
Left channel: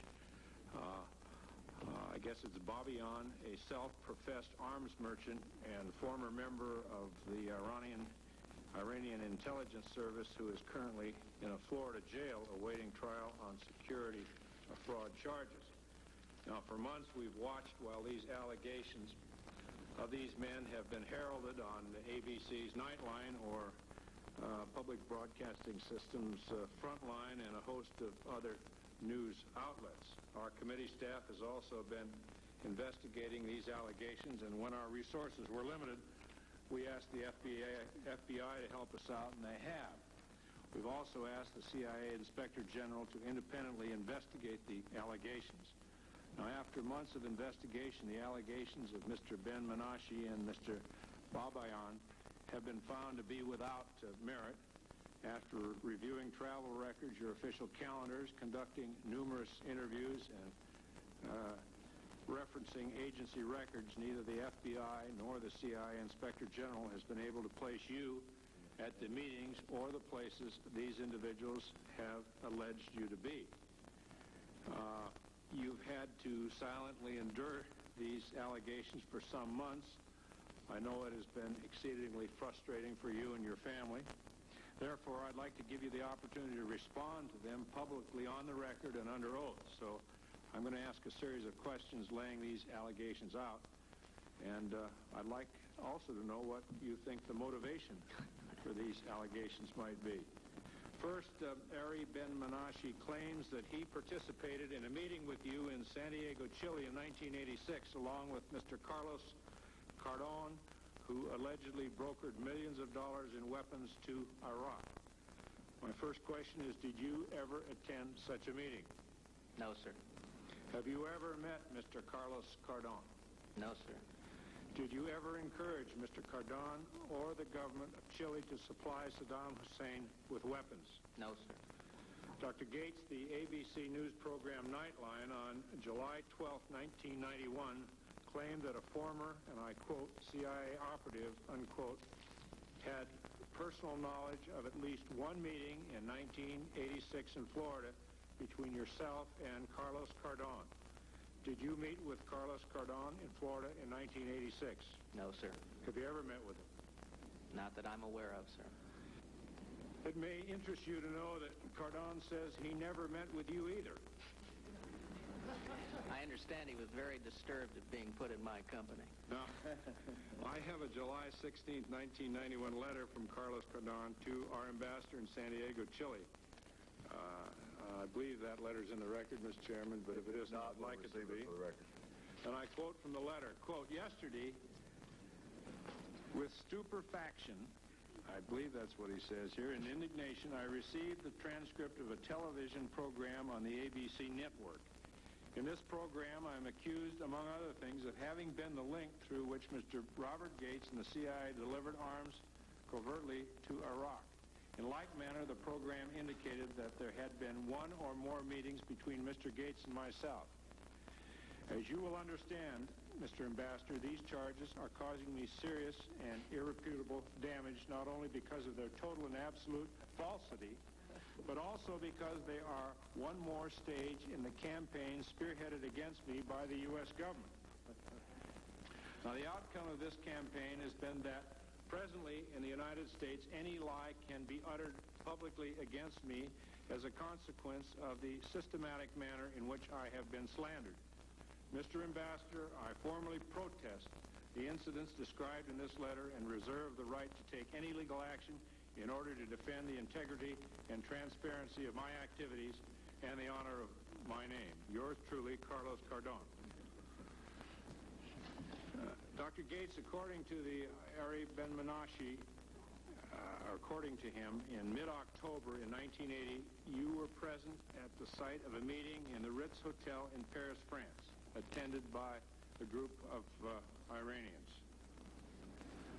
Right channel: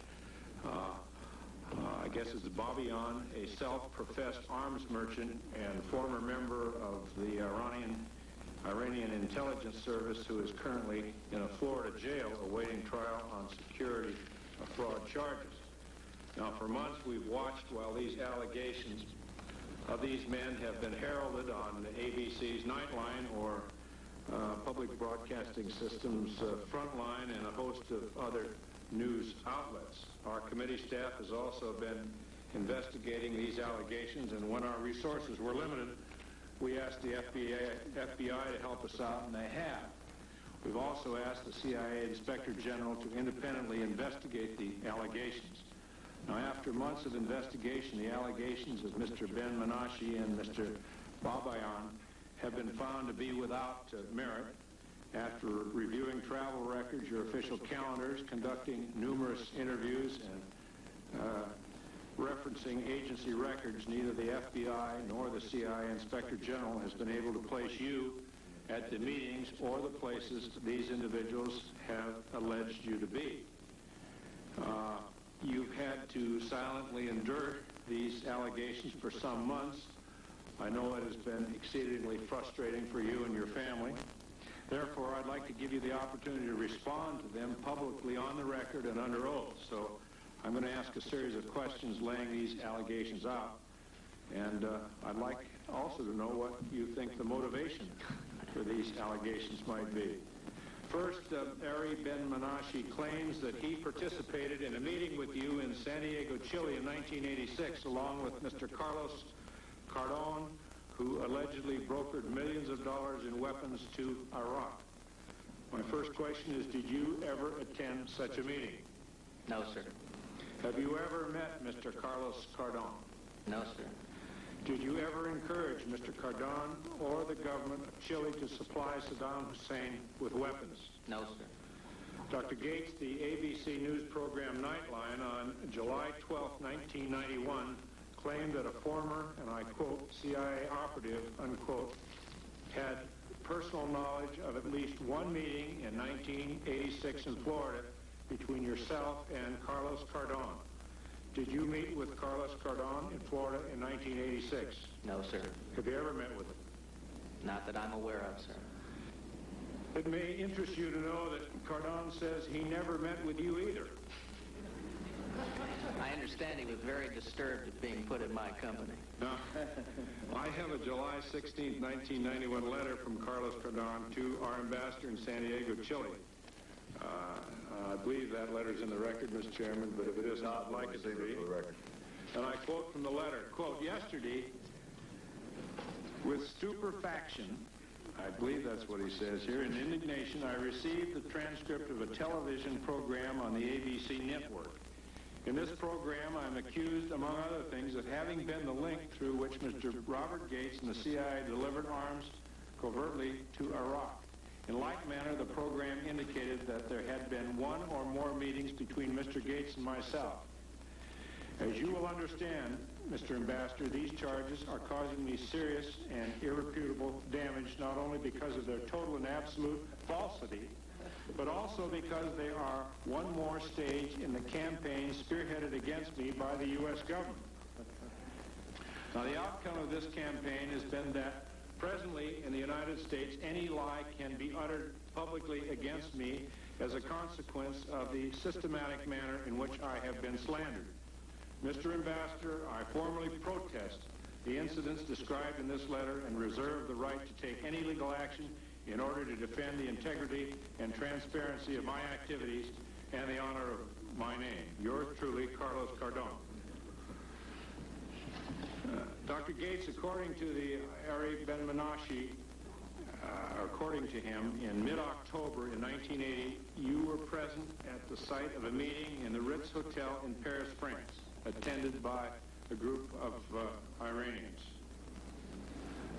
I guess it's Bobby On, a self-professed arms merchant and former member of the Iranian intelligence service, who is currently in a Florida jail awaiting trial on security fraud charges. Now, for months we've watched while these allegations of these men have been heralded on the ABC's Nightline or Public Broadcasting System's Frontline and a host of other news outlets. Our committee staff has also been investigating these allegations, and when our resources were limited, we asked the FBI to help us out, and they have. We've also asked the CIA Inspector General to independently investigate the allegations. Now, after months of investigation, the allegations of Mr. Ben Menashe and Mr. Babayan have been found to be without merit. After reviewing travel records, your official calendars, conducting numerous interviews, and referencing agency records, neither the FBI nor the CIA Inspector General has been able to place you at the meetings or the places these individuals have alleged you to be. You've had to silently endure these allegations for some months. I know it has been exceedingly frustrating for you and your family. Therefore, I'd like to give you the opportunity to respond to them publicly on the record and under oath. So I'm going to ask a series of questions laying these allegations out. And I'd like also to know what you think the motivation for these allegations might be. First, Ari Ben Menashe claims that he participated in a meeting with you in San Diego, Chile in 1986, along with Mr. Carlos Caterbone, who allegedly brokered millions of dollars in weapons to Iraq. My first question is, did you ever attend such a meeting? No, sir. Have you ever met Mr. Carlos Caterbone? No, sir. Did you ever encourage Mr. Caterbone or the government of Chile to supply Saddam Hussein with weapons? No, sir. Dr. Gates, the ABC News program Nightline on July 12, 1991, claimed that a former, and I quote, CIA operative, unquote, had personal knowledge of at least one meeting in 1986 in Florida between yourself and Carlos Caterbone. Did you meet with Carlos Caterbone in Florida in 1986? No, sir. Have you ever met with him? Not that I'm aware of, sir. It may interest you to know that Caterbone says he never met with you either. I understand he was very disturbed at being put in my company. No. I have a July 16, 1991 letter from Carlos Caterbone to our ambassador in San Diego, Chile. I believe that letter is in the record, Mr. Chairman, but if it is not, I'd like to say it in the record. And I quote from the letter, quote, yesterday, with stupefaction, I believe that's what he says here, in indignation, I received the transcript of a television program on the ABC network. In this program, I'm accused, among other things, of having been the link through which Mr. Robert Gates and the CIA delivered arms covertly to Iraq. In like manner, the program indicated that there had been one or more meetings between Mr. Gates and myself. As you will understand, Mr. Ambassador, these charges are causing me serious and irreparable damage, not only because of their total and absolute falsity, but also because they are one more stage in the campaign spearheaded against me by the U.S. government. Now, the outcome of this campaign has been that presently in the United States, any lie can be uttered publicly against me as a consequence of the systematic manner in which I have been slandered. Mr. Ambassador, I formally protest the incidents described in this letter and reserve the right to take any legal action in order to defend the integrity and transparency of my activities and the honor of my name. Yours truly, Carlos Caterbone. Dr. Gates, according to the Ari Ben-Menashe, according to him, in mid-October in 1980, you were present at the site of a meeting in the Ritz Hotel in Paris, France, attended by a group of Iranians.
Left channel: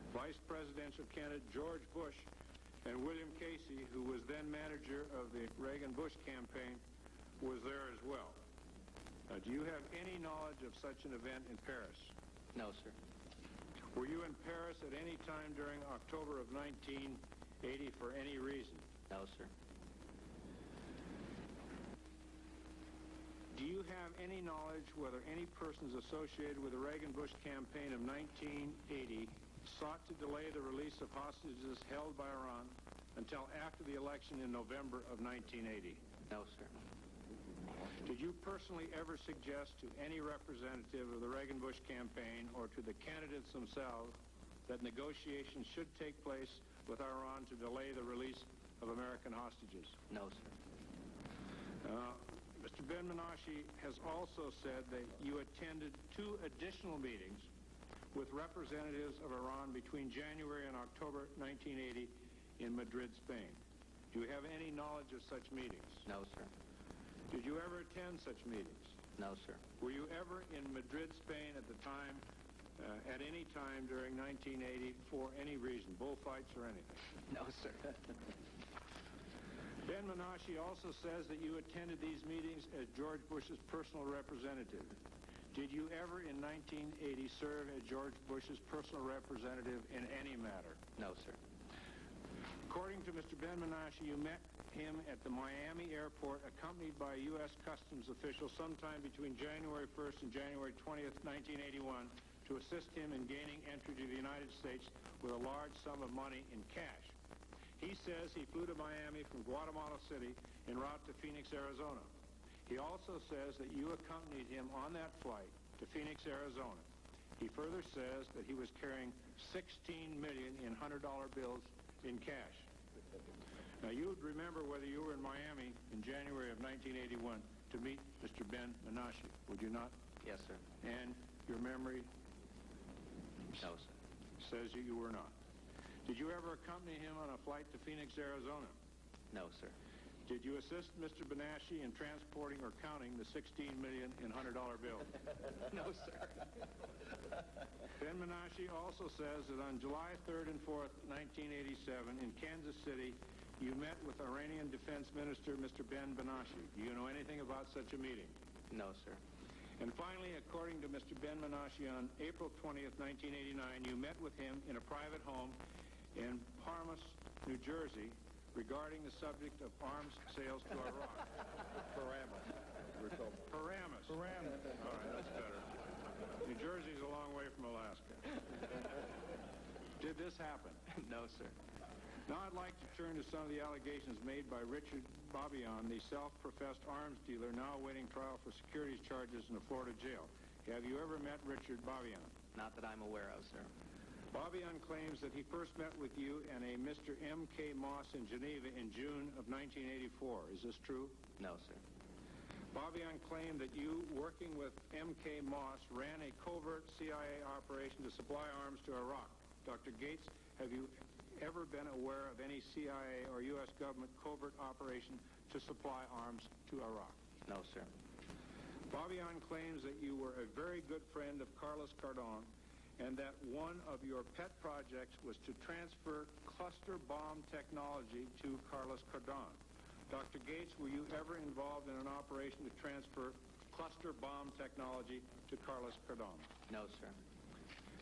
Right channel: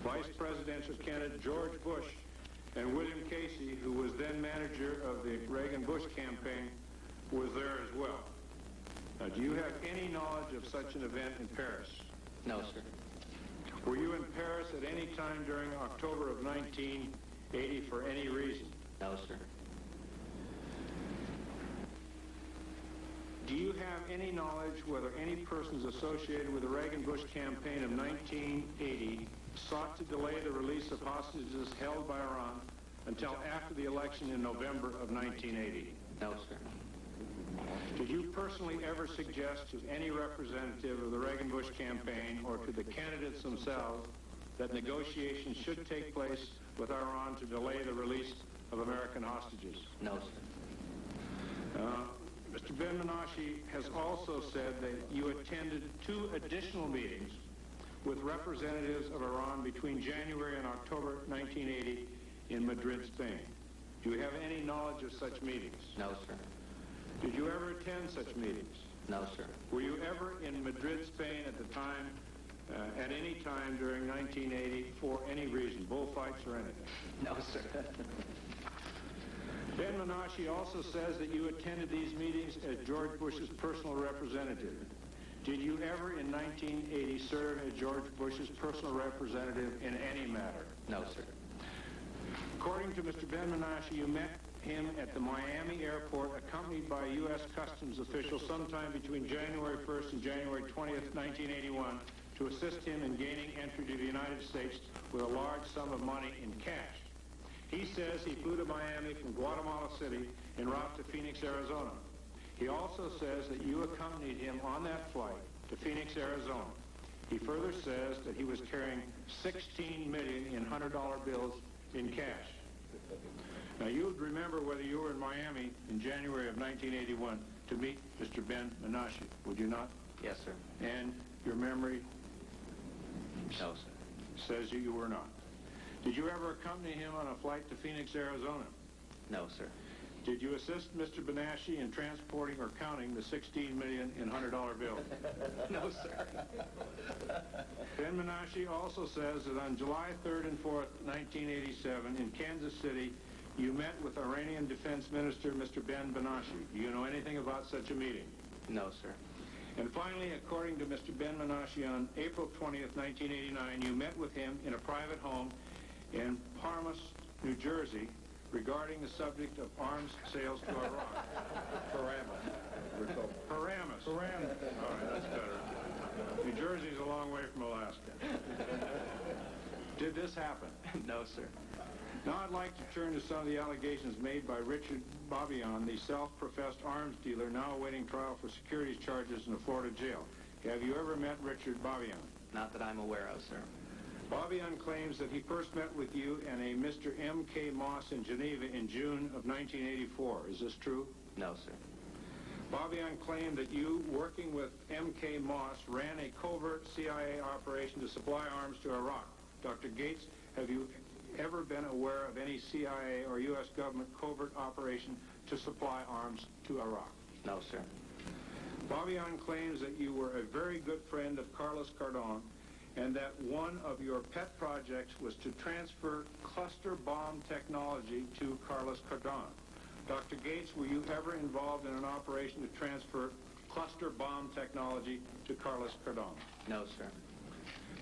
Vice Presidential candidate George Bush and William Casey, who was then manager of the Reagan-Bush campaign, was there as well. Now, do you have any knowledge of such an event in Paris? No, sir. Were you in Paris at any time during October of 1980 for any reason? No, sir. Do you have any knowledge whether any persons associated with the Reagan-Bush campaign of 1980 sought to delay the release of hostages held by Iran until after the election in November of 1980? No, sir. Did you personally ever suggest to any representative of the Reagan-Bush campaign or to the candidates themselves that negotiations should take place with Iran to delay the release of American hostages? No, sir. Mr. Ben-Menashe has also said that you attended 2 additional meetings with representatives of Iran between January and October 1980 in Madrid, Spain. Do you have any knowledge of such meetings? No, sir. Did you ever attend such meetings? No, sir. Were you ever in Madrid, Spain at the time, at any time during 1980 for any reason, bullfights or anything? No, sir. Ben-Menashe also says that you attended these meetings as George Bush's personal representative. Did you ever in 1980 serve as George Bush's personal representative in any matter? No, sir. According to Mr. Ben-Menashe, you met him at the Miami airport accompanied by U.S. Customs officials sometime between January 1st and January 20th, 1981 to assist him in gaining entry to the United States with a large sum of money in cash. He says he flew to Miami from Guatemala City en route to Phoenix, Arizona. He also says that you accompanied him on that flight to Phoenix, Arizona. He further says that he was carrying $16 million in $100 bills in cash. Now, you would remember whether you were in Miami in January of 1981 to meet Mr. Ben-Menashe, would you not? Yes, sir. And your memory No, sir. says you were not. Did you ever accompany him on a flight to Phoenix, Arizona? No, sir. Did you assist Mr. Menashe in transporting or counting the $16 million in $100 bills? No, sir. Ben-Menashe also says that on July 3rd and 4th, 1987, in Kansas City, you met with Iranian Defense Minister Mr. Ben-Menashe. Do you know anything about such a meeting? No, sir. And finally, according to Mr. Ben-Menashe, on April 20th, 1989, you met with him in a private home in Paramus, New Jersey, regarding the subject of arms sales to Iran. Paramus. All right, that's better. New Jersey's a long way from Alaska. Did this happen? No, sir. Now I'd like to turn to some of the allegations made by Richard Babian, the self-professed arms dealer now awaiting trial for securities charges in a Florida jail. Have you ever met Richard Babian? Not that I'm aware of, sir. Babian claims that he first met with you and a Mr. M.K. Moss in Geneva in June of 1984. Is this true? No, sir. Bobbion claimed that you, working with M.K. Moss, ran a covert CIA operation to supply arms to Iraq. Dr. Gates, have you ever been aware of any CIA or U.S. government covert operation to supply arms to Iraq? No, sir. Bobbion claims that you were a very good friend of Carlos Cardone and that one of your pet projects was to transfer cluster bomb technology to Carlos Cardone. Dr. Gates, were you ever involved in an operation to transfer cluster bomb technology to Carlos Cardone? No, sir.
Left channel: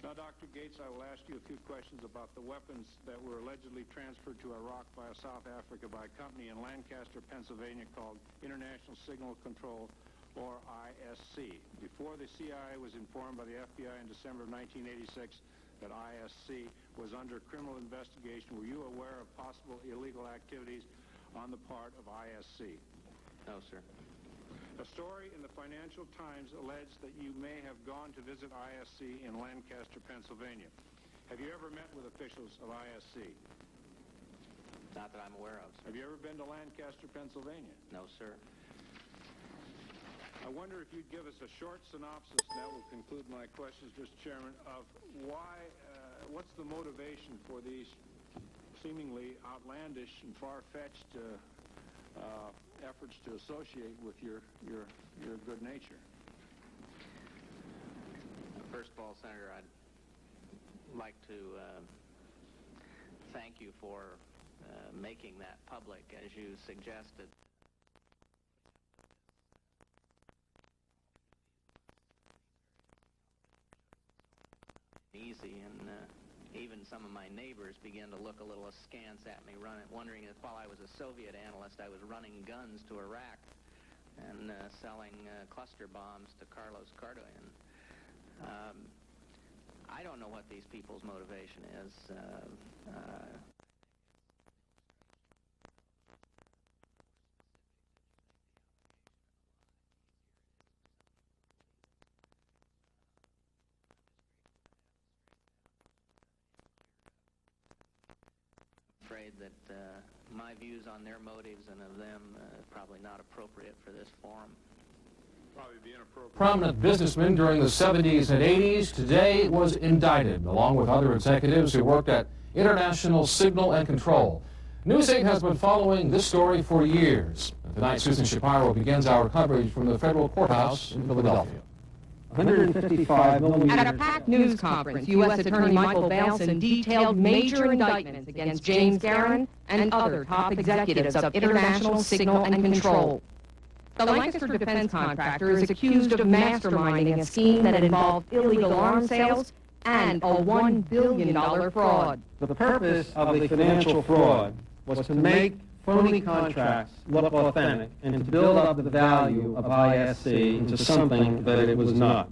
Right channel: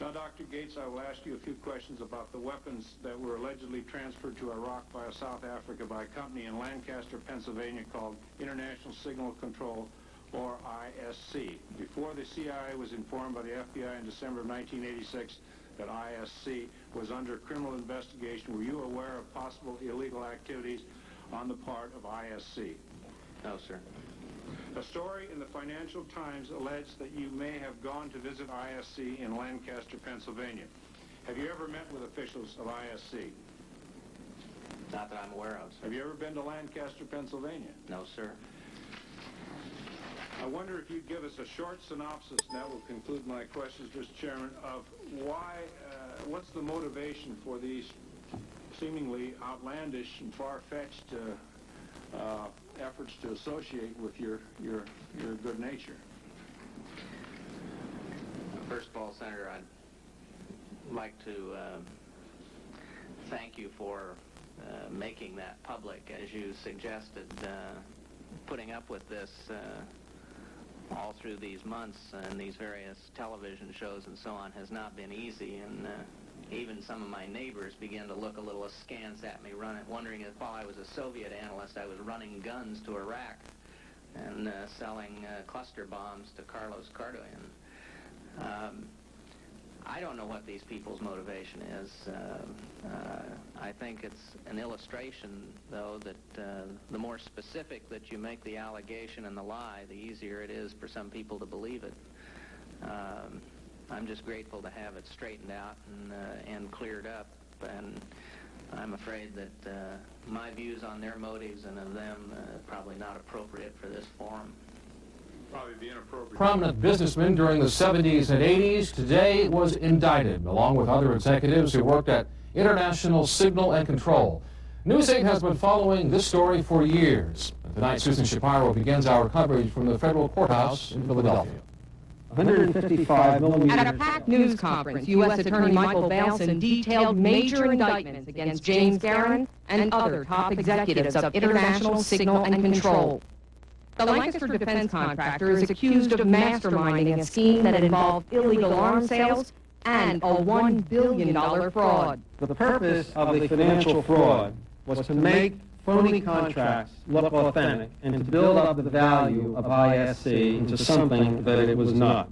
Now, Dr. Gates, I will ask you a few questions about the weapons that were allegedly transferred to Iraq via South Africa by a company in Lancaster, Pennsylvania called International Signal Control, or ISC. Before the CIA was informed by the FBI in December of 1986 that ISC was under criminal investigation, were you aware of possible illegal activities on the part of ISC? No, sir. A story in the Financial Times alleged that you may have gone to visit ISC in Lancaster, Pennsylvania. Have you ever met with officials of ISC? Not that I'm aware of, sir. Have you ever been to Lancaster, Pennsylvania? No, sir. I wonder if you'd give us a short synopsis, and that will conclude my questions, Mr. Chairman, of why, what's the motivation for these seemingly outlandish and far-fetched efforts to associate with your good nature? First of all, Senator, I'd like to thank you for making that public, as you suggested. Putting up with this all through these months and these various television shows and so on has not been easy, and even some of my neighbors began to look a little askance at me, wondering if while I was a Soviet analyst I was running guns to Iraq and selling cluster bombs to Carlos Cardone. I don't know what these people's motivation is. I think it's an illustration, though, that the more specific that you make the allegation and the lie, the easier it is for some people to believe it. I'm just grateful to have it straightened out and cleared up, and I'm afraid that my views on their motives and of them probably not appropriate for this forum. Prominent businessman during the 70s and 80s today was indicted, along with other executives who worked at International Signal and Control. News 8 has been following this story for years. Tonight, Susan Shapiro begins our coverage from the federal courthouse in Philadelphia. 155 millimeters. At a packed news conference, U.S. Attorney Michael Bailson detailed major indictments against James Garin and other top executives of International Signal and Control. The Lancaster defense contractor is accused of masterminding a scheme that involved illegal arms sales and a $1 billion fraud. The purpose of the financial fraud was to make phony contracts look authentic and to build up the value of ISC into something that it was not.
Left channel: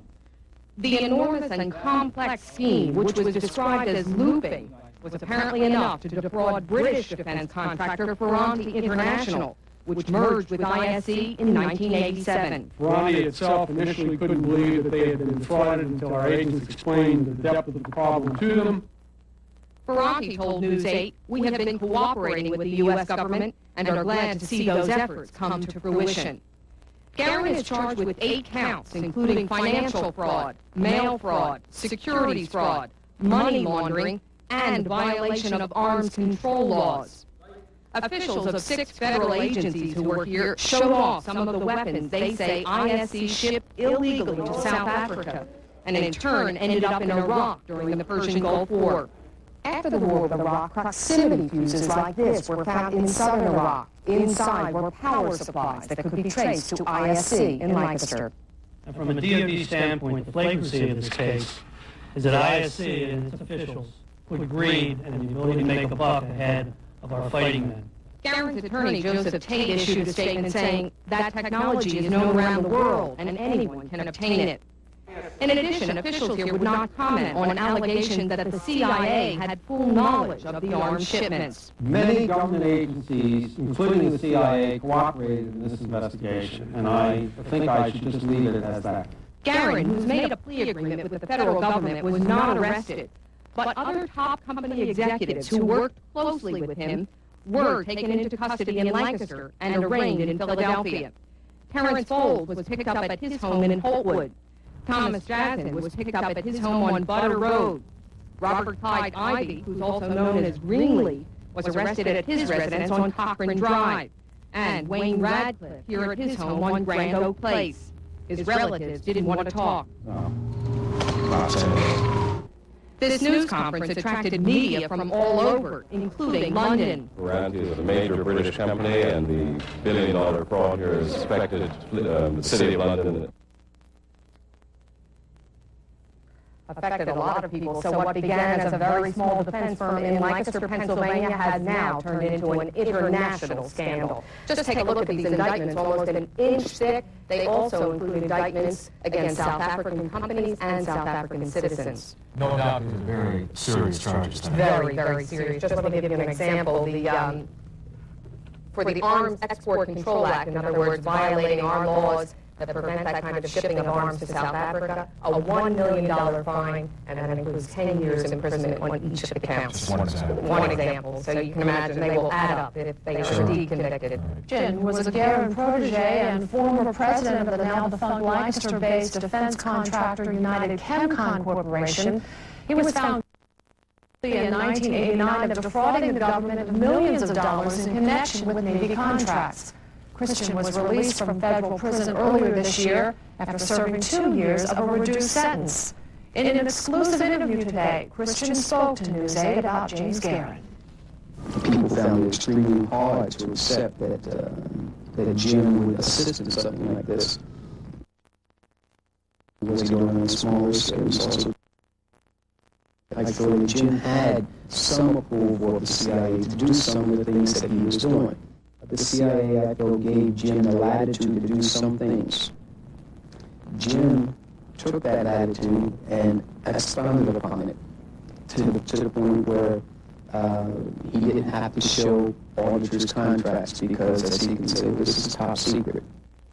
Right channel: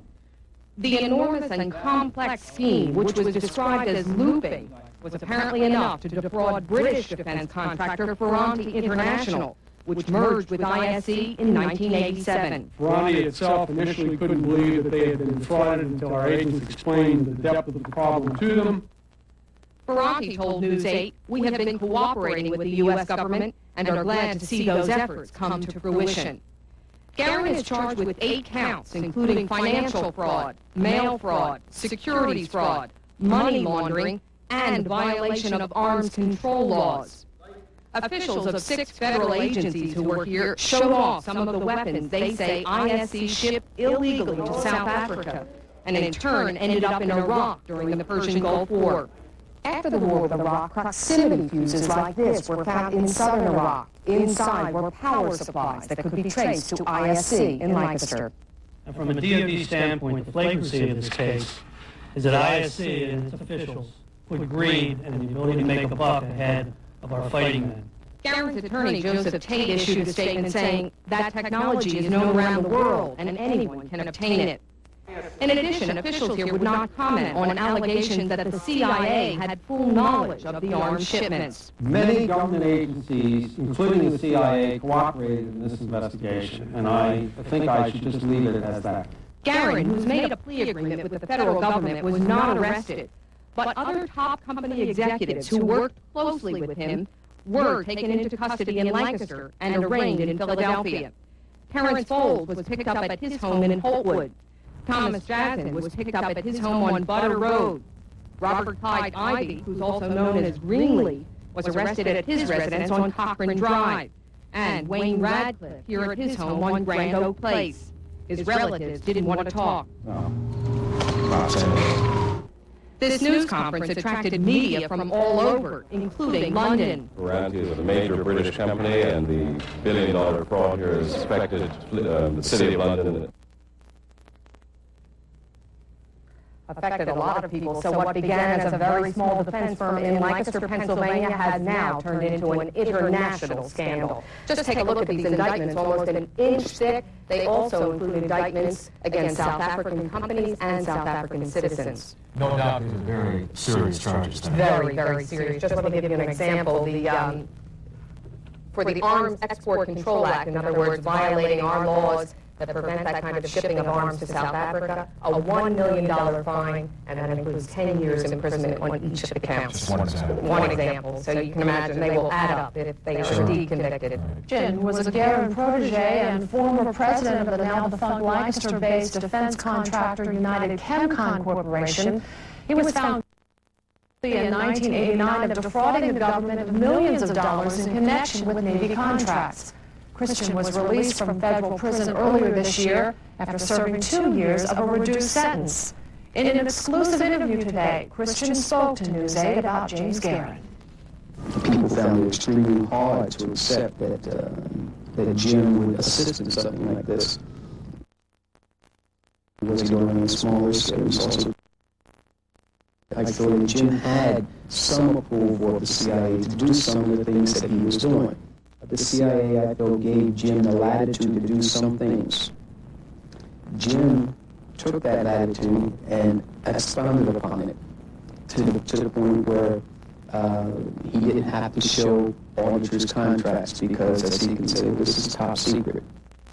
The enormous and complex scheme, which was described as looping, was apparently enough to defraud British defense contractor Ferranti International, which merged with ISC in 1987. Ferranti itself initially couldn't believe that they had been defrauded until our agents explained the depth of the problem to them. Ferranti told News 8, "We have been cooperating with the U.S. government and are glad to see those efforts come to fruition." Garin is charged with 8 counts, including financial fraud, mail fraud, securities fraud, money laundering, and violation of arms control laws. Officials of 6 federal agencies who were here showed off some of the weapons they say ISC shipped illegally to South Africa, and in turn ended up in Iraq during the Persian Gulf War. After the war with Iraq, proximity fuses like this were found in southern Iraq. Inside were power supplies that could be traced to ISC in Lancaster. And from a DoD standpoint, the flagrancy of this case is that ISC and its officials put greed and the ability to make a buck ahead of our fighting men. Garin's attorney, Joseph Tate, issued a statement saying that technology is known around the world and anyone can obtain it. In addition, officials here would not comment on allegations that the CIA had full knowledge of the arms shipments. Many government agencies, including the CIA, cooperated in this investigation, and I think I should just leave it as that. Garin, who's made a plea agreement with the federal government, was not arrested, but other top company executives who worked closely with him were taken into custody in Lancaster and arraigned in Philadelphia. Terrence Fold was picked up at his home in Holtwood. Thomas Jasnin was picked up at his home on Butter Road. Robert Clyde Ivy, who's also known as Greenlee, was arrested at his residence on Cochrane Drive. And Wayne Radcliffe here at his home on Grand Oak Place. His relatives didn't want to talk. This news conference attracted media from all over, including London. Ranty is a major British company, and the billion-dollar fraud here is suspected the City of London. Affected a lot of people, so what began as a very small defense firm in Lancaster, Pennsylvania, has now turned into an international scandal. Just take a look at these indictments, almost an inch thick. They also include indictments against South African companies and South African citizens. No doubt these are very serious charges. Very, very serious. Just let me give you an example. For the Arms Export Control Act, in other words, violating our laws that prevent that kind of shipping of arms to South Africa, a $1 million fine, and that includes 10 years imprisonment on each of the counts. One example. So you can imagine they will add up if they are indeed convicted. Jim was a Guerin protege and former president of the now-defunct Lancaster-based defense contractor United Chemcon Corporation. He was found in 1989 of defrauding the government of millions of dollars in connection with Navy contracts. Christian was released from federal prison earlier this year after serving 2 years of a reduced sentence. In an exclusive interview today, Christian spoke to News 8 about James Guerin. People found it extremely hard to accept that Jim would assist in something like this. Was he doing on a smaller scale? He was also, I thought that Jim had some approval of the CIA to do some of the things that he was doing. The CIA, I thought, gave Jim the latitude to do some things. Jim took that latitude and expounded upon it to the point where he didn't have to show auditors' contracts because, as he can say, this is top secret.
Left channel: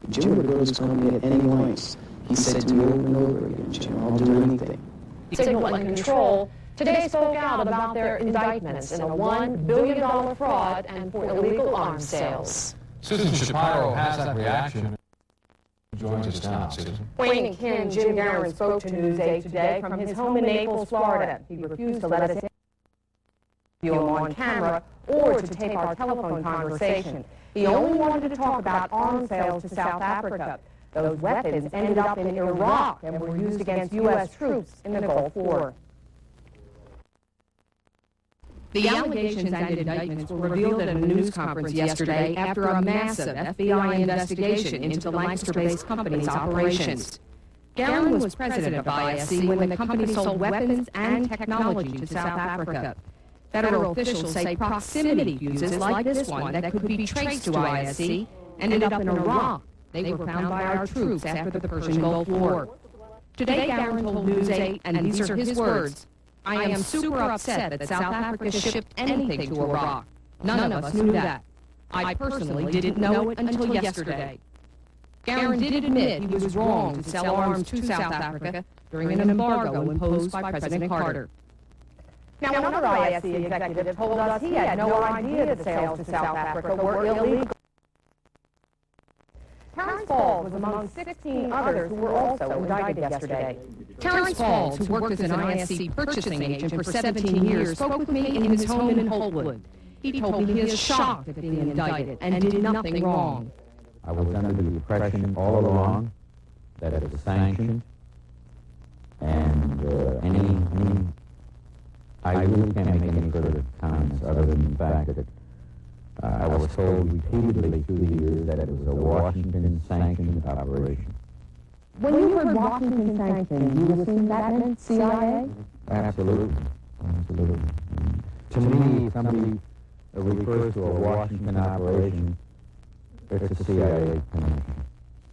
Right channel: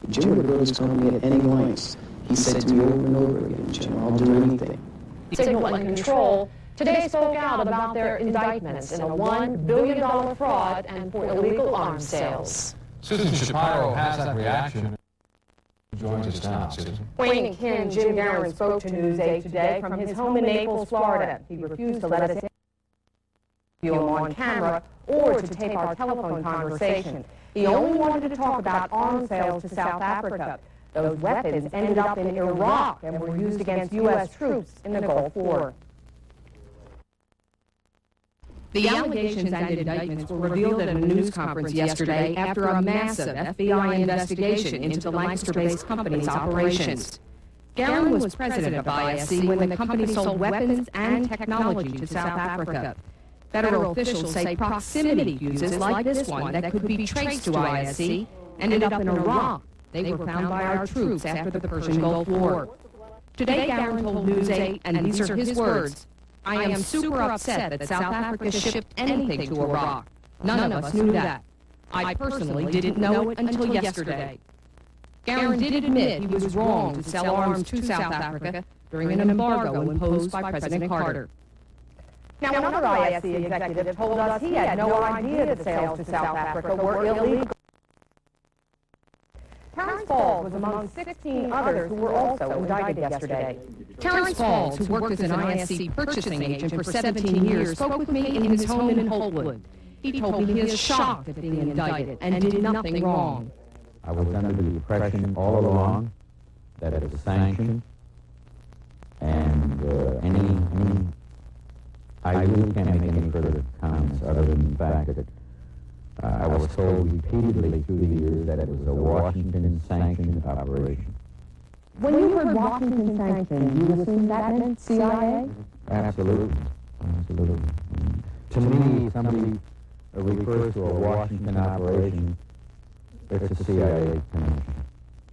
Jim would go to his company at any lengths. He said to me over and over again, Jim, I'll do anything. Signal and Control today spoke out about their indictments in a $1 billion fraud and for illegal arms sales. Susan Shapiro has that reaction. Joins us now, Susan. Wayne Kin, Jim Guerin spoke to News 8 today from his home in Naples, Florida. He refused to let us interview him on camera or to tape our telephone conversation. He only wanted to talk about arms sales to South Africa. Those weapons ended up in Iraq and were used against U.S. troops in the Gulf War. The allegations and indictments were revealed at a news conference yesterday after a massive FBI investigation into the Lancaster-based company's operations. Guerin was president of ISC when the company sold weapons and technology to South Africa. Federal officials say proximity fuses like this one that could be traced to ISC ended up in Iraq. They were found by our troops after the Persian Gulf War. Today, Guerin told News 8, and these are his words, "I am super upset that South Africa shipped anything to Iraq. None of us knew that. I personally didn't know it until yesterday." Guerin did admit he was wrong to sell arms to South Africa during an embargo imposed by President Carter. Now, another ISC executive told us he had no idea that sales to South Africa were illegal. Terrence Falls was among 16 others who were also indicted yesterday. Terrence Falls, who worked as an ISC purchasing agent for 17 years, spoke with me in his home in Holtwood. He told me he is shocked at being indicted and did nothing wrong. I was under the impression all along that it was sanctioned, and I really can't make any further comments other than the fact that I was told repeatedly through the years that it was a Washington-sanctioned operation. When you heard Washington-sanctioned, you assumed that meant CIA? Absolutely. To me, somebody refers to a Washington operation, it's a CIA connection.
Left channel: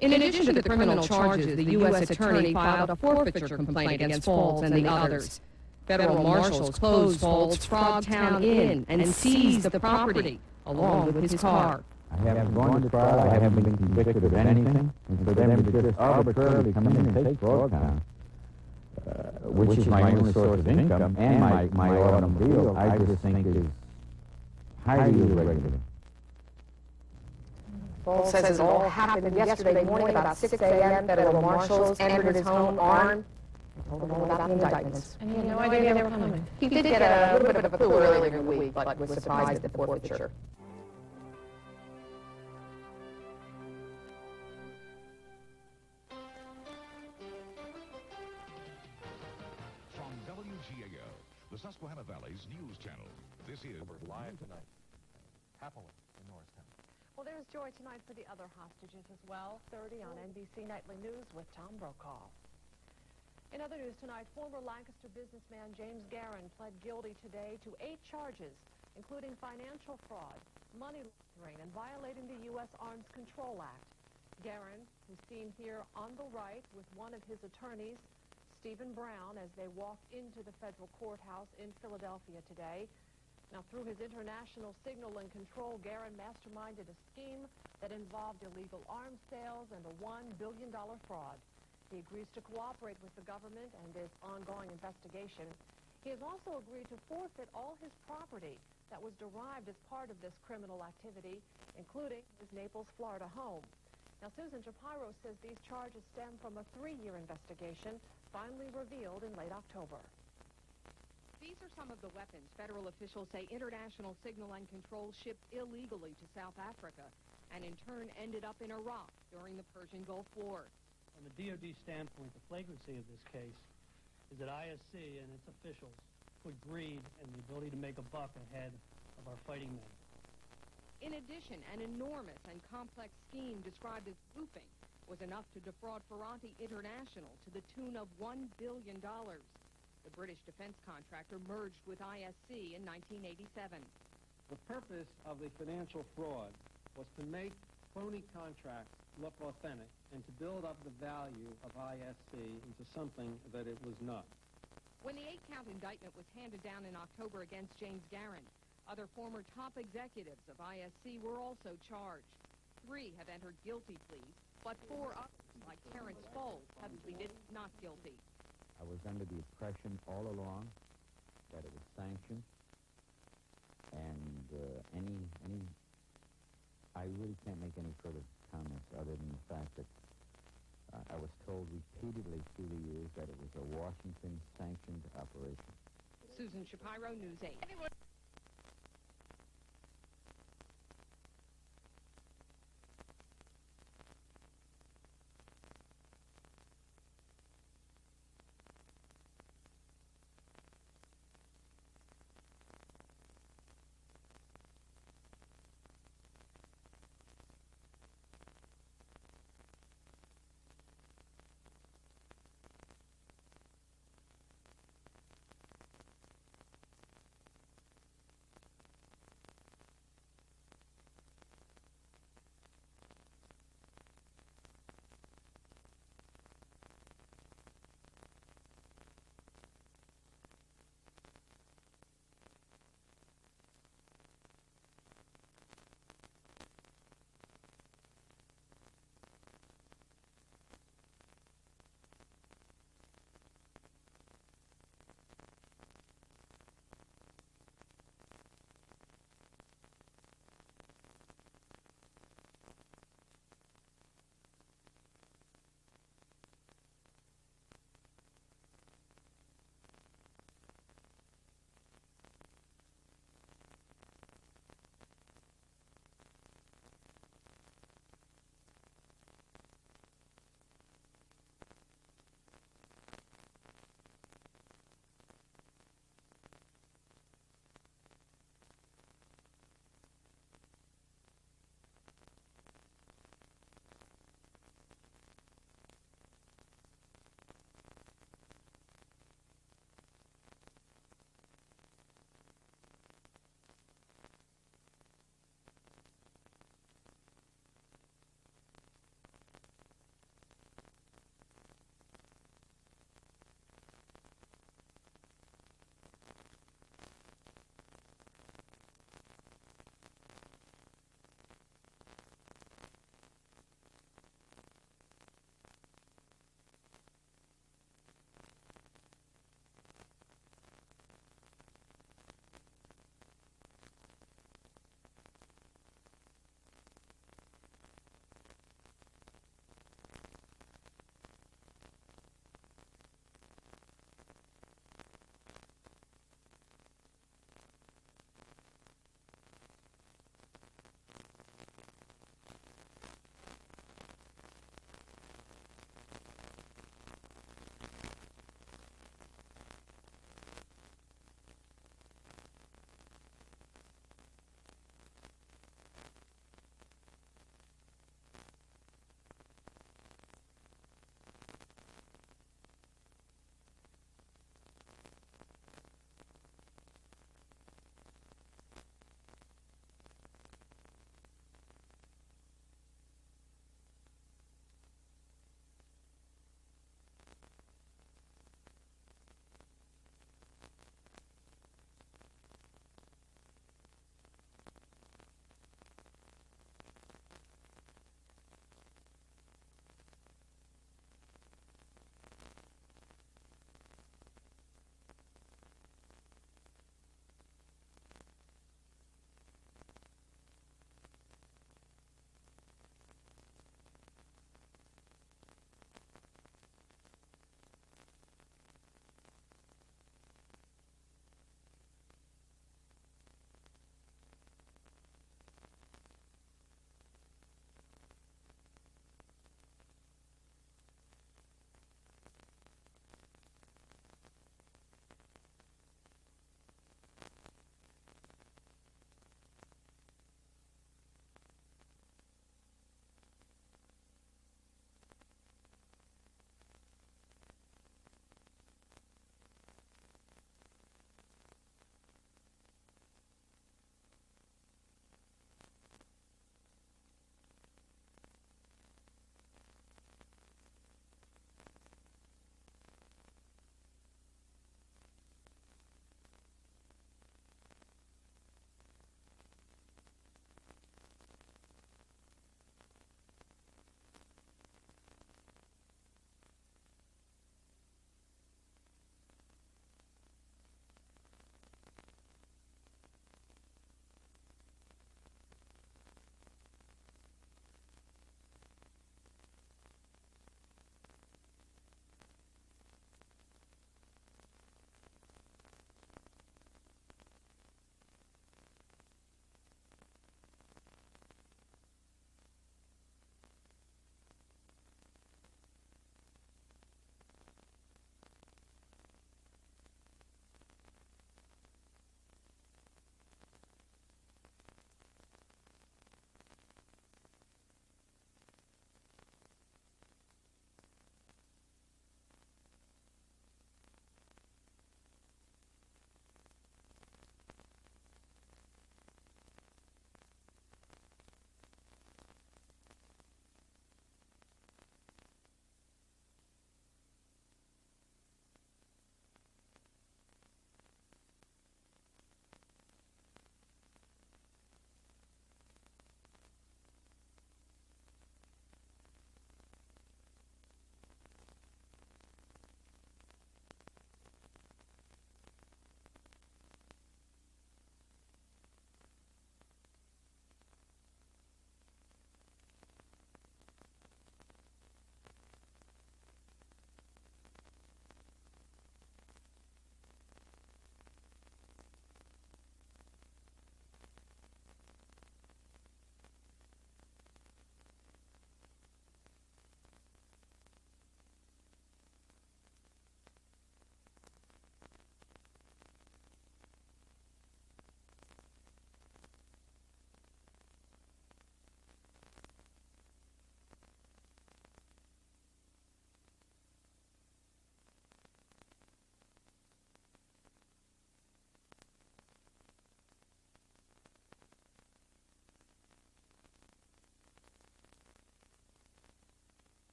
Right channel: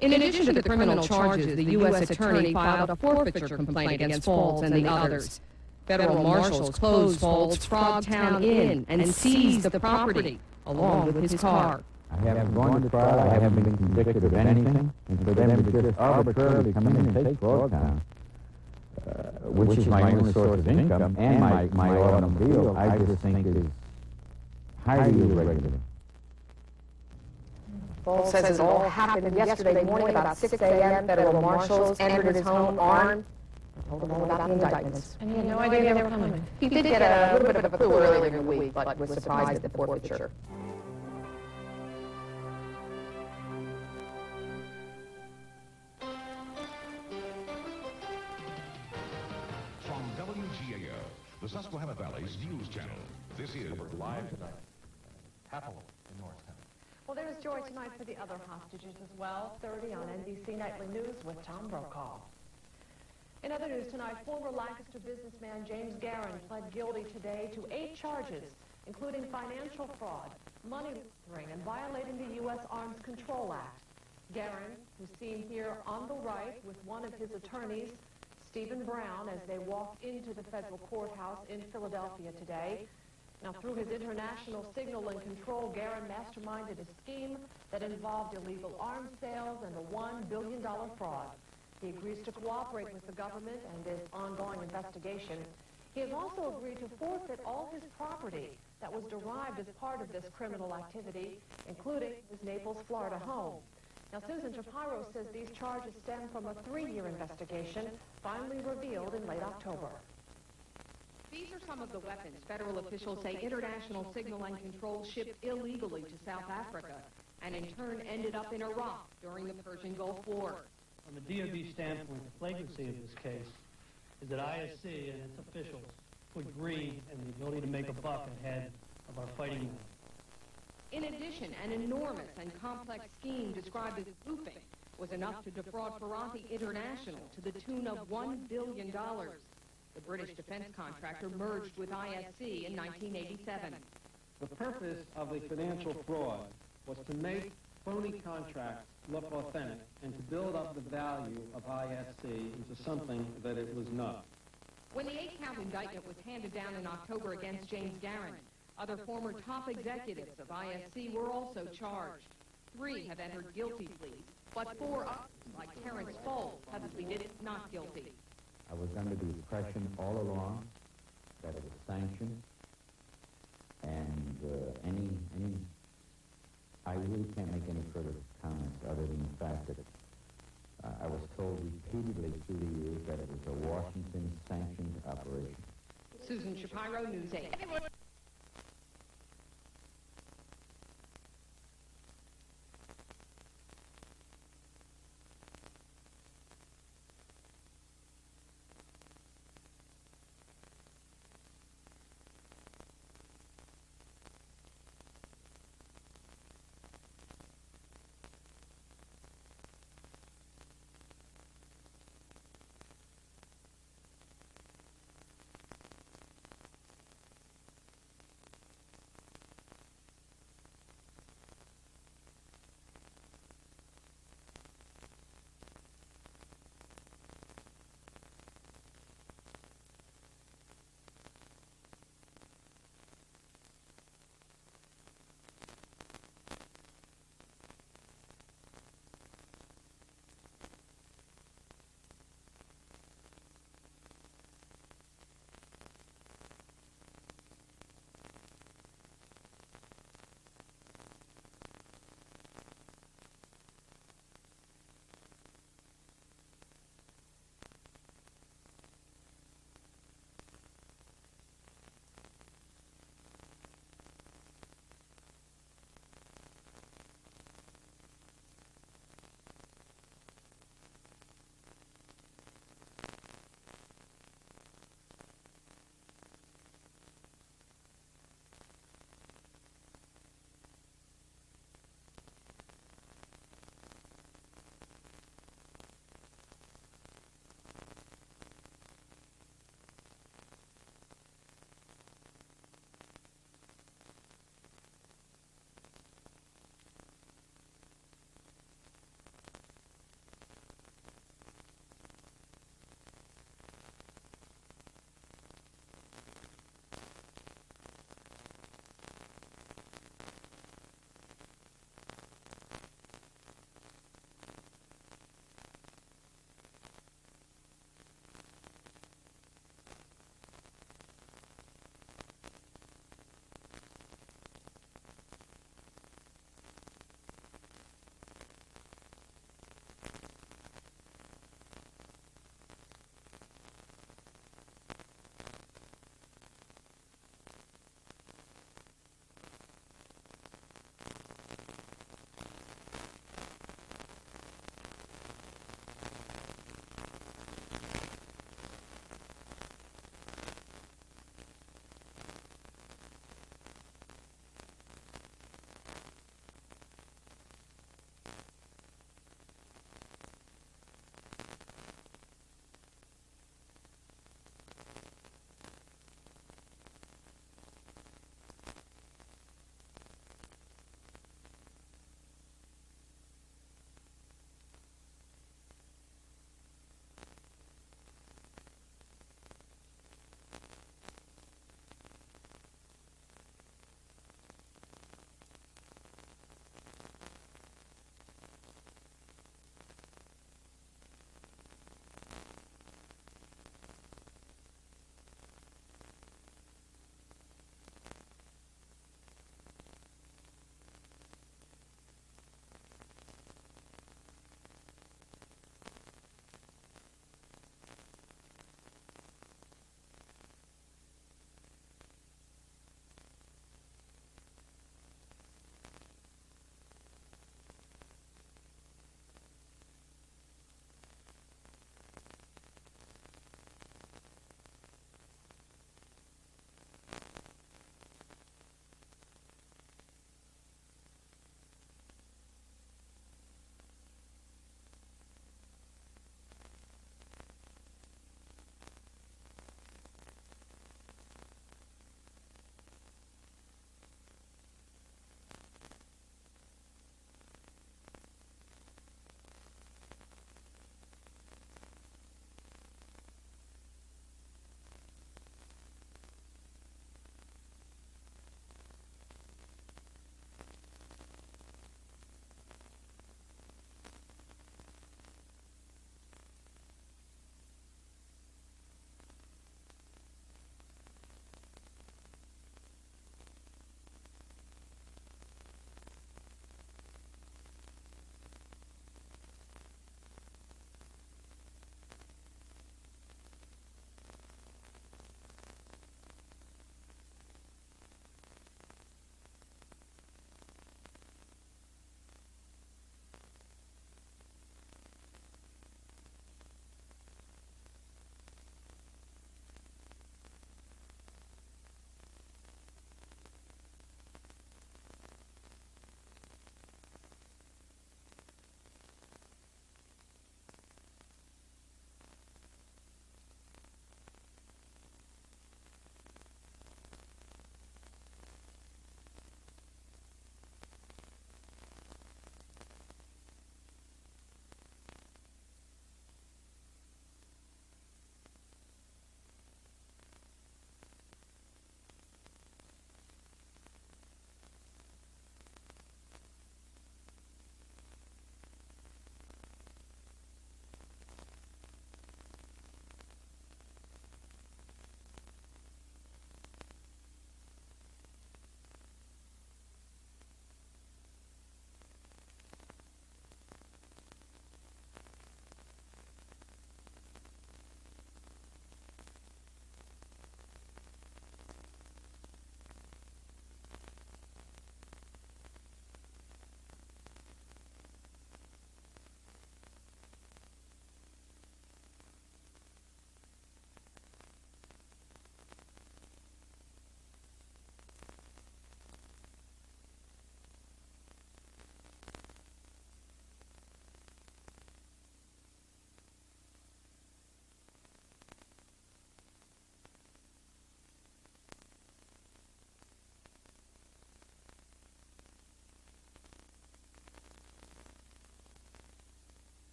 In addition to the criminal charges, the U.S. attorney filed a forfeiture complaint against Falls and the others. Federal marshals closed Falls' Frogtown Inn and seized the property, along with his car. I haven't gone to trial, I haven't been convicted of anything, and for them to just arbitrarily come in and take Frogtown, which is my only source of income, and my automobile, I just think is highly irregular. Paul says it all happened yesterday morning about 6 a.m. Federal marshals entered his home armed and told him all about the indictments. And he had no idea they were coming. He did get a little bit of a clue earlier in the week, but was surprised at the forfeiture. From WGAL, the Susquehanna Valley's news channel, this is live Happily in Northtown. Well, there's George tonight for the other hostages as well. 30 on NBC Nightly News with Tom Brokaw. In other news tonight, former Lancaster businessman James Guerin pled guilty today to 8 charges, including financial fraud, money laundering, and violating the U.S. Arms Control Act. Guerin, who's seen here on the right with one of his attorneys, Stephen Brown, as they walk into the federal courthouse in Philadelphia today. Now, through his international signal and control, Guerin masterminded a scheme that involved illegal arms sales and a $1 billion fraud. He agrees to cooperate with the government and this ongoing investigation. He has also agreed to forfeit all his property that was derived as part of this criminal activity, including his Naples, Florida home. Now, Susan Shapiro says these charges stem from a 3-year investigation finally revealed in late October. These are some of the weapons federal officials say International Signal and Control shipped illegally to South Africa and in turn ended up in Iraq during the Persian Gulf War. From the DOD standpoint, the flagrancy of this case is that ISC and its officials put greed and the ability to make a buck ahead of our fighting men. In addition, an enormous and complex scheme described as spoofing was enough to defraud Ferranti International to the tune of $1 billion. The British defense contractor merged with ISC in 1987. The purpose of the financial fraud was to make phony contracts look authentic and to build up the value of ISC into something that it was not. When the 8-count indictment was handed down in October against James Guerin, other former top executives of ISC were also charged. 3 have entered guilty pleas, but 4 others, like Terrence Foles, have pleaded not guilty. I was under the impression all along that it was sanctioned, and I really can't make any further comments other than the fact that I was told repeatedly through the years that it was a Washington-sanctioned operation. Susan Shapiro, News 8.